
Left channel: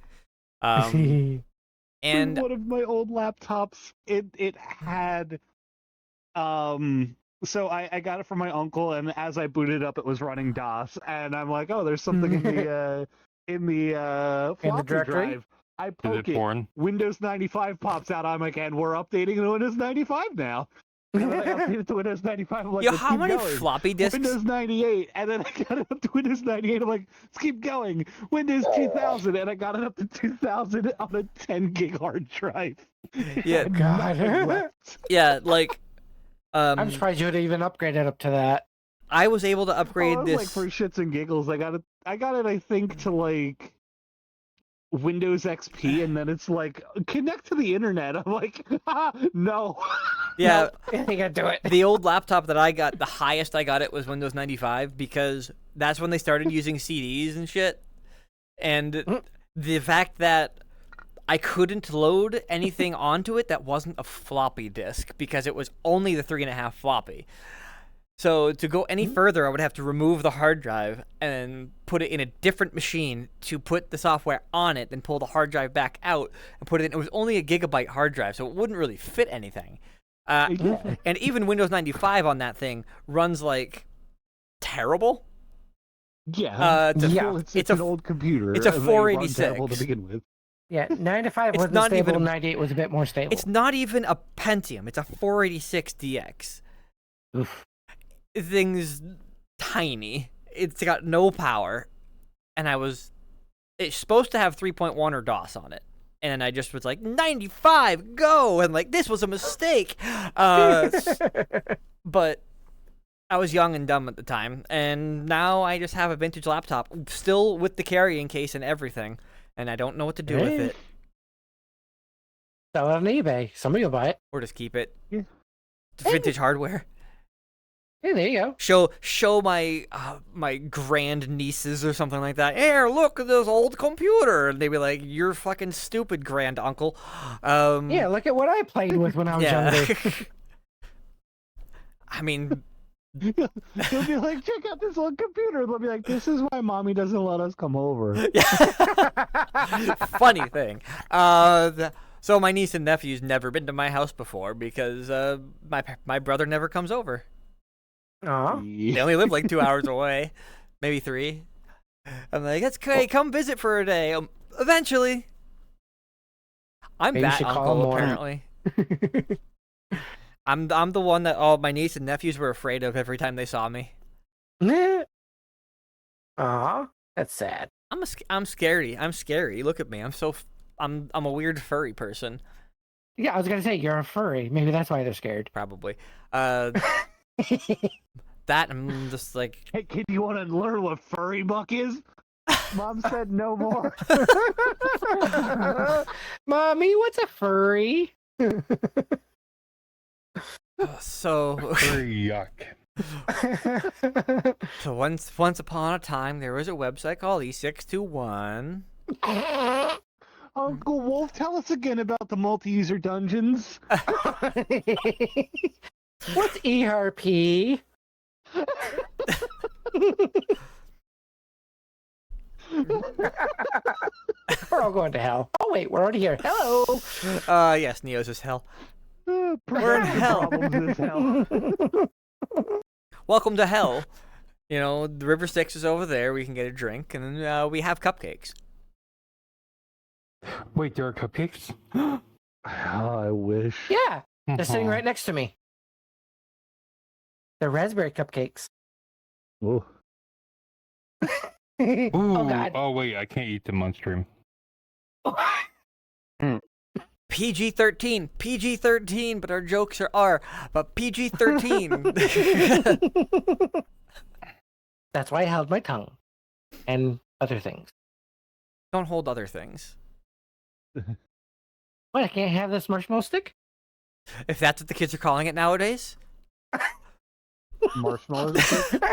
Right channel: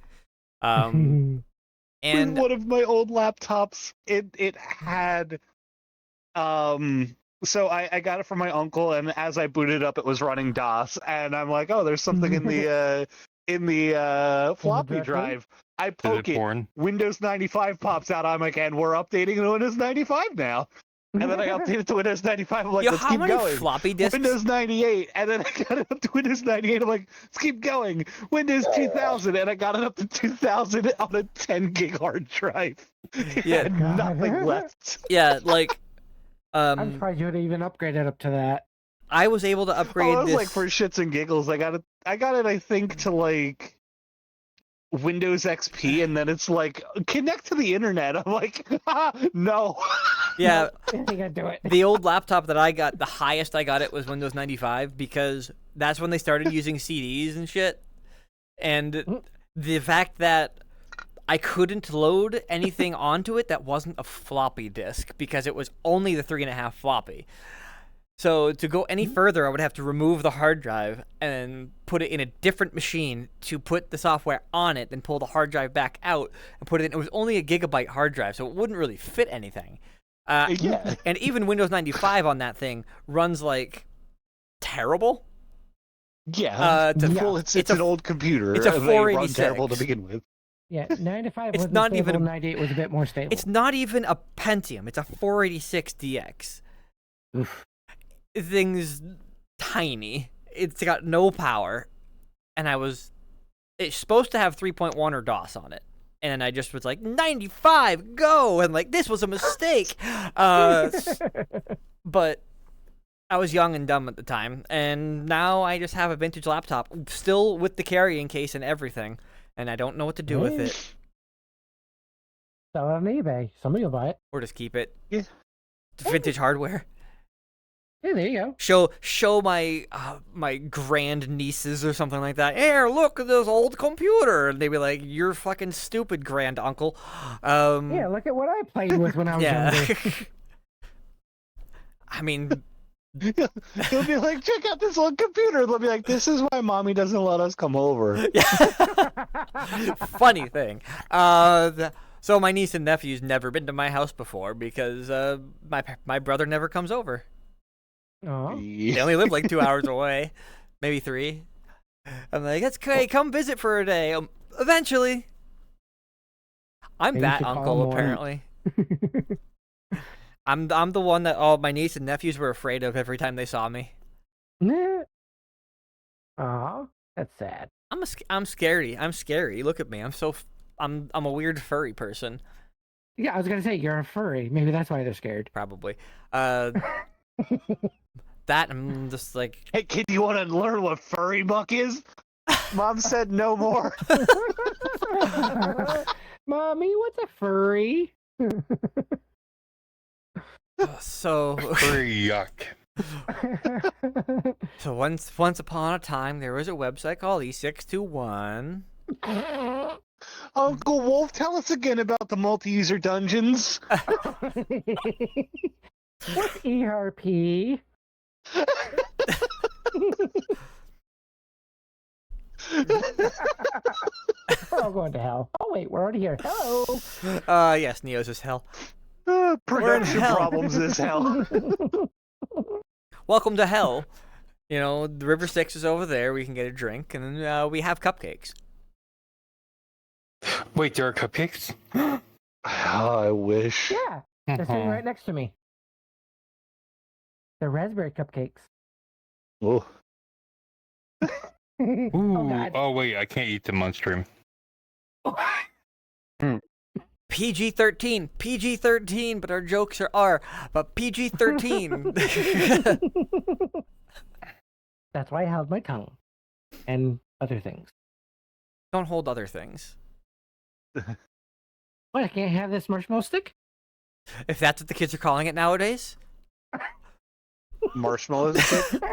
And one of my old laptops, it had so I got it from my uncle, and as I booted up, it was running DOS, and I'm like, oh, there's something in the floppy directory? drive. I Is poke it it, porn? Windows 95 pops out. I'm like, and we're updating to Windows 95 now. And then I updated to Windows 95. I'm like, yo, let's how keep many going. floppy disks? Windows 98, and then I got it up to Windows 98. I'm like, let's keep going. Windows 2000, and I got it up to 2000 on a 10 gig hard drive. Yeah. And God. nothing left. Yeah, like I'm surprised you would even upgraded up to that. I was able to upgrade Well, it was this. like for shits and giggles. I got it. I think to like Windows XP, and then it's like connect to the internet. I'm like, no. Yeah, You gotta do it. the old laptop that I got, the highest I got it was Windows 95 because that's when they started using CDs and shit. And the fact that I couldn't load anything onto it that wasn't a floppy disk because it was only the 3.5 floppy. So to go any further, I would have to remove the hard drive and put it in a different machine to put the software on it, then pull the hard drive back out and put it in. It was only a gigabyte hard drive, so it wouldn't really fit anything. Yeah. And even Windows 95 on that thing runs like terrible. Yeah. Yeah. It's It's an a- old computer. it's a and they run 486. terrible to begin with. Yeah, 95 It's wasn't not stable, even a- 98 was a bit more stable. It's not even a Pentium. It's a 486 DX. Oof. The thing's tiny. It's got no power, and it's supposed to have 3.1 or DOS on it. And I just was like, 95, go! And like, this was a mistake. But I was young and dumb at the time, and now I just have a vintage laptop, still with the carrying case and everything, and I don't know what to do with it. Sell it on eBay. Somebody will buy it. Or just keep it. Yeah. Vintage hardware. Hey, there you go. Show my my grand nieces or something like that. Here, look at this old computer, and they'd be like, "You're fucking stupid, grand uncle." Yeah, look at what I played with when I was younger. I mean, They'll be like, check out this old computer. They'll be like, this is why mommy doesn't let us come over. funny thing. So my niece and nephew's never been to my house before because my brother never comes over. Aw. They only live like 2 hours away, maybe 3. I'm like, that's great. Come visit for a day. Eventually. I'm Maybe you that should call uncle, more. apparently. I'm the one that all my niece and nephews were afraid of every time they saw me. Aw, that's sad. I'm scary. I'm scary. Look at me. I'm a weird furry person, Yeah, I was gonna say you're a furry. Maybe that's why they're scared. probably. That I'm just like, Hey, kid, you want to learn what furry buck is? Mom said no more. Mommy, what's a furry? so. Yuck. So once upon a time, there was a website called E621. Uncle Wolf, tell us again about the multi-user dungeons. What's ERP? We're all going to hell. Oh wait, we're already here. Hello. Yes, Neo's is hell. We're in Production hell. Problems is hell. Welcome to hell. You know, the River Styx is over there. We can get a drink, and then we have cupcakes. Wait, there are cupcakes? Oh, I wish. Yeah, they're sitting right next to me. They're raspberry cupcakes. Oh. Ooh, God. oh wait, I can't eat them on stream. PG-13, PG-13, but our jokes are R, but PG-13. That's why I held my tongue. And other things. Don't hold other things. What, I can't have this marshmallow stick? If that's what the kids are calling it nowadays. Marshmallows.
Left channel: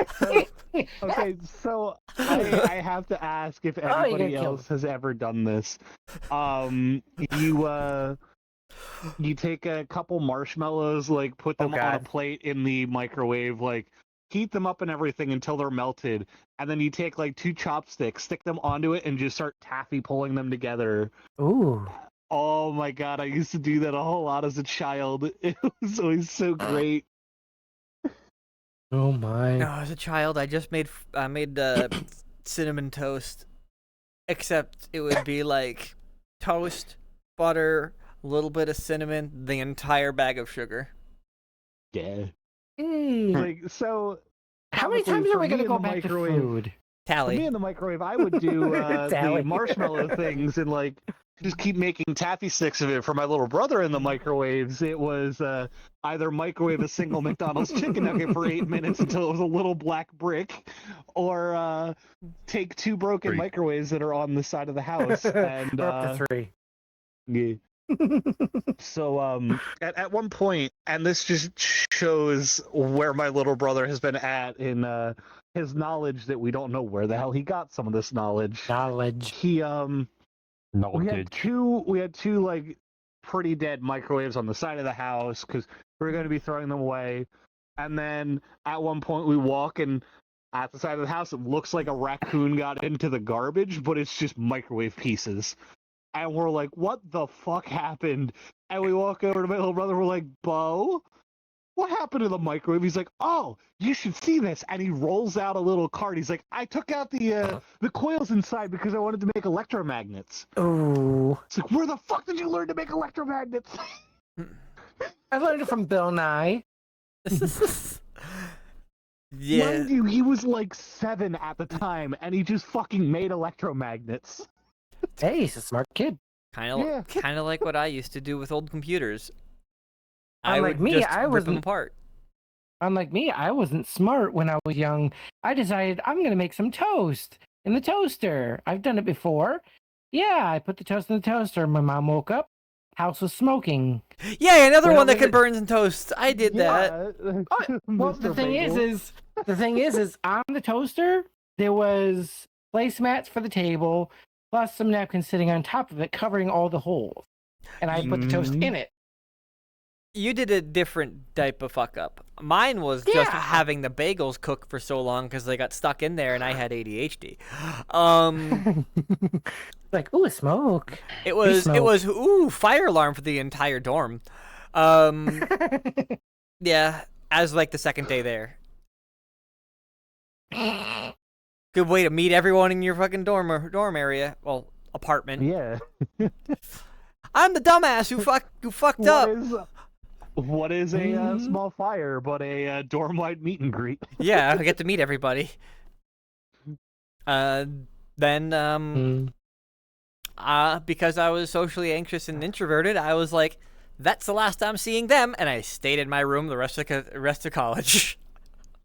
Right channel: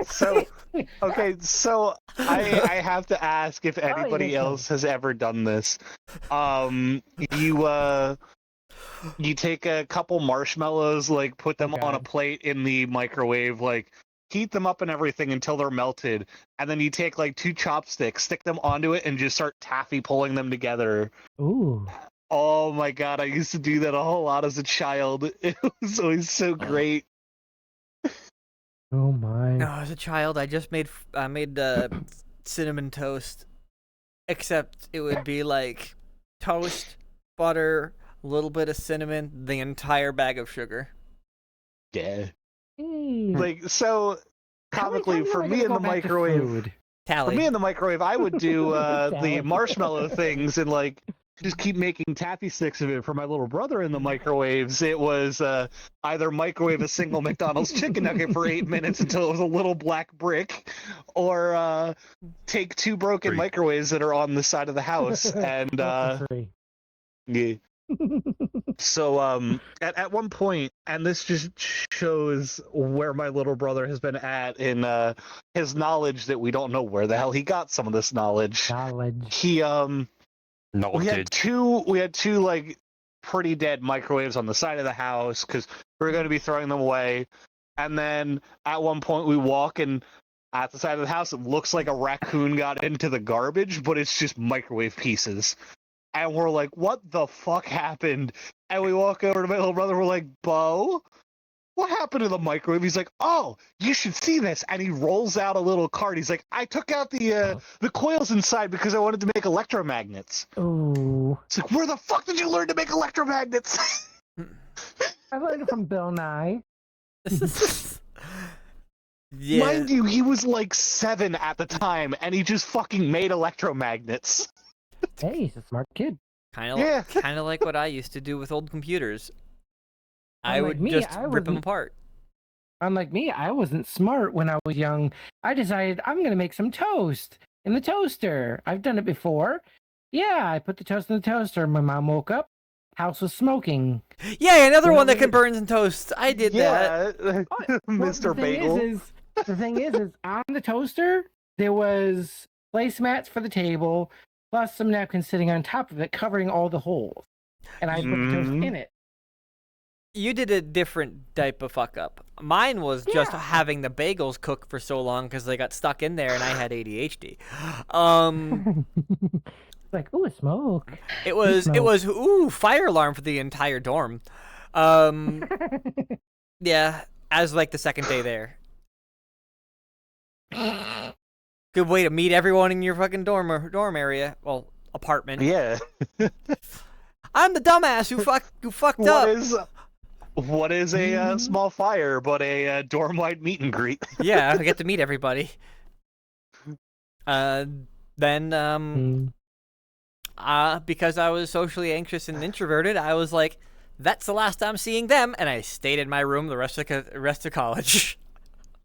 So, okay, so I have to ask if anybody kill else has ever done this. You take a couple marshmallows, like put them on a God. plate in the microwave, like heat them up and everything until they're melted, and then you take like 2 chopsticks, stick them onto it, and just start taffy pulling them together. Ooh. Oh my god, I used to do that a whole lot as a child. It was always so great. Oh my. No, as a child, I just made cinnamon toast, except it would be like toast, butter, a little bit of cinnamon, the entire bag of sugar. Yeah. Mm. Like, so How many chemically, times for are we me gonna in go the back to microwave, food? for me Tally. in the microwave, I would do the Tally. marshmallow things and like just keep making taffy sticks of it. For my little brother in the microwaves, it was either microwave a single McDonald's chicken nugget for 8 minutes until it was a little black brick, or take 2 broken 3. microwaves that are on the side of the house and We're up to 3. yeah. So at one point, and this just shows where my little brother has been at in his knowledge that we don't know where the hell he got some of this knowledge. Knowledge. He No, we did. had two like pretty dead microwaves on the side of the house because we were going to be throwing them away. And then at one point we walk and at the side of the house it looks like a raccoon got into the garbage, but it's just microwave pieces. And we're like, what the fuck happened? And we walk over to my little brother, we're like, Bo, what happened to the microwave? He's like, oh, you should see this. And he rolls out a little card. He's like, I took out the coils inside because I wanted to make electromagnets. Ooh. It's like, where the fuck did you learn to make electromagnets? I learned it from Bill Nye. Yeah. Mind you, he was like 7 at the time, and he just fucking made electromagnets. Hey, he's a smart kid. Yeah. Kind of like what I used to do with old computers. I Unlike would me, just I rip them wasn't- apart. Unlike me, I wasn't smart when I was young. I decided I'm going to make some toast in the toaster. I've done it before. Yeah, I put the toast in the toaster. My mom woke up. House was smoking. Yeah, another You one know, that can burn in toast. I did that. Well, Mr. Bagel. The thing is on the toaster there was placemats for the table, plus some napkins sitting on top of it, covering all the holes. And I put the toast in it. You did a different type of fuck up. Mine was just Yeah. having the bagels cook for so long because they got stuck in there and I had ADHD. Like, ooh, smoke. It was fire alarm for the entire dorm. Yeah, as like the second day there. Good way to meet everyone in your fucking dorm area. Well, apartment. Yeah. I'm the dumbass who fucked up. What is a small fire but a dorm-wide meet and greet? Yeah, I get to meet everybody. Then because I was socially anxious and introverted, I was like, that's the last I'm seeing them, and I stayed in my room the rest of college.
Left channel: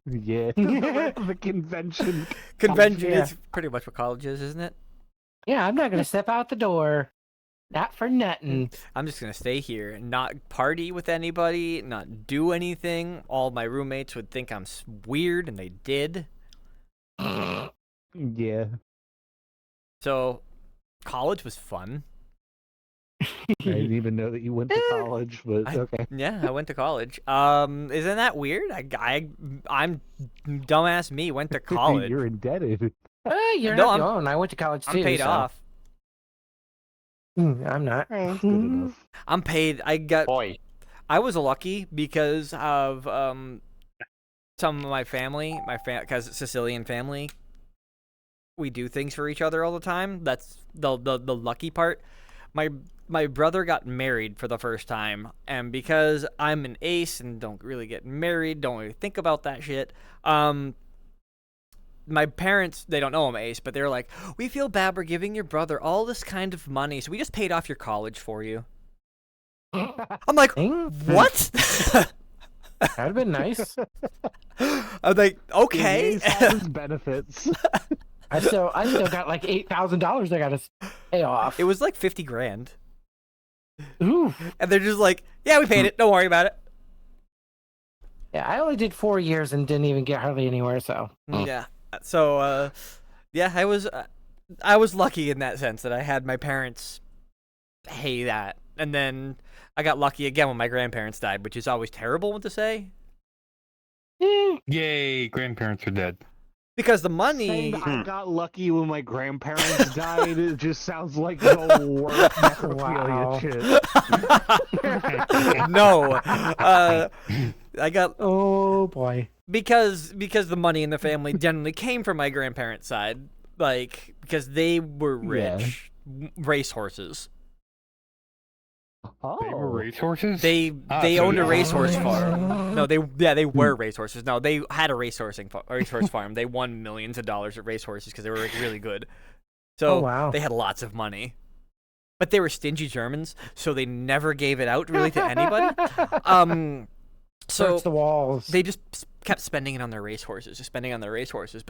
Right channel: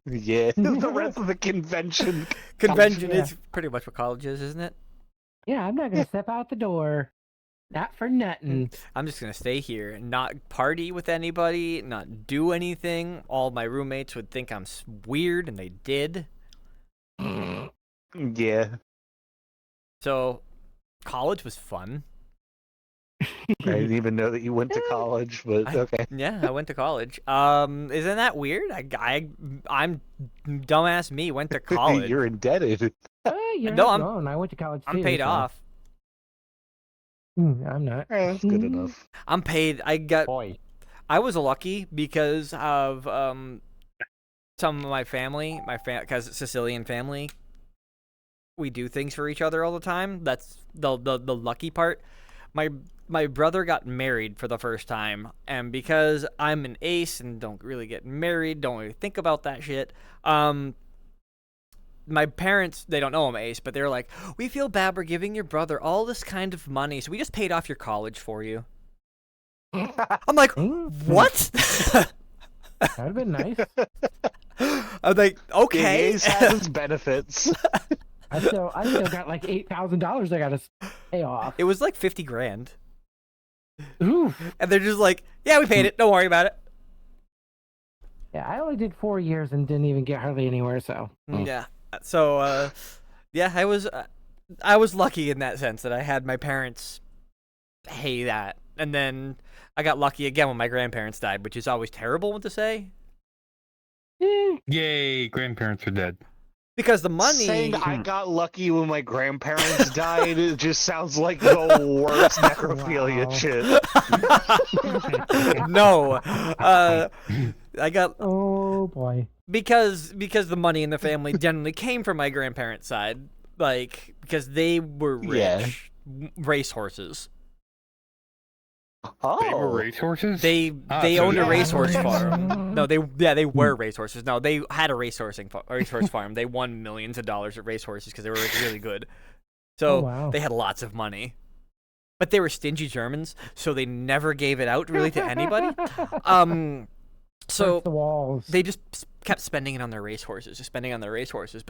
Yeah. The rest of the convention. Convention Yeah. is pretty much what college is, isn't it? Yeah, I'm not going to step out the door. Not for nothing. I'm just gonna stay here and not party with anybody, not do anything. All my roommates would think I'm weird, and they did. Yeah. So, college was fun. I didn't even know that you went to college, but okay. Yeah, I went to college. Isn't that weird? I'm dumbass me went to college. You're indebted. You're No, not I'm- alone. I went to college too. I'm paid so- off. I'm not. Oh, that's good enough. I'm paid. Boy. I was lucky because of some of my family, because Sicilian family. We do things for each other all the time. That's the lucky part. My brother got married for the first time, and because I'm an ace and don't really get married, don't really think about that shit. My parents, they don't know I'm ace, but they're like, we feel bad we're giving your brother all this kind of money, so we just paid off your college for you. I'm like, what? That'd have been nice. I'm like, okay. Ace has benefits. I still got like $8,000 I got to pay off. It was like 50 grand. Ooh. And they're just like, yeah, we paid it. Don't worry about it. Yeah, I only did 4 years and didn't even get hardly anywhere. So Yeah. So, yeah, I was lucky in that sense that I had my parents pay that. And then I got lucky again when my grandparents died, which is always terrible to say. Yay, grandparents are dead. Because the money... Saying I got lucky when my grandparents died, it just sounds like the worst necrophilia Wow. shit. No. I got... Oh boy. Because the money in the family generally came from my grandparents' side. Like, because they were rich. Racehorses. They were Oh. racehorses? They so owned a yeah. racehorse farm. No, they were racehorses. No, they had a racehorse farm. They won millions of dollars at racehorses because they were like, really good. So Oh, wow. they had lots of money. But they were stingy Germans, so they never gave it out really to anybody. So Search the walls. they just kept spending it on their racehorses, But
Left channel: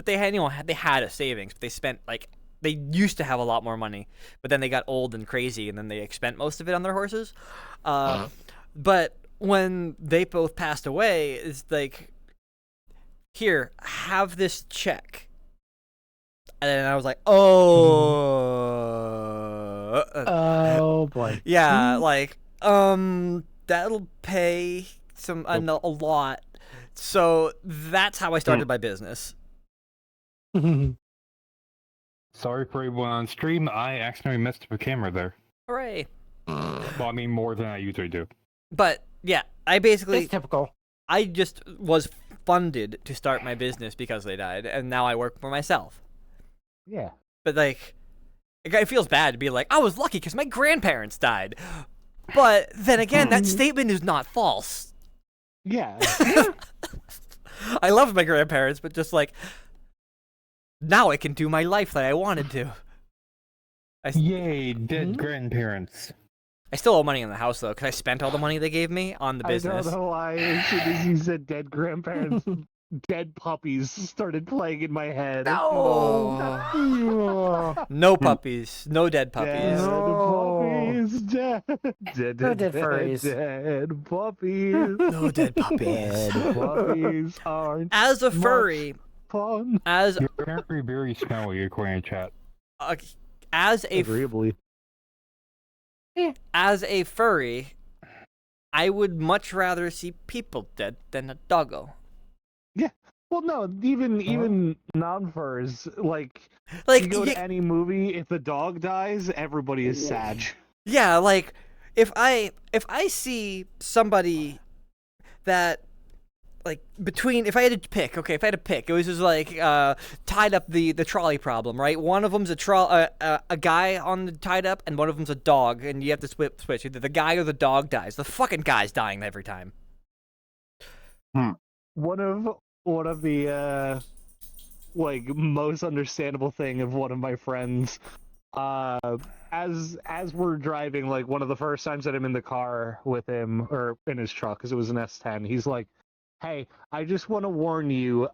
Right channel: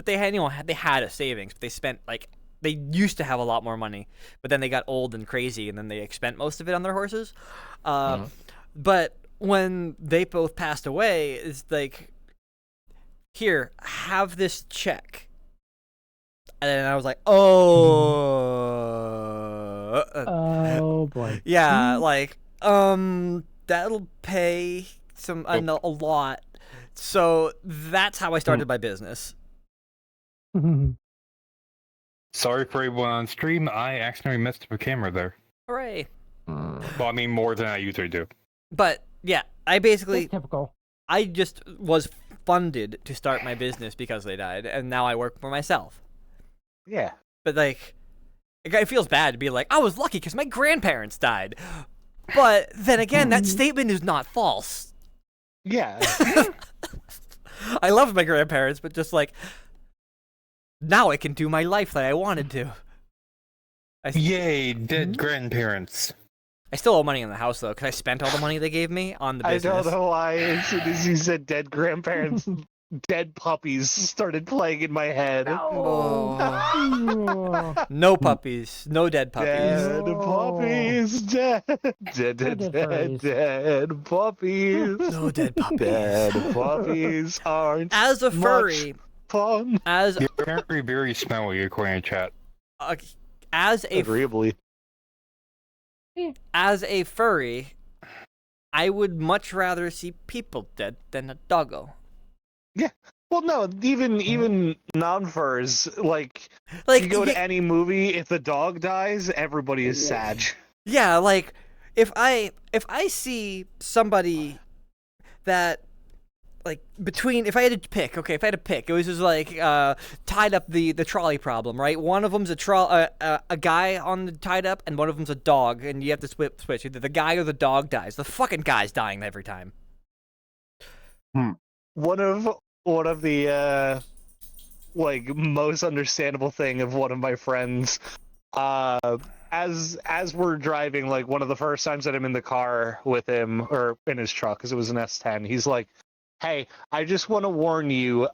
they had, they had a savings. But they spent they used to have a lot more money, but then they got old and crazy, and then they spent most of it on their horses. But when they both passed away, it's like, here, have this check. And then I was like, oh, Oh boy. yeah, like, that'll pay a lot. So that's how I started my business. Sorry for everyone on stream. I accidentally messed up a camera there. Hooray. Well, I mean, more than I usually do. But yeah, I basically, It's typical. I just was funded to start my business because they died, and now I work for myself. Yeah. But like, it feels bad to be like, I was lucky because my grandparents died. But then again, that statement is not false. Yeah. I love my grandparents, but just like, now I can do my life that I wanted to. Yay, dead grandparents. I still owe money on the house though, because I spent all the money they gave me on the business. I don't know why. As soon as you said dead grandparents, dead puppies started playing in my head. Oh. No puppies, no dead puppies. Dead puppies, dead, No dead furries. dead puppies. No dead puppies. Dead puppies aren't As a furry, fun. as You're apparently very smelly, according to chat. as a Agreeably. as a furry, I would much rather see people dead than a doggo. Well, no, even non-furs, like Like, you go to yeah, any movie, if the dog dies, everybody is sad. yeah, like if I see somebody that like if I had to pick, it was just like tied up the trolley problem, right? One of them's a guy on the tied up, and one of them's a dog, and you have to switch. Either the guy or the dog dies. The fucking guy's dying every time. One of the like most understandable thing of one of my friends, as we're driving, like one of the first times that I'm in the car with him or in his truck, because it was an S10, he's like, "Hey, I just want to warn you,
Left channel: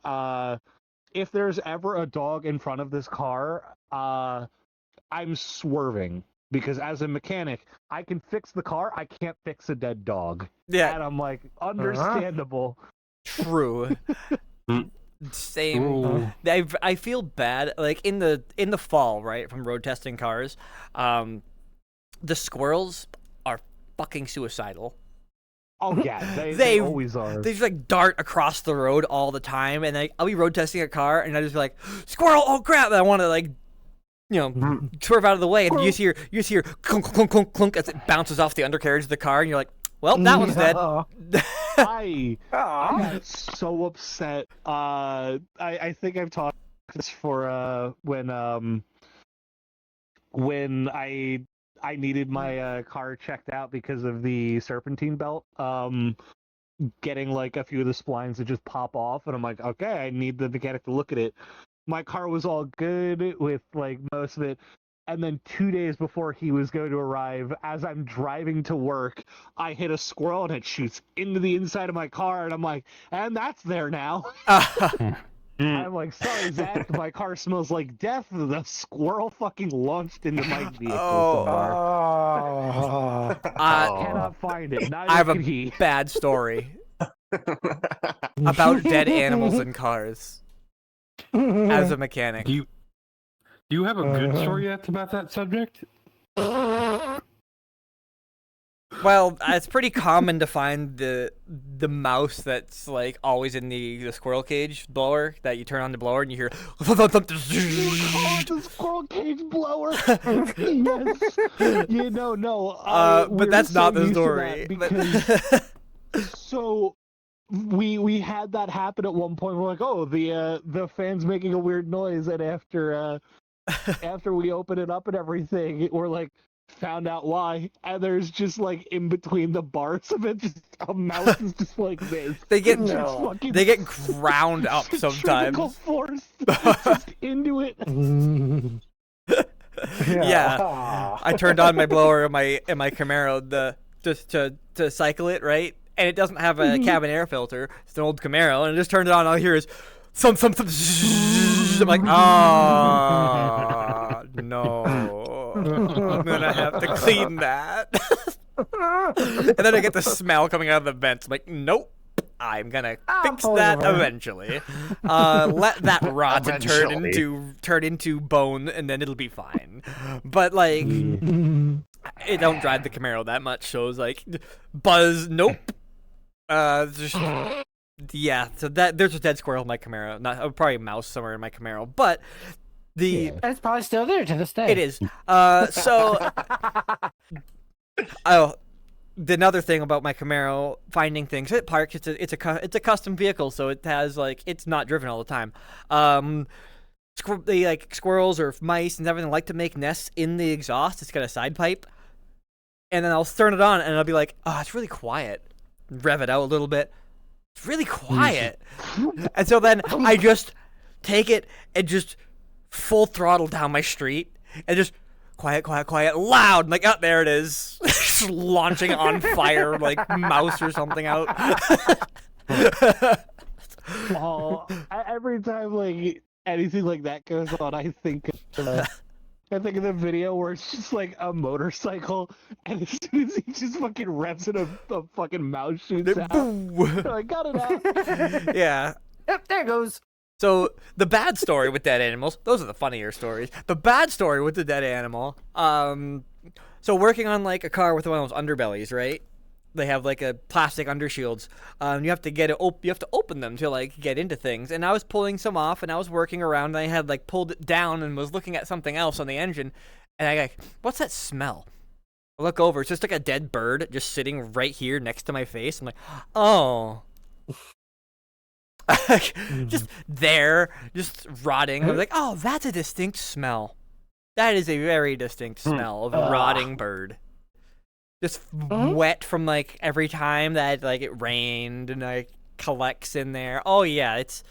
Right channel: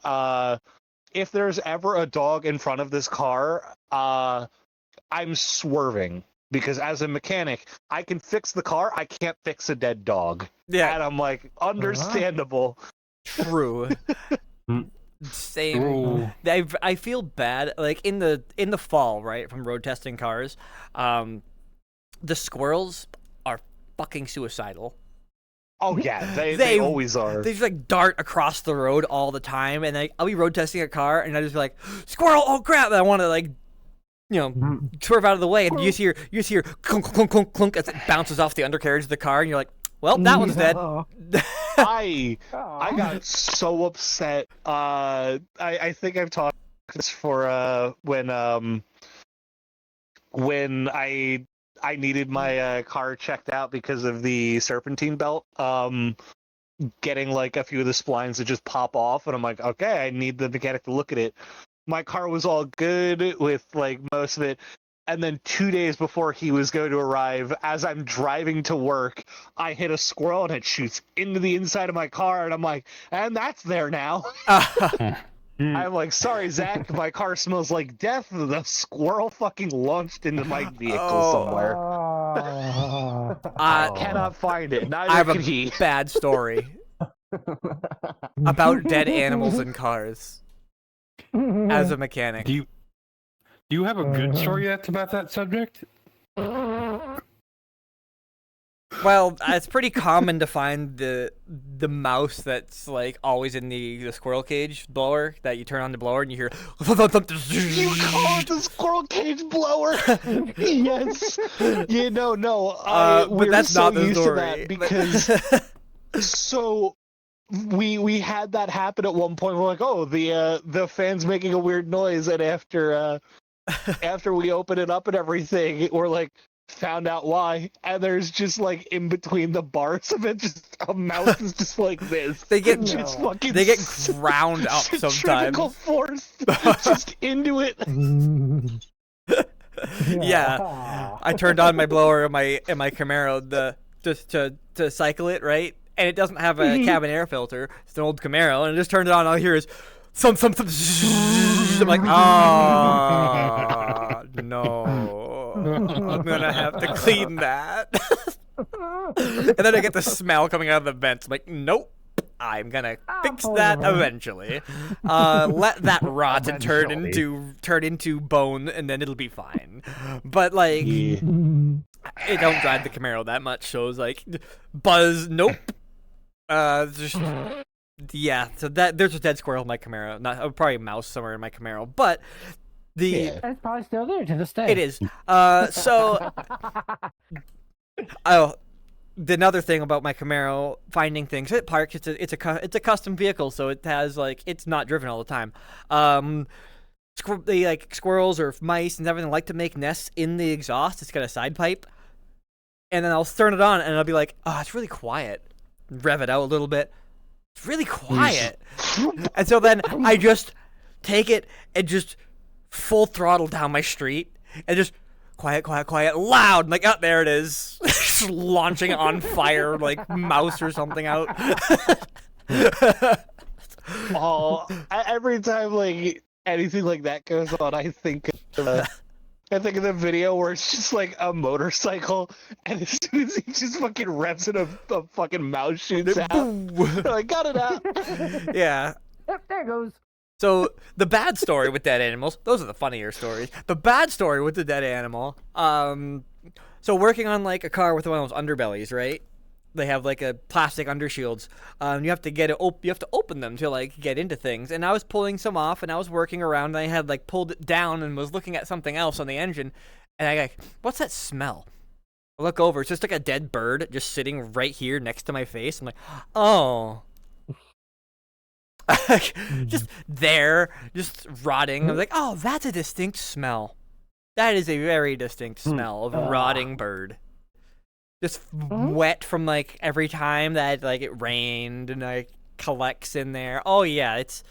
if there's ever a dog in front of this car, I'm swerving, because as a mechanic, I can fix the car, I can't fix a dead dog." Yeah, And I'm like, understandable. true. Same. Ooh. I feel bad. Like in the fall, right, from road testing cars, the squirrels are fucking suicidal. Oh yeah, they They- always are. They just like dart across the road all the time, and I'll be road testing a car, and I just be like, squirrel! Oh crap! And I want to like, swerve out of the way, and you just hear clunk clunk clunk clunk as it bounces off the undercarriage of the car, and you're like, well, that one's dead. I got so upset. I think I've talked this for when I needed my car checked out because of the serpentine belt. Getting like a few of the splines that just pop off, and I'm like, okay, I need the mechanic to look at it. My car was all good with like most of it. And then 2 days before he was going to arrive, as I'm driving to work, I hit a squirrel and it shoots into the inside of my car, and I'm like, and that's there now. I'm like, sorry, Zach, my car smells like death. The squirrel fucking launched into my vehicle somewhere. I cannot find it. Neither I have can a he. bad story about dead animals in cars as a mechanic. Do you have a good story that's about that subject? Well, it's pretty common to find the mouse that's like always in the squirrel cage blower, that you turn on the blower and you hear. You call it the squirrel cage blower? Yes. No. But we're that's so not the used to story. that because so we had that happen at one point. We're like, oh, the fan's making a weird noise, and after we open it up and everything, we're like, found out why, and there's just like in between the bars of it, just a mouse is just like this. They get Just fucking they get ground up centrifugal sometimes. force just into it. Yeah, I turned on my blower in my Camaro just to cycle it, right, and it doesn't have a cabin air filter. It's an old Camaro, and I just turned it on. All I hear is some. I'm like, ah, no. I'm gonna have to clean that. And then I get the smell coming out of the vents. I'm like, nope. I'm gonna fix that eventually. Let that rot and turn into bone, and then it'll be fine. But like, it don't drive the Camaro that much, so it's like, buzz, nope. Yeah. So there's a dead squirrel in my Camaro. Not probably a mouse somewhere in my Camaro, but It's probably still there to this day. it is. So, another thing about my Camaro, finding things at park. It's a custom vehicle, so it has like, it's not driven all the time. They like squirrels or mice and everything like to make nests in the exhaust. It's got a side pipe, and then I'll turn it on and I'll be like, oh, it's really quiet. Rev it out a little bit. It's really quiet. And so then I just take it and just full throttle down my street and just quiet, quiet, quiet, loud. I'm like, oh, there it is. Just launching on fire, like mouse or something out. Oh, every time like anything like that goes on, I think of the video where it's just like a motorcycle, and as soon as he just fucking revs it, a fucking mouse shoots out. I got it out. Yeah. Yep, there it goes. So the bad story with dead animals, those are the funnier stories. The bad story with the dead animal, so working on like a car with one of those underbellies, right? They have like a plastic undershields. You have to you have to open them to like get into things. And I was pulling some off, and I was working around, and I had like pulled it down and was looking at something else on the engine, and I like, what's that smell? I look over, it's just like a dead bird just sitting right here next to my face. I'm like, oh. Just there, just rotting. I was like, oh, that's a distinct smell. That is a very distinct smell of a rotting bird. Just wet from like every time that like it rained and like collects in there. Oh yeah, it's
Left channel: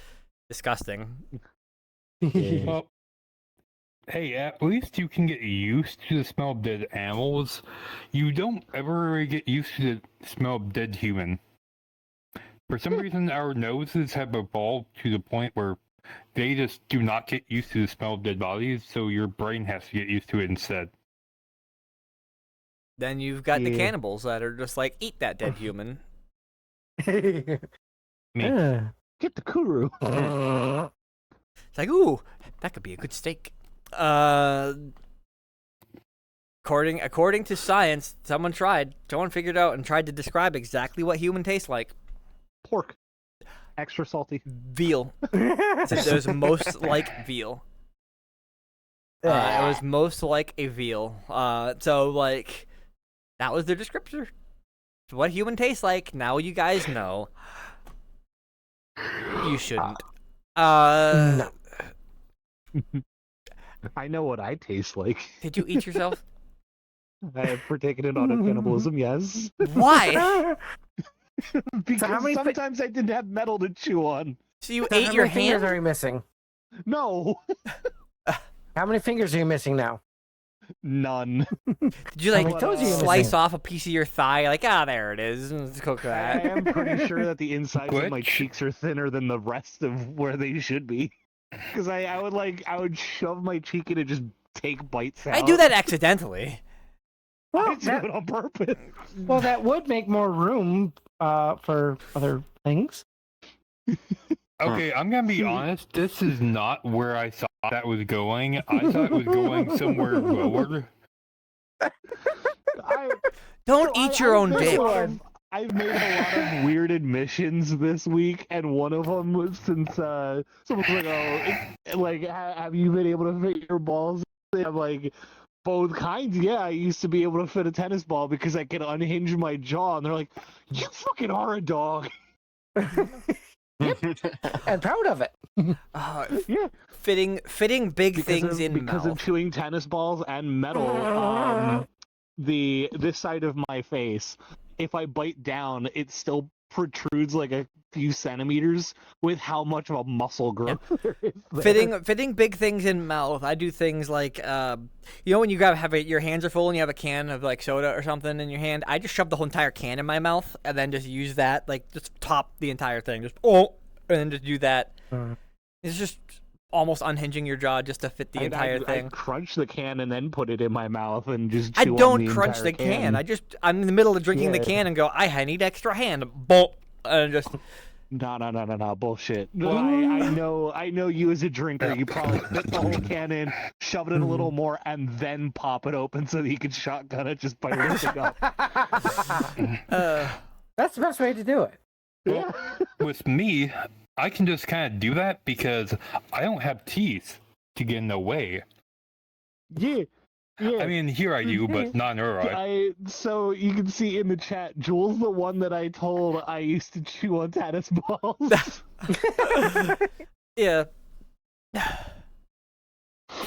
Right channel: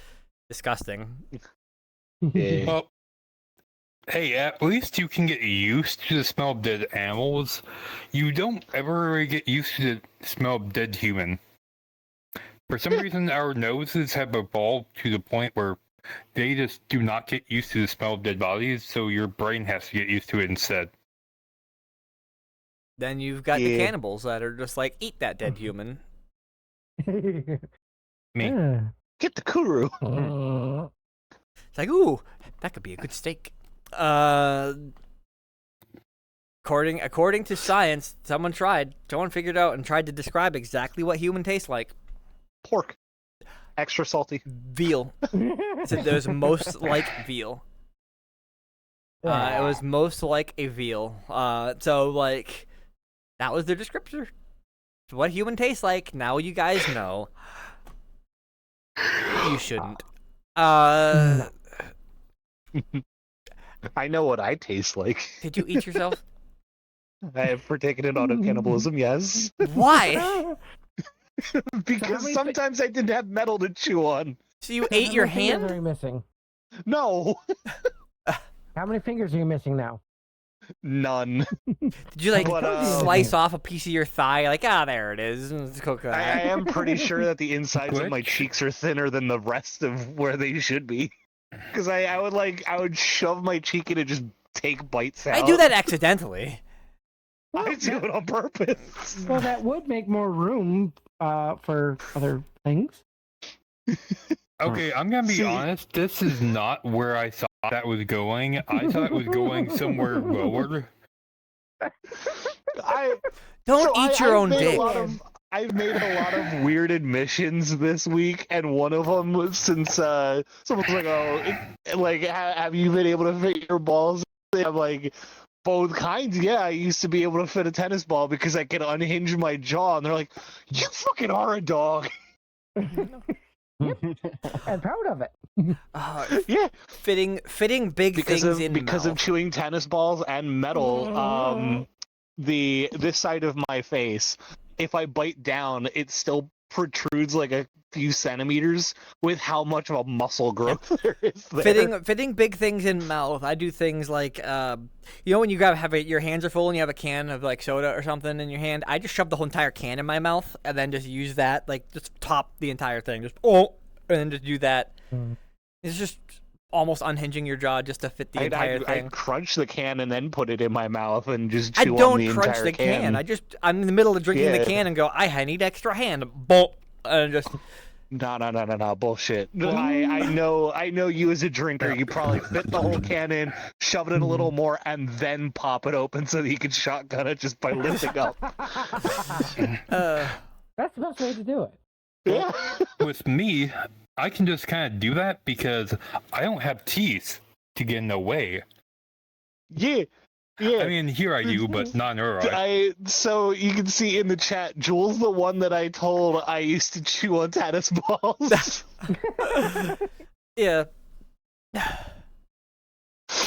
disgusting. Well, hey, at least you can get used to the smell of dead animals. You don't ever really get used to the smell of dead human. For some reason, our noses have evolved to the point where they just do not get used to the smell of dead bodies, so your brain has to get used to it instead. Then you've got the cannibals that are just like, eat that dead human. Me. Get the kuru. It's like, ooh, that could be a good steak. According to science, someone figured out and tried to describe exactly what human tastes like. Pork. Extra salty. Veal. It said it was most like veal. It was most like a veal. So like, that was the descriptor. What human tastes like. Now you guys know. You shouldn't. I know what I taste like. Did you eat yourself? I have partaken in auto cannibalism, yes. Why? Because sometimes I didn't have metal to chew on. So you ate your How many fingers hand? are you missing? No. How many fingers are you missing now? None. Did you like But, slice off a piece of your thigh? Like, there it is. Let's cook I that. am pretty sure that the insides of my cheeks are thinner than the rest of where they should be. Because I would shove my cheek in and just take bites out. I do that accidentally. I do it on purpose. Well, that would make more room for other things. Okay, I'm gonna be honest. This is not where I thought that was going. I thought it was going somewhere lower. Don't eat your own dick. I've made a lot of weird admissions this week, and one of them was since someone's like, "Oh, like, have you been able to fit your balls?" I'm like, both kinds. Yeah, I used to be able to fit a tennis ball because I could unhinge my jaw, and they're like, "You fucking are a dog." I'm proud of it. Yeah, fitting big things in because mouth. of chewing tennis balls and metal. This side of my face, if I bite down, it still protrudes like a few centimeters with how much of a muscle growth there is there. Fitting big things in mouth. I do things like, when you your hands are full and you have a can of like soda or something in your hand. I just shove the whole entire can in my mouth and then just use that, like just top the entire thing, and then just do that. It's just almost unhinging your jaw just to fit the entire thing. I crunch the can and then put it in my mouth and just chew I on don't the crunch entire the can. I'm in the middle of drinking the can and go, I need extra hand. Bolt. And just No, bullshit. I know you as a drinker. You probably fit the whole can in, shove it in a little more, and then pop it open so that you can shotgun it just by lifting up. That's the best way to do it. Yeah. With me, I can just kind of do that because I don't have teeth to get in the way. Yeah. I mean, here I do, but not in her eye. So you can see in the chat, Jules, the one that I told I used to chew on tennis balls. yeah.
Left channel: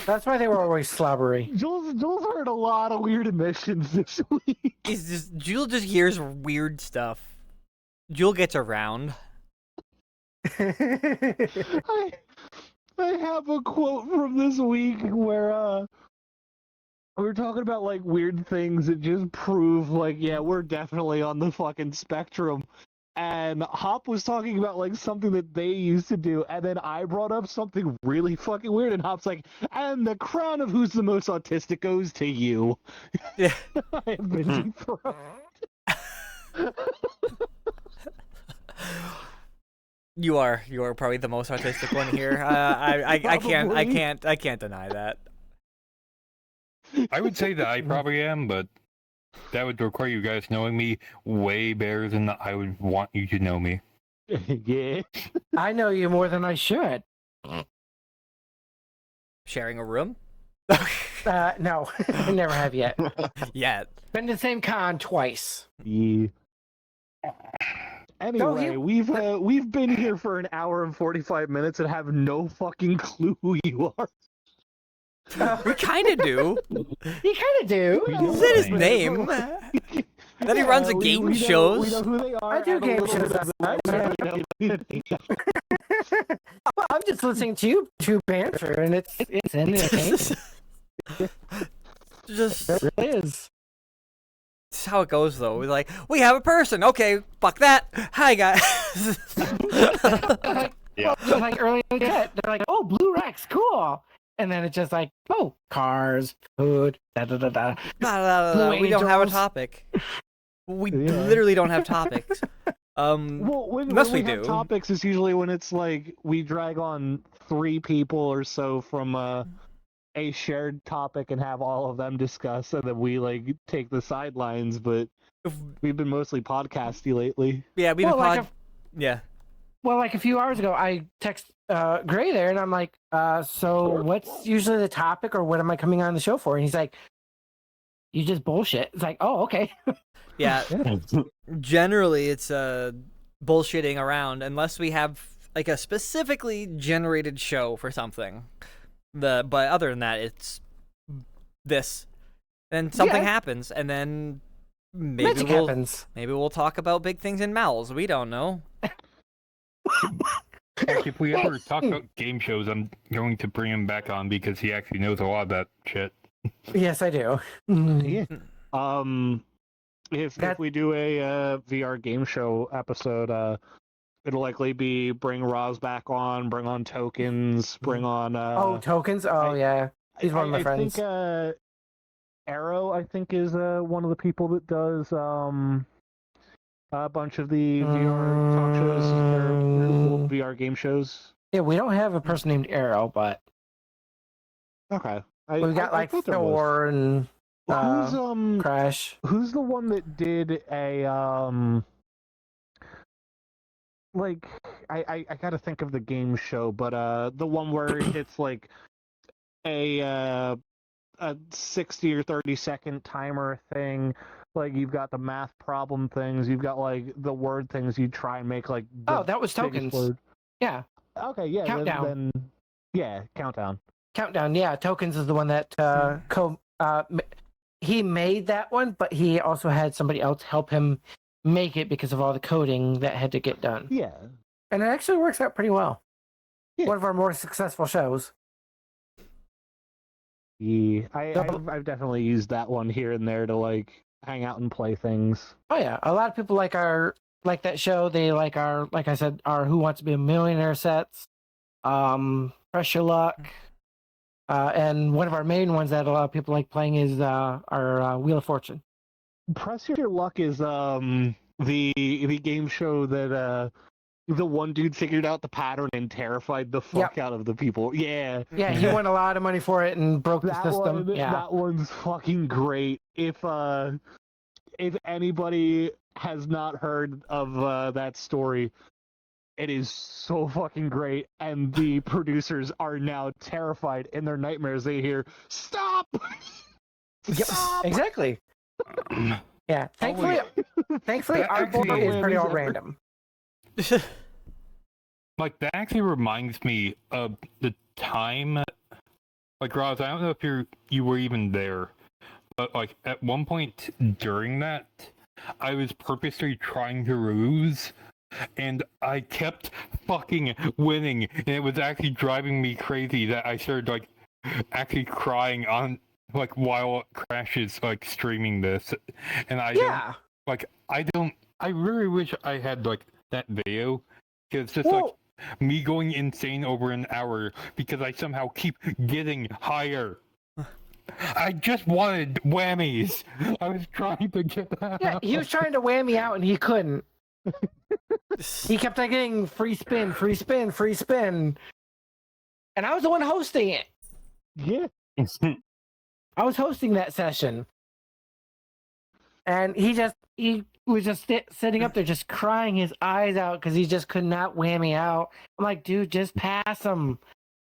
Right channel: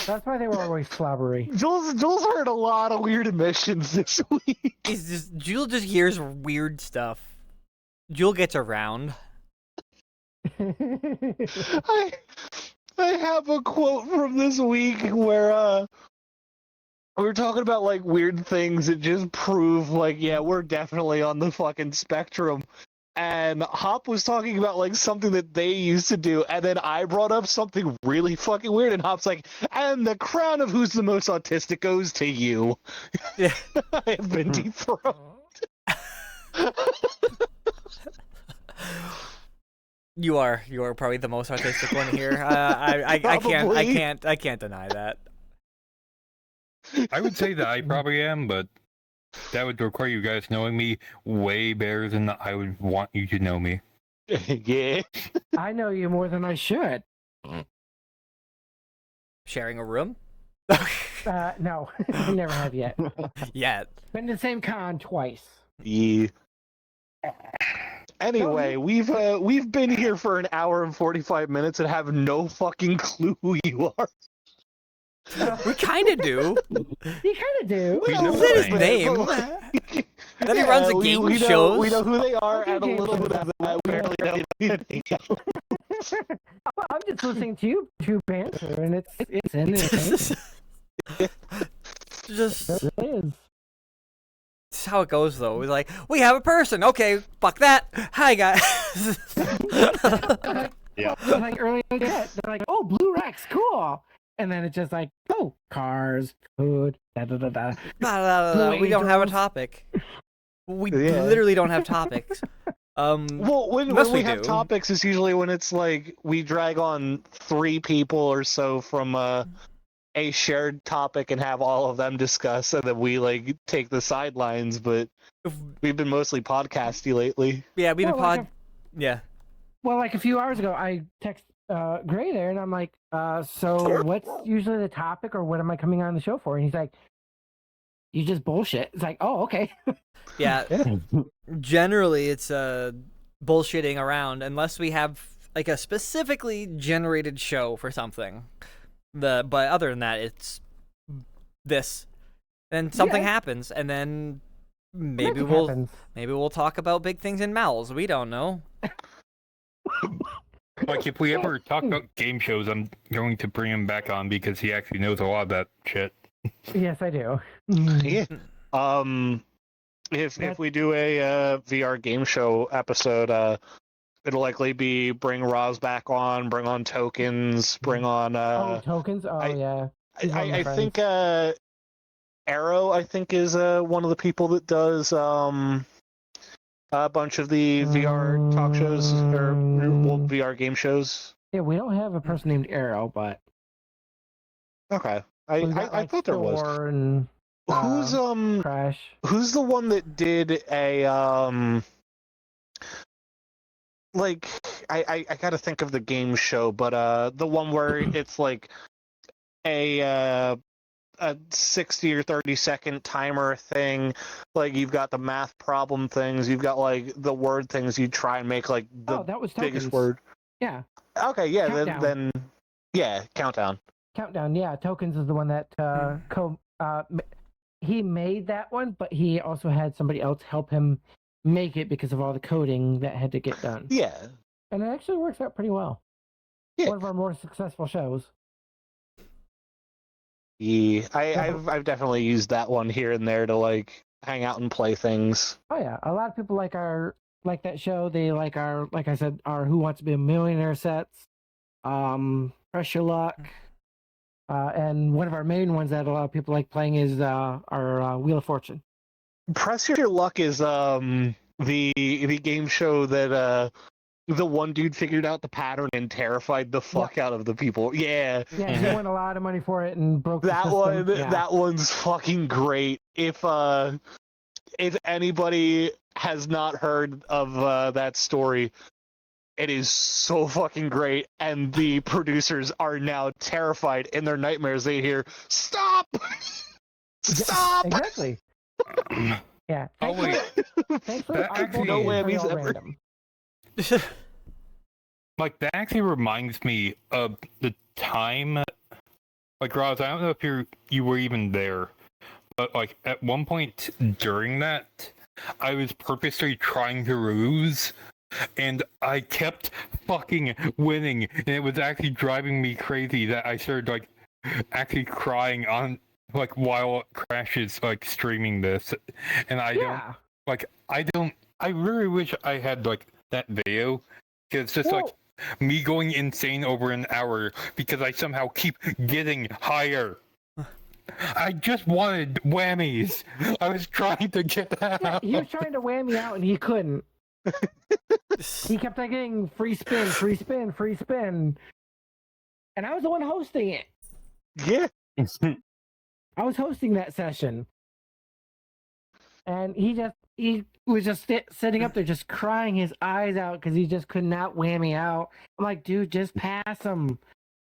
That's why they were always slobbery. Jules heard a lot of weird admissions this week. Jewel just hears weird stuff. Jewel gets around. I have a quote from this week where We were talking about like weird things that just prove like, yeah, we're definitely on the fucking spectrum. And Hop was talking about like something that they used to do, and then I brought up something really fucking weird, and Hop's like, and the crown of who's the most autistic goes to you. Yeah. I have been dethroned. You are probably the most artistic one here. I can't deny that. I would say that I probably am, but that would require you guys knowing me way better than I would want you to know me. Yeah. I know you more than I should. Sharing a room? No, I never have yet. Yet. Been to the same con twice. Yeah. Anyway, we've been here for an hour and 45 minutes and have no fucking clue who you are. We kind of do. You kind of do. We know Is that his his name? Then he runs a game we shows. We know who they are, I do and a game little bit shows. of that. We really know who they are. I'm just listening to you two banter, and it's entertaining. Just It really is. it's how it goes, though. We're like, we have a person. Okay, fuck that. Hi, guys. Yeah. Like earlier, they're like, "Oh, Blue Rex, cool," and then it's just like, "Oh, cars, food, da da da da." Blue We don't have a Angels. topic. We Yeah. literally don't have topics. Well, Unless when we we have do. topics, it's usually when it's like we drag on 3 people or so from a shared topic and have all of them discuss, and then we like take the sidelines. But we've been mostly podcasty lately. Yeah, we've been Well, like Yeah. Well, like a few hours ago, I text Gray there, and I'm like, "So what's usually the topic, or what am I coming on the show for?" And he's like, "You just bullshit." It's like, "Oh, okay." Yeah. Generally, it's bullshitting around unless we have like a specifically generated show for something. But other than that, it's this. Then something Yeah. happens, and then maybe Magic we'll happens. talk about big things in Mal's. We don't know. Like, if we ever talk about game shows, I'm going to bring him back on because he actually knows a lot of that shit. Yes, I do. Yeah. If That- we do a VR game show episode, it'll likely be bring Roz back on, bring on tokens, bring on. Oh, tokens. Oh, I- yeah. He's one of my I think Arrow, I think, is one of the people that does a bunch of the VR talk shows or well, VR game shows. Yeah, we don't have a person named Arrow, but Okay, we've got I like thought there was. Thor and Who's Crash. who's the one that did a like I gotta think of the game show, but the one where it's like a 60 or 30-second timer thing. Like you've got the math problem things, you've got like the word things. You try and make like the Oh, that was biggest tokens. word. Yeah, Okay, yeah, Countdown. then yeah, countdown. Countdown. Yeah, tokens is the one that he made that one, but he also had somebody else help him make it because of all the coding that had to get done. Yeah, And it actually works out pretty well. Yeah. One of our more successful shows. yeah. I've definitely used that one here and there to like hang out and play things. Oh yeah, a lot of people like that show. They like like I said, our Who Wants to Be a Millionaire sets, Press Your Luck, and one of our main ones that a lot of people like playing is our Wheel of Fortune. Press Your Luck is the game show that the one dude figured out the pattern and terrified the fuck out of the people. Yeah. Yeah, he won a lot of money for it and broke the That system. one Yeah. that one's fucking great. If anybody has not heard of that story, it is so fucking great, and the producers are now terrified in their nightmares. They hear "Stop! Stop!" Exactly. Yeah. Oh, wait. Thankfully, That our actually voting is is- pretty all ever- random. Like, that actually reminds me of the time. Like, Roz, I don't know if you were even there, but like at one point during that, I was purposely trying to lose, and I kept fucking winning, and it was actually driving me crazy that I started like actually crying on like while Crash is like streaming this, and I Yeah. I really wish I had like that video. It's just like Well- me going insane over an hour because I somehow keep getting higher. I just wanted whammies. I was trying to get that. Yeah, he was trying to whammy out and he couldn't. He kept on getting free spin, free spin, free spin. And I was the one hosting it. Yeah. I was hosting that session. And he was just sitting up there just crying his eyes out because he just could not whammy out. I'm like, dude, just pass him.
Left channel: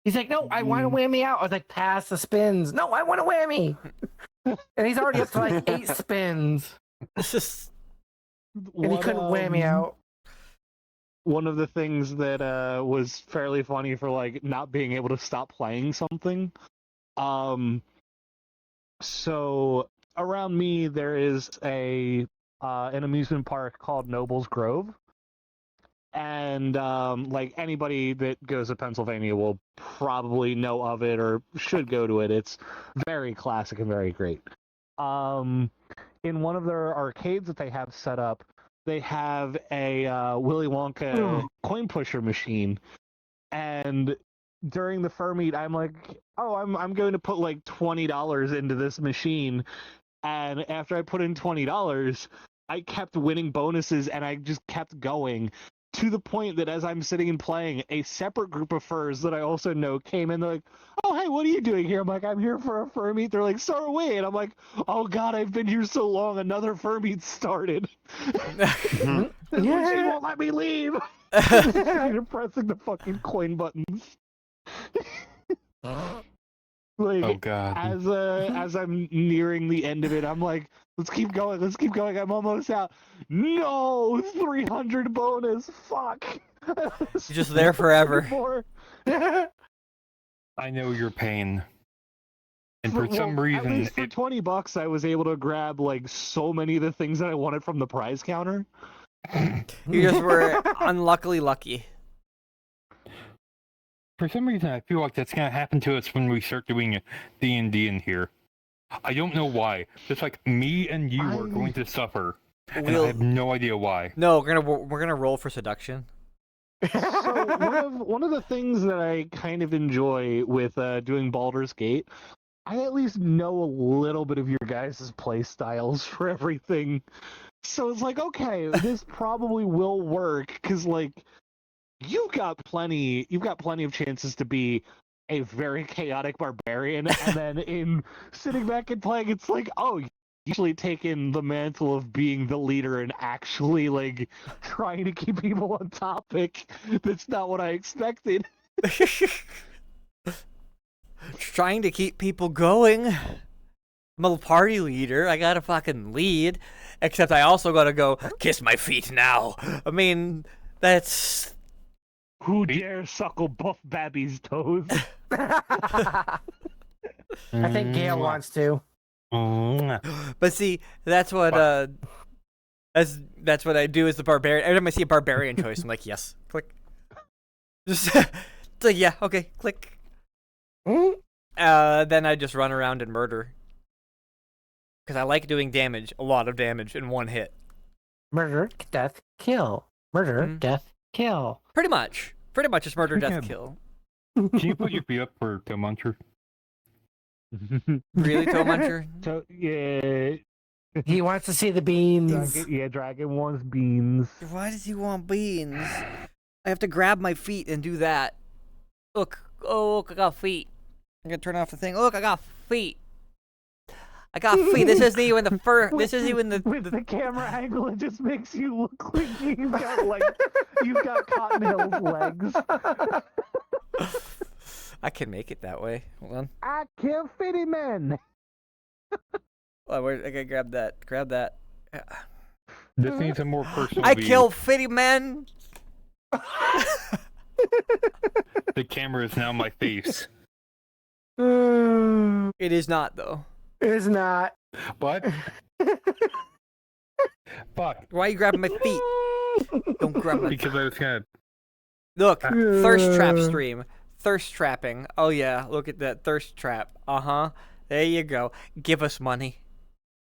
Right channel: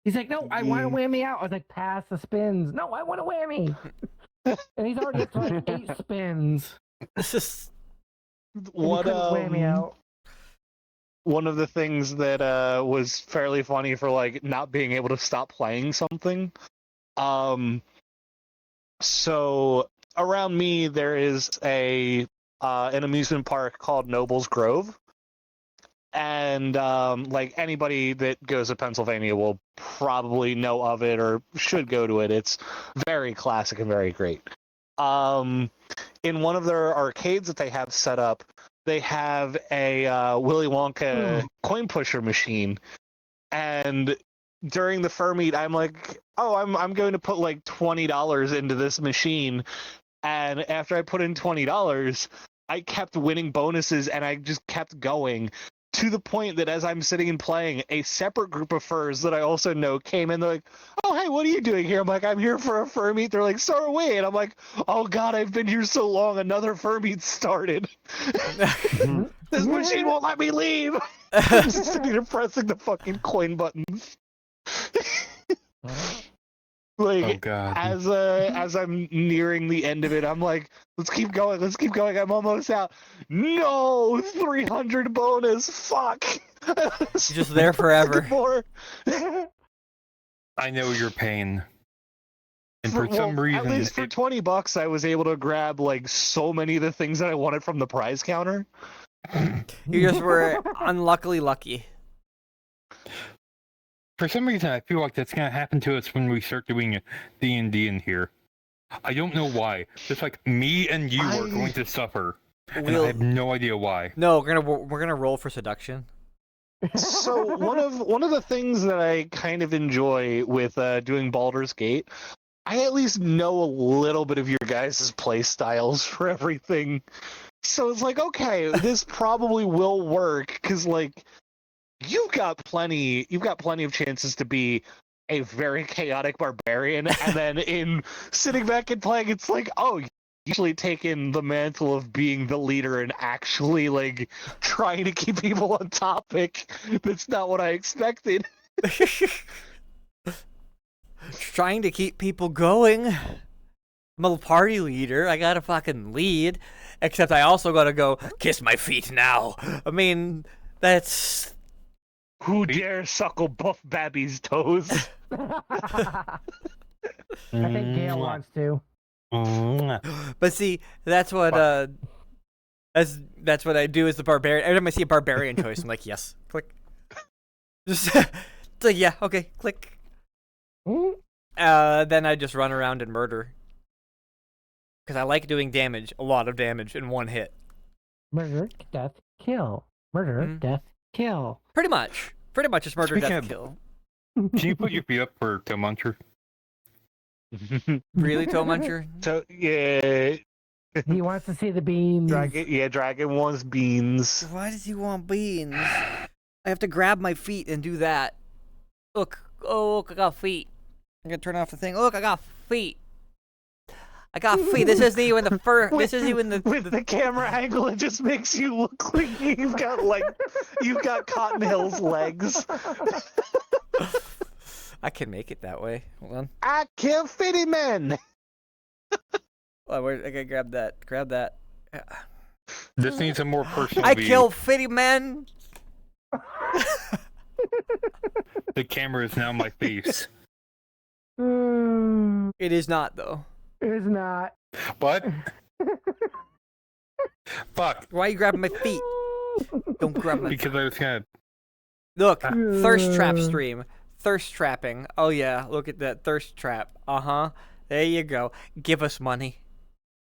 He's like, no, I want to whammy out. I was like, pass the spins. No, I want to whammy. And he's already up to like 8 spins. This is And he What, couldn't whammy out. One of the things that was fairly funny for like not being able to stop playing something. So around me there is an amusement park called Nobles Grove. And like anybody that goes to Pennsylvania will probably know of it or should go to it. It's very classic and very great. In one of their arcades that they have set up, they have a Willy Wonka coin pusher machine. And during the fur meet, I'm like, oh, I'm going to put like $20 into this machine. And after I put in $20, I kept winning bonuses and I just kept going. To the point that as I'm sitting and playing, a separate group of furs that I also know came in. They're like, oh, hey, what are you doing here? I'm like, I'm here for a fur meet. They're like, so are we. And I'm like, oh, God, I've been here so long. Another fur meet started. This machine won't let me leave. I'm just sitting here pressing the fucking coin buttons. Like, Oh god. as I'm nearing the end of it, I'm like, let's keep going, I'm almost out. No, 300 bonus, fuck. just there forever. I know your pain. And for some At reason, least for $20, I was able to grab like so many of the things that I wanted from the prize counter. You just were unluckily lucky. for some reason, I feel like that's gonna happen to us when we start doing D&D in here. I don't know why. Just like me and you are going to suffer, and I have no idea why. No, we're gonna roll for seduction. So one of the things that I kind of enjoy with doing Baldur's Gate, I at least know a little bit of your guys' play styles for everything. So it's like, okay, this probably will work because like you've got plenty of chances to be a very chaotic barbarian, and then in sitting back and playing, it's like, oh, you actually taken the mantle of being the leader and actually like trying to keep people on topic. That's not what I expected. Trying to keep people going. I'm a party leader. I gotta fucking lead. Except I also gotta go kiss my feet now. I mean, that's. Who dare suckle Buff Babby's toes? I think Gail wants to. But see, that's what that's what I do as the barbarian. Every time I see a barbarian choice, I'm like, yes, click. Just it's like, yeah, okay, click. Then I just run around and murder. Because I like doing damage, a lot of damage in one hit. Murder, death, kill. Murder, death, kill. Pretty much it's murder, Speaking death, of- kill. Can you put your feet up for Toe Muncher? Really, Toe Muncher? So yeah, He wants to see the beans. Dragon wants beans. Why does he want beans? I have to grab my feet and do that. Look, I got feet. I'm gonna turn off the thing. Look, I got feet. I got feet. This isn't even the fur. This isn't even With the camera angle, it just makes you look like you've got Cotton Hill's legs. I can make it that way. Hold on. I kill fitty men. Oh, I gotta grab that. Grab that. This needs a more personal I view. kill fitty men. The camera is now my face. It is not though. It is not. What? Fuck. Why are you grabbing my feet? Don't grab my. Because I was gonna. Look, thirst trap stream. Thirst trapping. Oh yeah, look at that thirst trap. There you go. Give us money.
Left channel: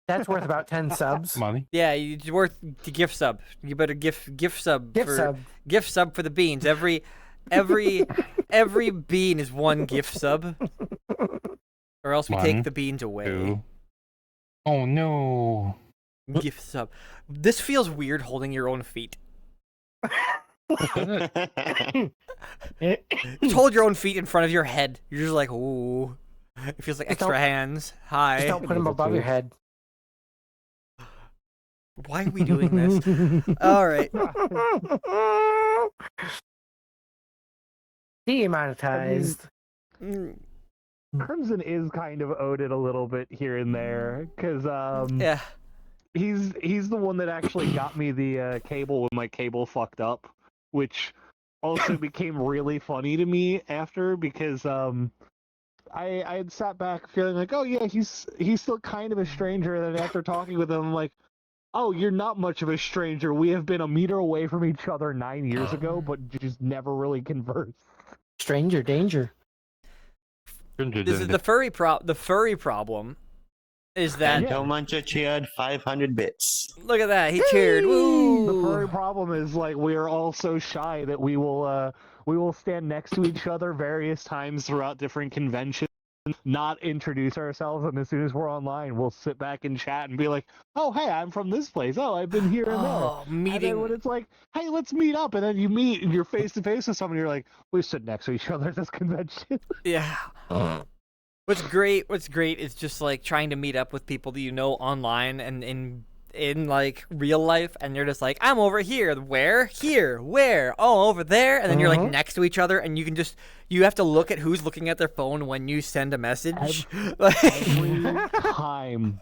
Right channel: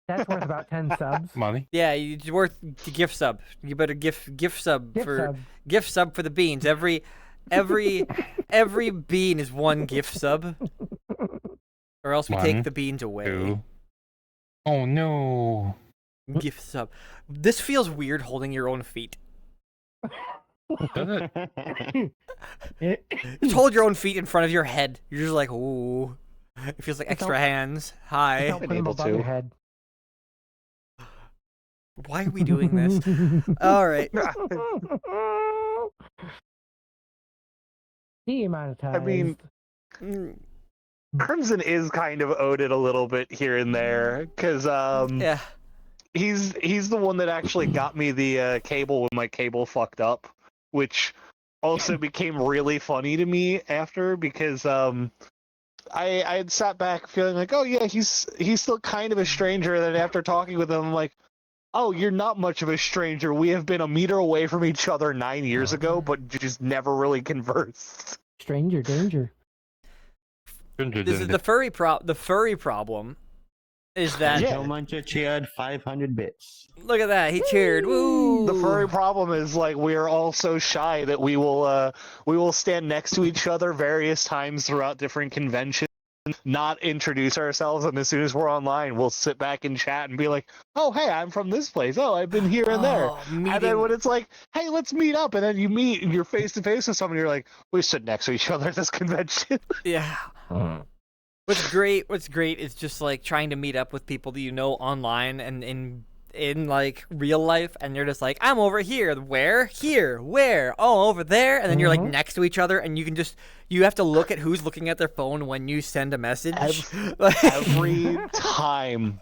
That's worth about 10 subs. Money. Yeah, it's worth the gift sub. You better gift sub Gift for sub. gift sub for the beans. Every bean is one gift sub, or else we One, take the beans away. 2. Oh no. Gift sub. This feels weird holding your own feet. Does it? Just hold your own feet in front of your head. You're just like, ooh. It feels like extra hands. Just Hi. don't put them able above to. your head. Why are we doing this? All right. Demonetized. Mm, Crimson is kind of owed it a little bit here and there because yeah. he's the one that actually got me the cable when my cable fucked up, which also became really funny to me after because I had sat back feeling like, oh yeah, he's still kind of a stranger, and then after talking with him, I'm like, oh, you're not much of a stranger. We have been a meter away from each other 9 years ago, but just never really conversed. Stranger danger. This is the furry problem is that Joe Muncher cheered 500 bits. look at that, he cheered. Woo! The furry problem is like we are all so shy that we will stand next to each other various times throughout different conventions, not introduce ourselves, and as soon as we're online, we'll sit back and chat and be like, "Oh, hey, I'm from this place. Oh, I've been here and there." Oh, And then meeting. when it's like, "Hey, let's meet up," and then you meet and you're face to face with someone, you're like, "We sit next to each other at this convention." Yeah. What's great is just like trying to meet up with people that you know online and in like real life, and you're just like, I'm over here. Where? Here. Where? Oh, over there. And then you're like next to each other, and you have to look at who's looking at their phone when you send a message. Every time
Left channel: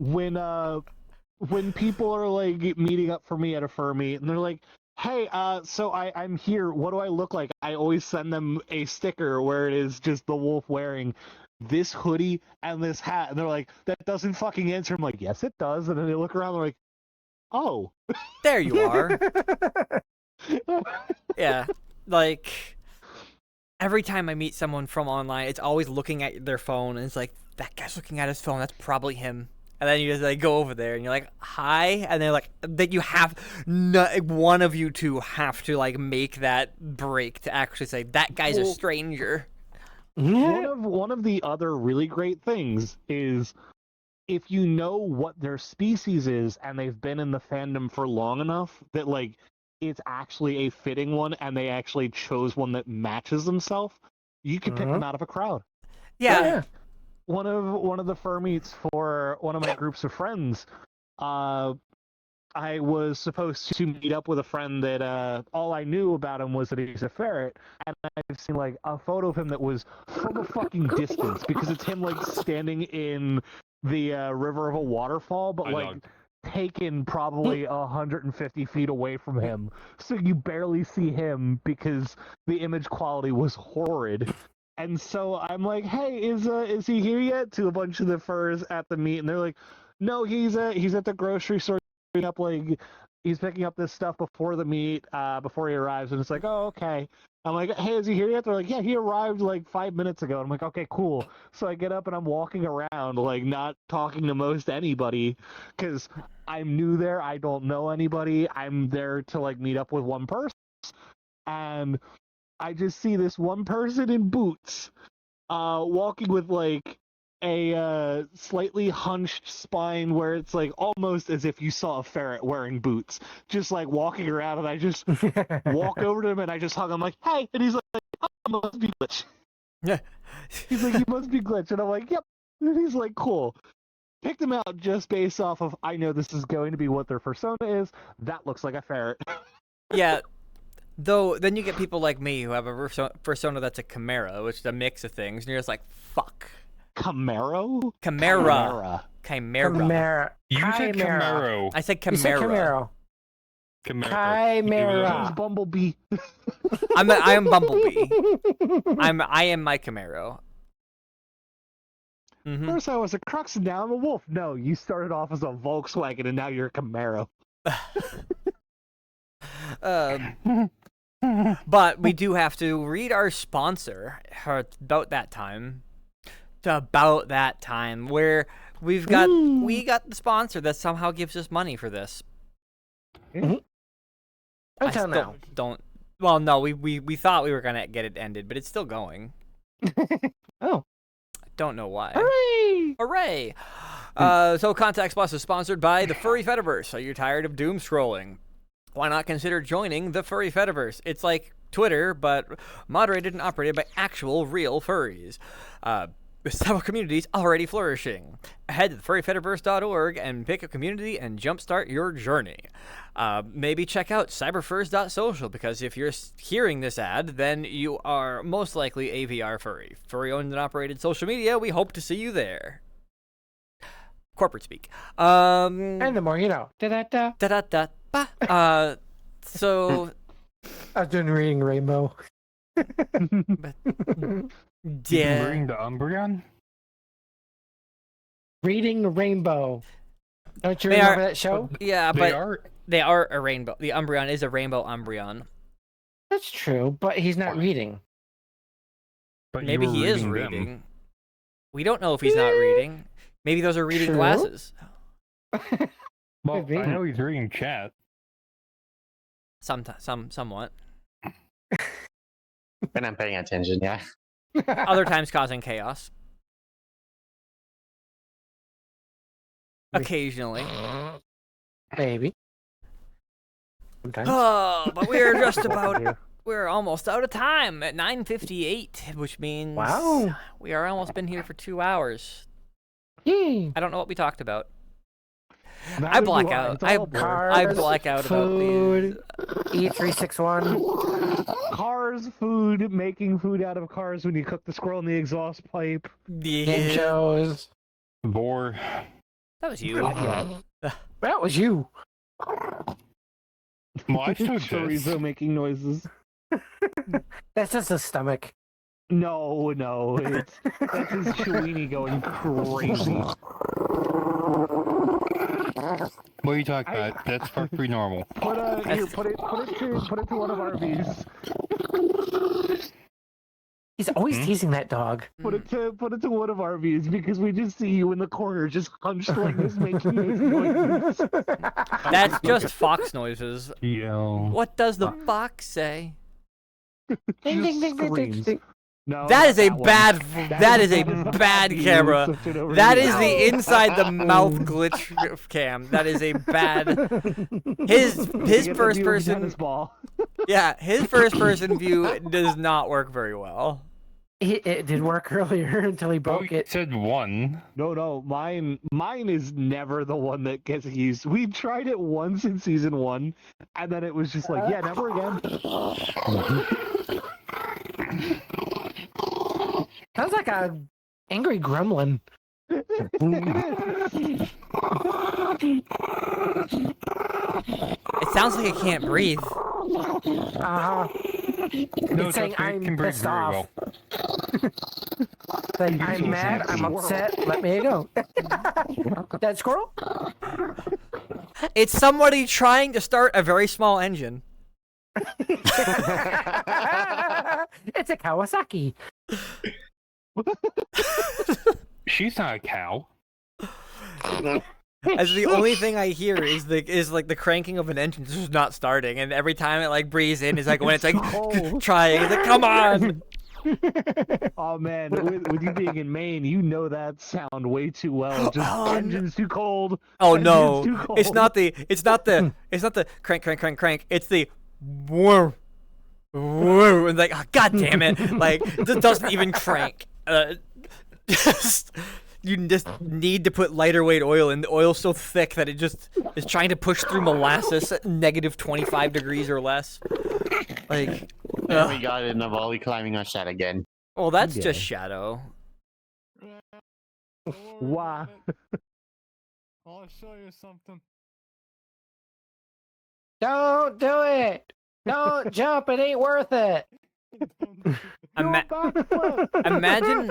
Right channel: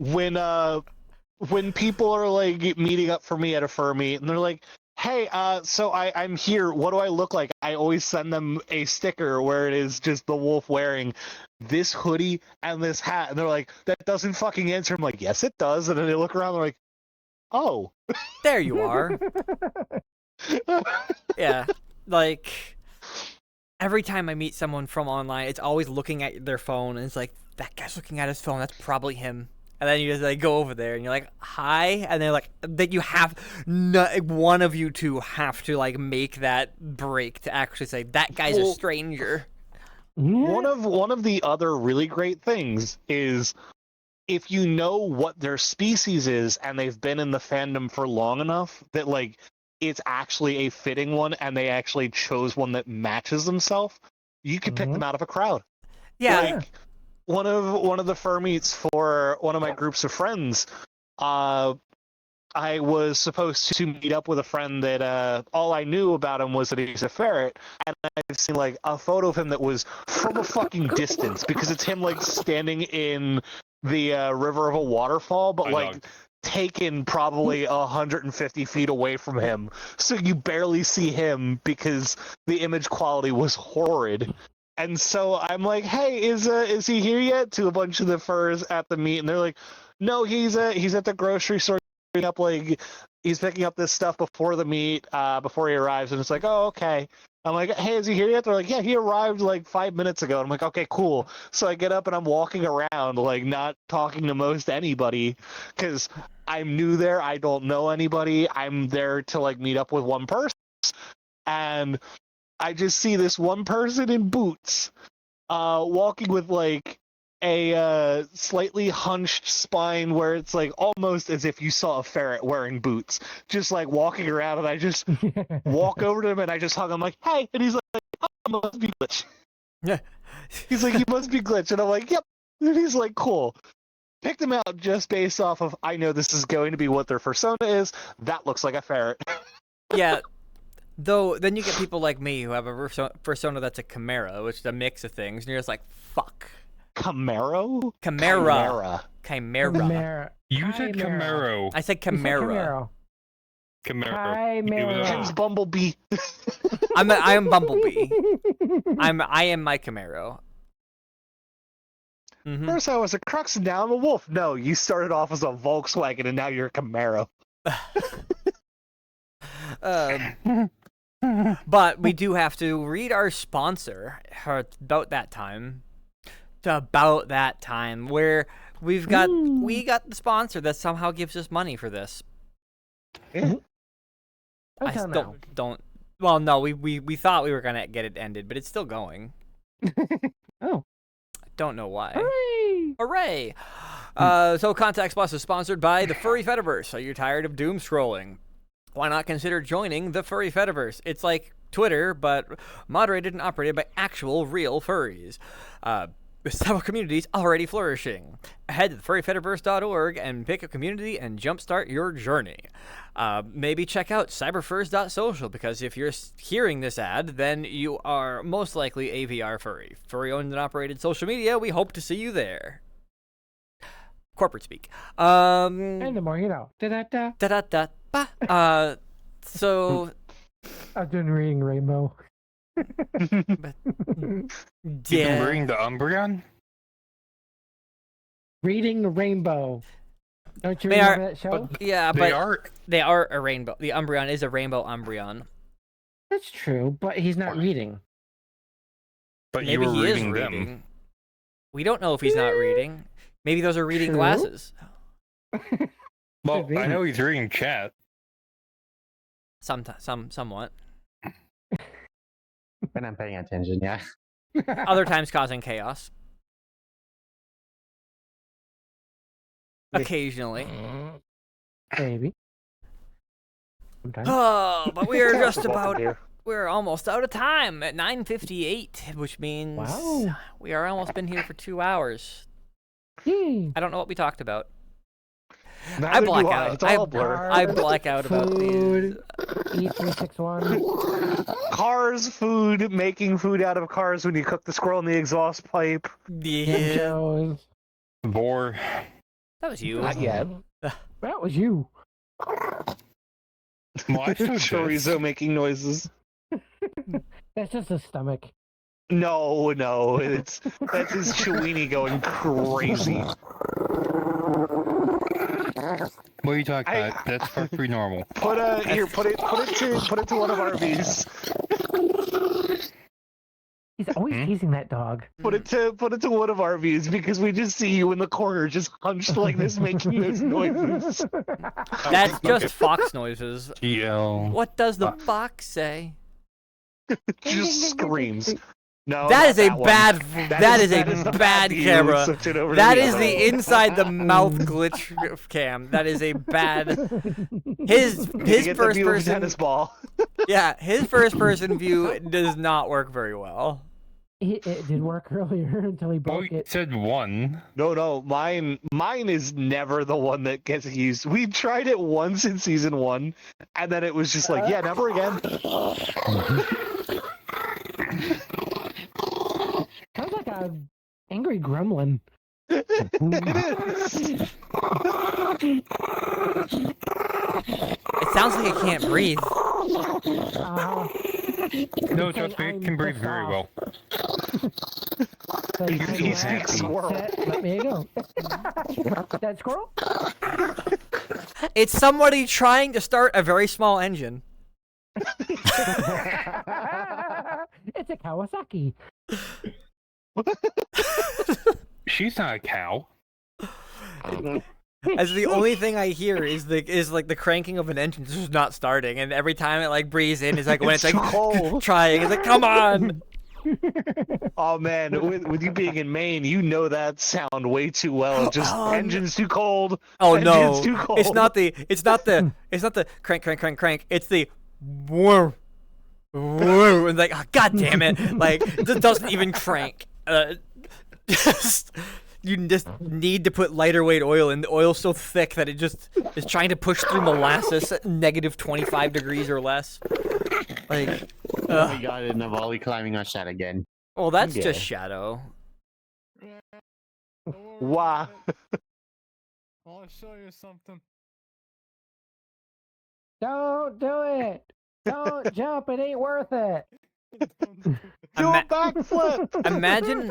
when people are like meeting up for me at a fur meet and they're like, hey, so I'm here, what do I look like? I always send them a sticker where it is just the wolf wearing this hoodie and this hat, and they're like, that doesn't fucking answer. I'm like, yes it does. And then they look around, they're like, oh. There you are. Yeah. Like every time I meet someone from online, it's always looking at their phone, and it's like, that guy's looking at his phone, that's probably him. And then you just like go over there and you're like, hi, and they're like, that you have one of you two have to like make that break to actually say that guy's a stranger. One of the other really great things is if you know what their species is and they've been in the fandom for long enough that like it's actually a fitting one and they actually chose one that matches themselves, you can pick them out of a crowd. Yeah. Like, one of the fur meets for one of my groups of friends, I was supposed to meet up with a friend that all I knew about him was that he's a ferret, and I've seen like a photo of him that was from a fucking distance because it's him like standing in the river of a waterfall, but like taken probably 150 feet away from him, so you barely see him because the image quality was horrid. And so I'm like, hey, is he here yet? To a bunch of the furs at the meet, and they're like, no, he's at the grocery store picking up like he's picking up this stuff before the meet, before he arrives. And it's like, oh, okay. I'm like, hey, is he here yet? They're like, yeah, he arrived like 5 minutes ago. And I'm like, okay, cool. So I get up and I'm walking around like not talking to most anybody because I'm new there. I don't know anybody. I'm there to like meet up with one person, and I just see this one person in boots, walking with like a slightly hunched spine where it's like almost as if you saw a ferret wearing boots, just like walking around, and I just walk over to him and I just hug him like, hey, and he's like, oh, I must be glitch. Yeah. He's like, you must be glitch, and I'm like, yep. And he's like, cool. Picked them out just based off of, I know this is going to be what their persona is. That looks like a ferret. Yeah. Though, then you get people like me who have a persona that's a chimera, which is a mix of things, and you're just like, fuck. Camaro? Chimera. You said Camaro. I said chimera. Camaro. James Bumblebee. I am Bumblebee. I am my Camaro. Mm-hmm. First I was a Crux and now I'm a wolf. No, you started off as a Volkswagen and now you're a Camaro. But we do have to read our sponsor about that time. about that time where we got the sponsor that somehow gives us money for this. I Until still now. don't. Well, no, we thought we were gonna get it ended, but it's still going. Oh. I don't know why. Hooray! Hooray! So Context Plus is sponsored by the Furry Fediverse. Are you tired of doom scrolling? Why not consider joining the Furry Fediverse? It's like Twitter, but moderated and operated by actual real furries. With several communities already flourishing. Head to furryfediverse.org and pick a community and jumpstart your journey. Maybe check out cyberfurs.social, because if you're hearing this ad, then you are most likely a VR furry. Furry owned and operated social media, we hope to see you there. Corporate speak. And the more you know. Da-da-da. Da-da-da-ba. So... I've been reading Rainbow. Yeah. Reading the Umbreon? Reading Rainbow. Don't you They remember are- that show? Yeah, They but are. they are a rainbow. The Umbreon is a rainbow Umbreon. That's true, but he's not reading. But you Maybe were he is them. reading. We don't know if he's not reading. Maybe those are reading True. glasses. Well, Could be. I know he's reading chat. Somewhat. When I'm paying attention, yeah. Other times causing chaos. Occasionally. Maybe. Sometimes. Oh, but we are just about... We're almost out of time at 9:58, which means Wow. we are almost been here for 2 hours. Yay. I don't know what we talked about. Neither I do black I. out. It's all a blur. I black out about these. Food. E361. Cars, food, making food out of cars when you cook the squirrel in the exhaust pipe. Yeah, Shows. Boar. that was you. Not yet. That was you. Well, I showed this. Chorizo making noises. That's just a stomach. No, that's his Chewini going crazy. What are you talking about? That's perfectly normal. Put it to one of our V's. He's always teasing that dog. Put it to one of our V's, because we just see you in the corner just hunched like this making those noises. That's just fox noises. GL. What does the fox say? Just screams. No, That is a not one. bad. That is a the bad view. camera. Switch it over That to is the inside the mouth glitch cam. That is a bad. His You get the first view of a person. tennis ball. Yeah, his first person view does not work very well. It did work earlier until he Well, broke you it. said one. No, mine is never the one that gets used. We tried it once in season 1, and then it was just like, yeah, never again. Sounds like a angry gremlin. It sounds like it can't breathe. Uh, No, It's saying trust me, it I'm can breathe pissed very off. well. like, I'm He's mad, happy. I'm upset, let me go. That squirrel? It's somebody trying to start a very small engine. It's a Kawasaki. She's not a cow. As the only thing I hear is like the cranking of an engine just not starting, and every time it like breathes in, it's like when it's like cold. trying, it's like come on. Oh man, with you being in Maine, you know that sound way too well. Just Oh, no. engine's too cold. Oh Engine's no, too cold. it's not the crank. It's the whoa, whoa, and like oh, god damn it, like this doesn't even crank. You just need to put lighter weight oil in. The oil's so thick that it just is trying to push through molasses at negative 25 degrees or less. Like, We got it in the volley climbing our shot again. well, that's Yeah. just Shadow. Wow. I'll show you something. Don't do it. Don't jump. It ain't worth it. Ima- Backflip. imagine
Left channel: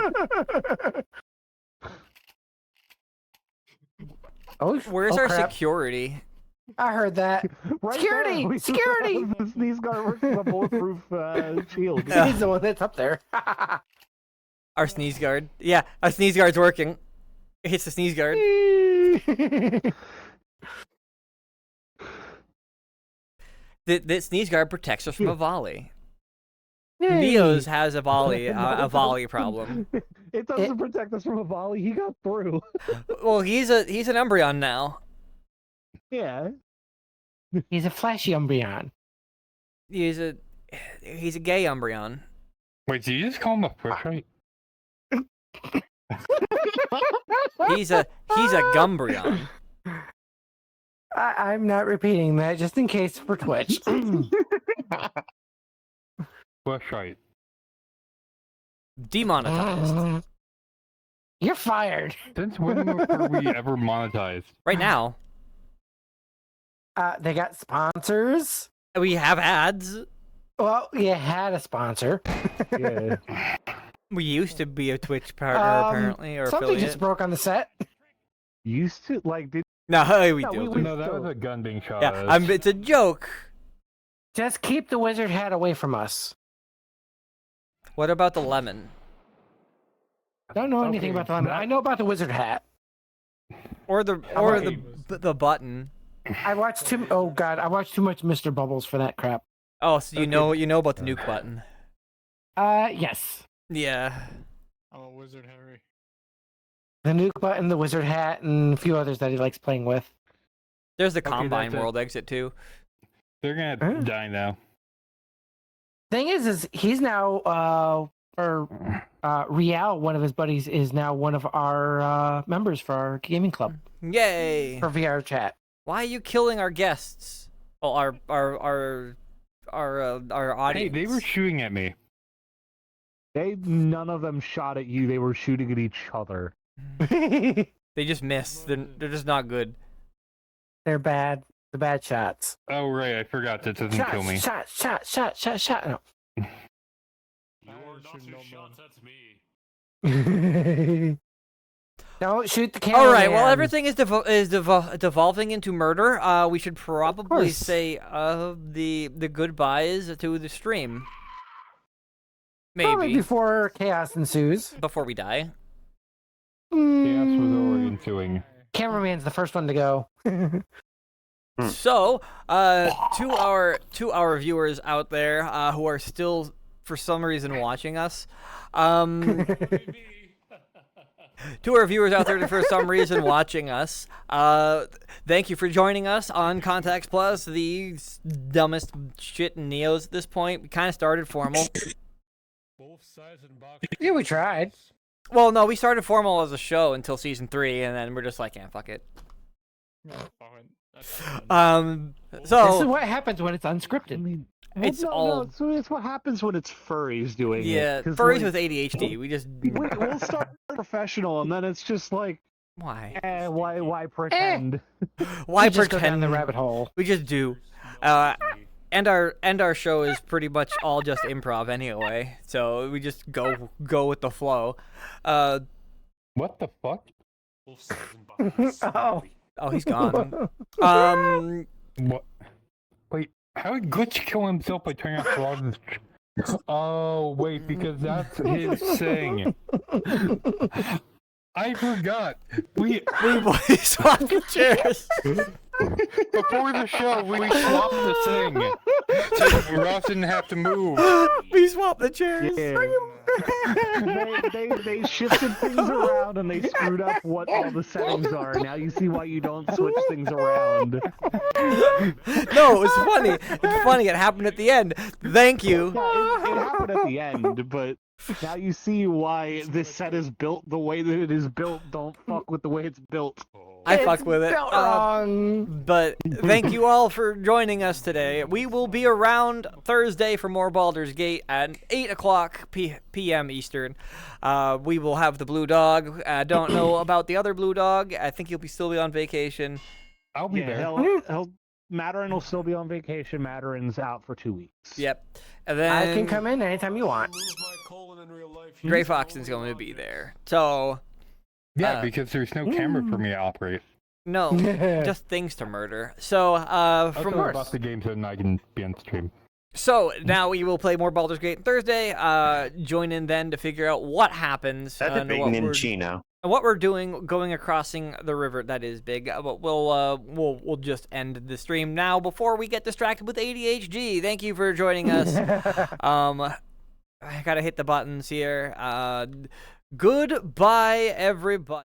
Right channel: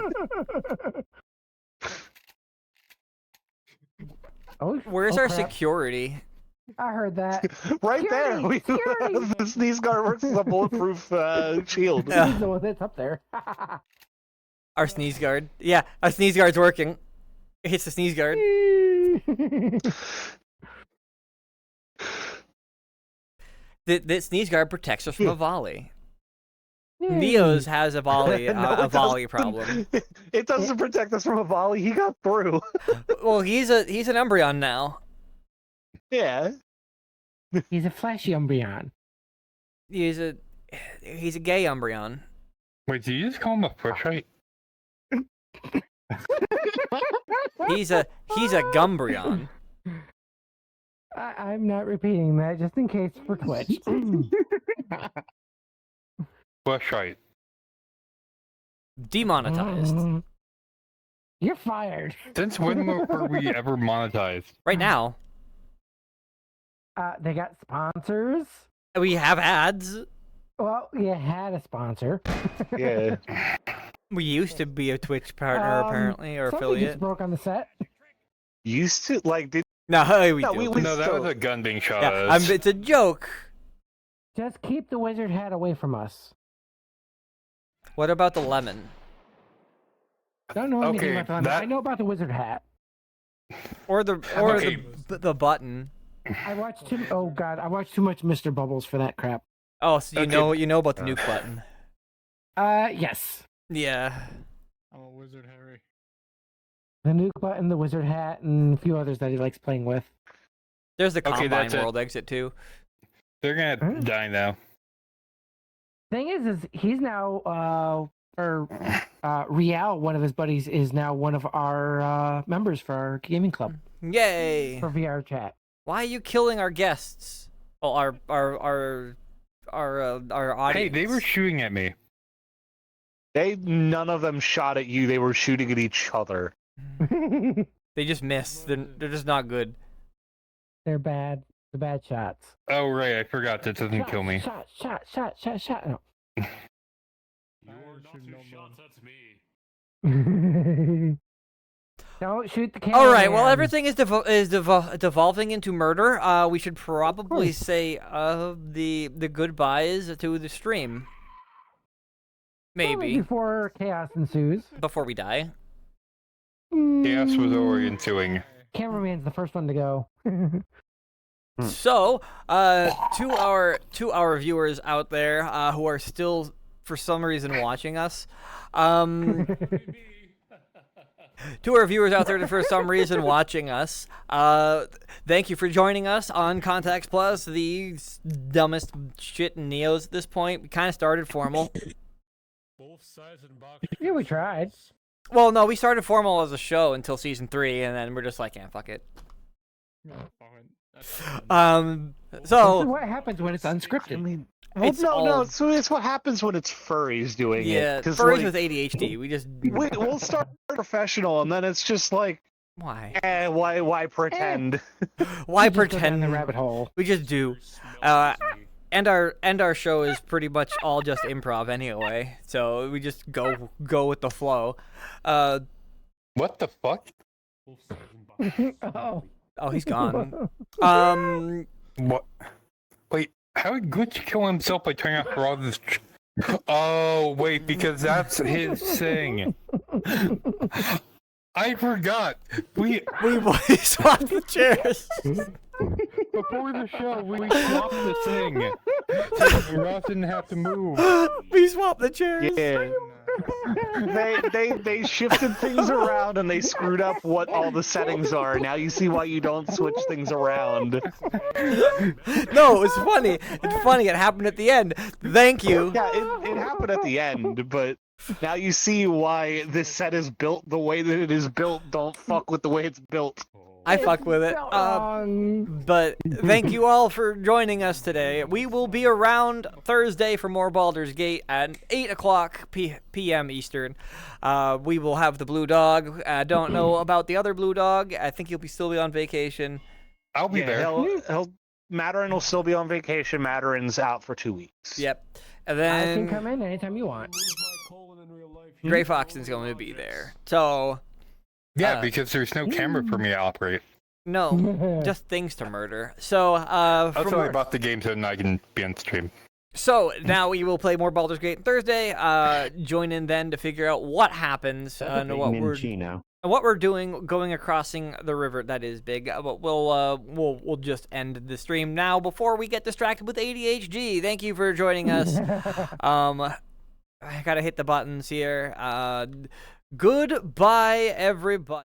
Oh, where's oh, our crap. security? I heard that. Right Security! there. We Security! The sneeze guard works as a bulletproof shield. Yeah. He's the one that's up there. Our sneeze guard. Yeah, our sneeze guard's working. It hits the sneeze guard. The sneeze guard protects us from a volley. Neo's has a volley problem. It doesn't protect us from a volley. He got through. Well, he's an Umbreon now. Yeah. He's a flashy Umbreon. He's a gay Umbreon. Wait, did you just call him a Pushite? He's a Gumbreon. I'm not repeating that just in case for Twitch. Pushite. Demonetized. You're fired. Since when were we ever monetized? Right now. They got sponsors. We have ads. Well, you had a sponsor. Yeah. We used to be a Twitch partner, apparently, or Something affiliate. just broke on the set. Used to did No, we No, do. we No, that was a gun being shot at Yeah, us. it's a joke. Just keep the wizard hat away from us. What about the lemon? I don't know anything Okay, about the lemon. that- I know about the wizard hat. Or Okay. the button. I watched too. Oh God, I watched too much Mr. Bubbles for that crap. Oh, so you Okay. know about the nuke button. Yes. Yeah. Oh, Wizard Harry. The nuke button, the wizard hat, and a few others that he likes playing with. There's the Okay, Combine that's it. World exit too. They're gonna Huh? die now. Thing is he's now Rial, one of his buddies, is now one of our members for our gaming club Yay! for VR chat. Why are you killing our guests? Well, our Hey, audience. they were shooting at me. none of them shot at you. They were shooting at each other. They just missed. They're just not good. They're bad. The bad shots. Oh right, I forgot that doesn't kill me. Shot. No. You're not two shots, that's me. Don't shoot the camera. All right. Well, everything is devolving into murder. We should probably course. say the goodbyes to the stream. Probably Maybe before chaos ensues. before we die. Chaos was already ensuing. Cameraman's the first one to go. So, to our viewers out there who are still for some reason watching us, to our viewers out there for some reason watching us, thank you for joining us on Contacts Plus, the dumbest shit in Neos at this point. We kind of started formal. Both sides and box. Yeah, we tried. Well, no, we started formal as a show until season 3, and then we're just like, yeah, fuck it. Fine. That's fine. This So is what happens when it's unscripted. mean, It's no, all- so it's what happens when it's furries doing yeah, it. 'Cause, furries like, with ADHD. We just we'll start professional, and then it's just like, why? why pretend? Why We just go down pretend? the rabbit hole? We just do. And our show is pretty much all just improv anyway, so we just go with the flow. What the fuck? Both sides and box. Oh, he's gone. What? Wait, how did Glitch kill himself by turning off all this? Oh wait, because that's his thing. I forgot. We swapped the chairs. before the show we swapped the thing, so Ross didn't have to move. We swapped the chairs. Yeah. they shifted things around and they screwed up what all the settings are. Now you see why you don't switch things around. No, it was funny. It's funny. It happened at the end. Thank you. Yeah, it happened at the end, but now you see why this set is built the way that it is built. Don't fuck with the way it's built. I fuck with it. But thank you all for joining us today. We will be around Thursday for more Baldur's Gate at 8 o'clock p.m. Eastern. We will have the Blue Dog. I don't know about the other Blue Dog. I think he'll still be on vacation. I'll be there. Matarin will still be on vacation. Matarin's out for 2 weeks. Yep. And I can then come in anytime you want. Move my colon in real life. Gray Foxton's going to be there. So, Yeah, because there's no camera for me to operate. no, just things to murder. So, I'll from tell you about the game so I can be on stream. So now we will play more Baldur's Gate on Thursday. Join in then to figure out what happens That's a and big what we're doing going acrossing the river. That is big. But we'll just end the stream now before we get distracted with ADHD. Thank you for joining us. I gotta hit the buttons here. Goodbye, everybody.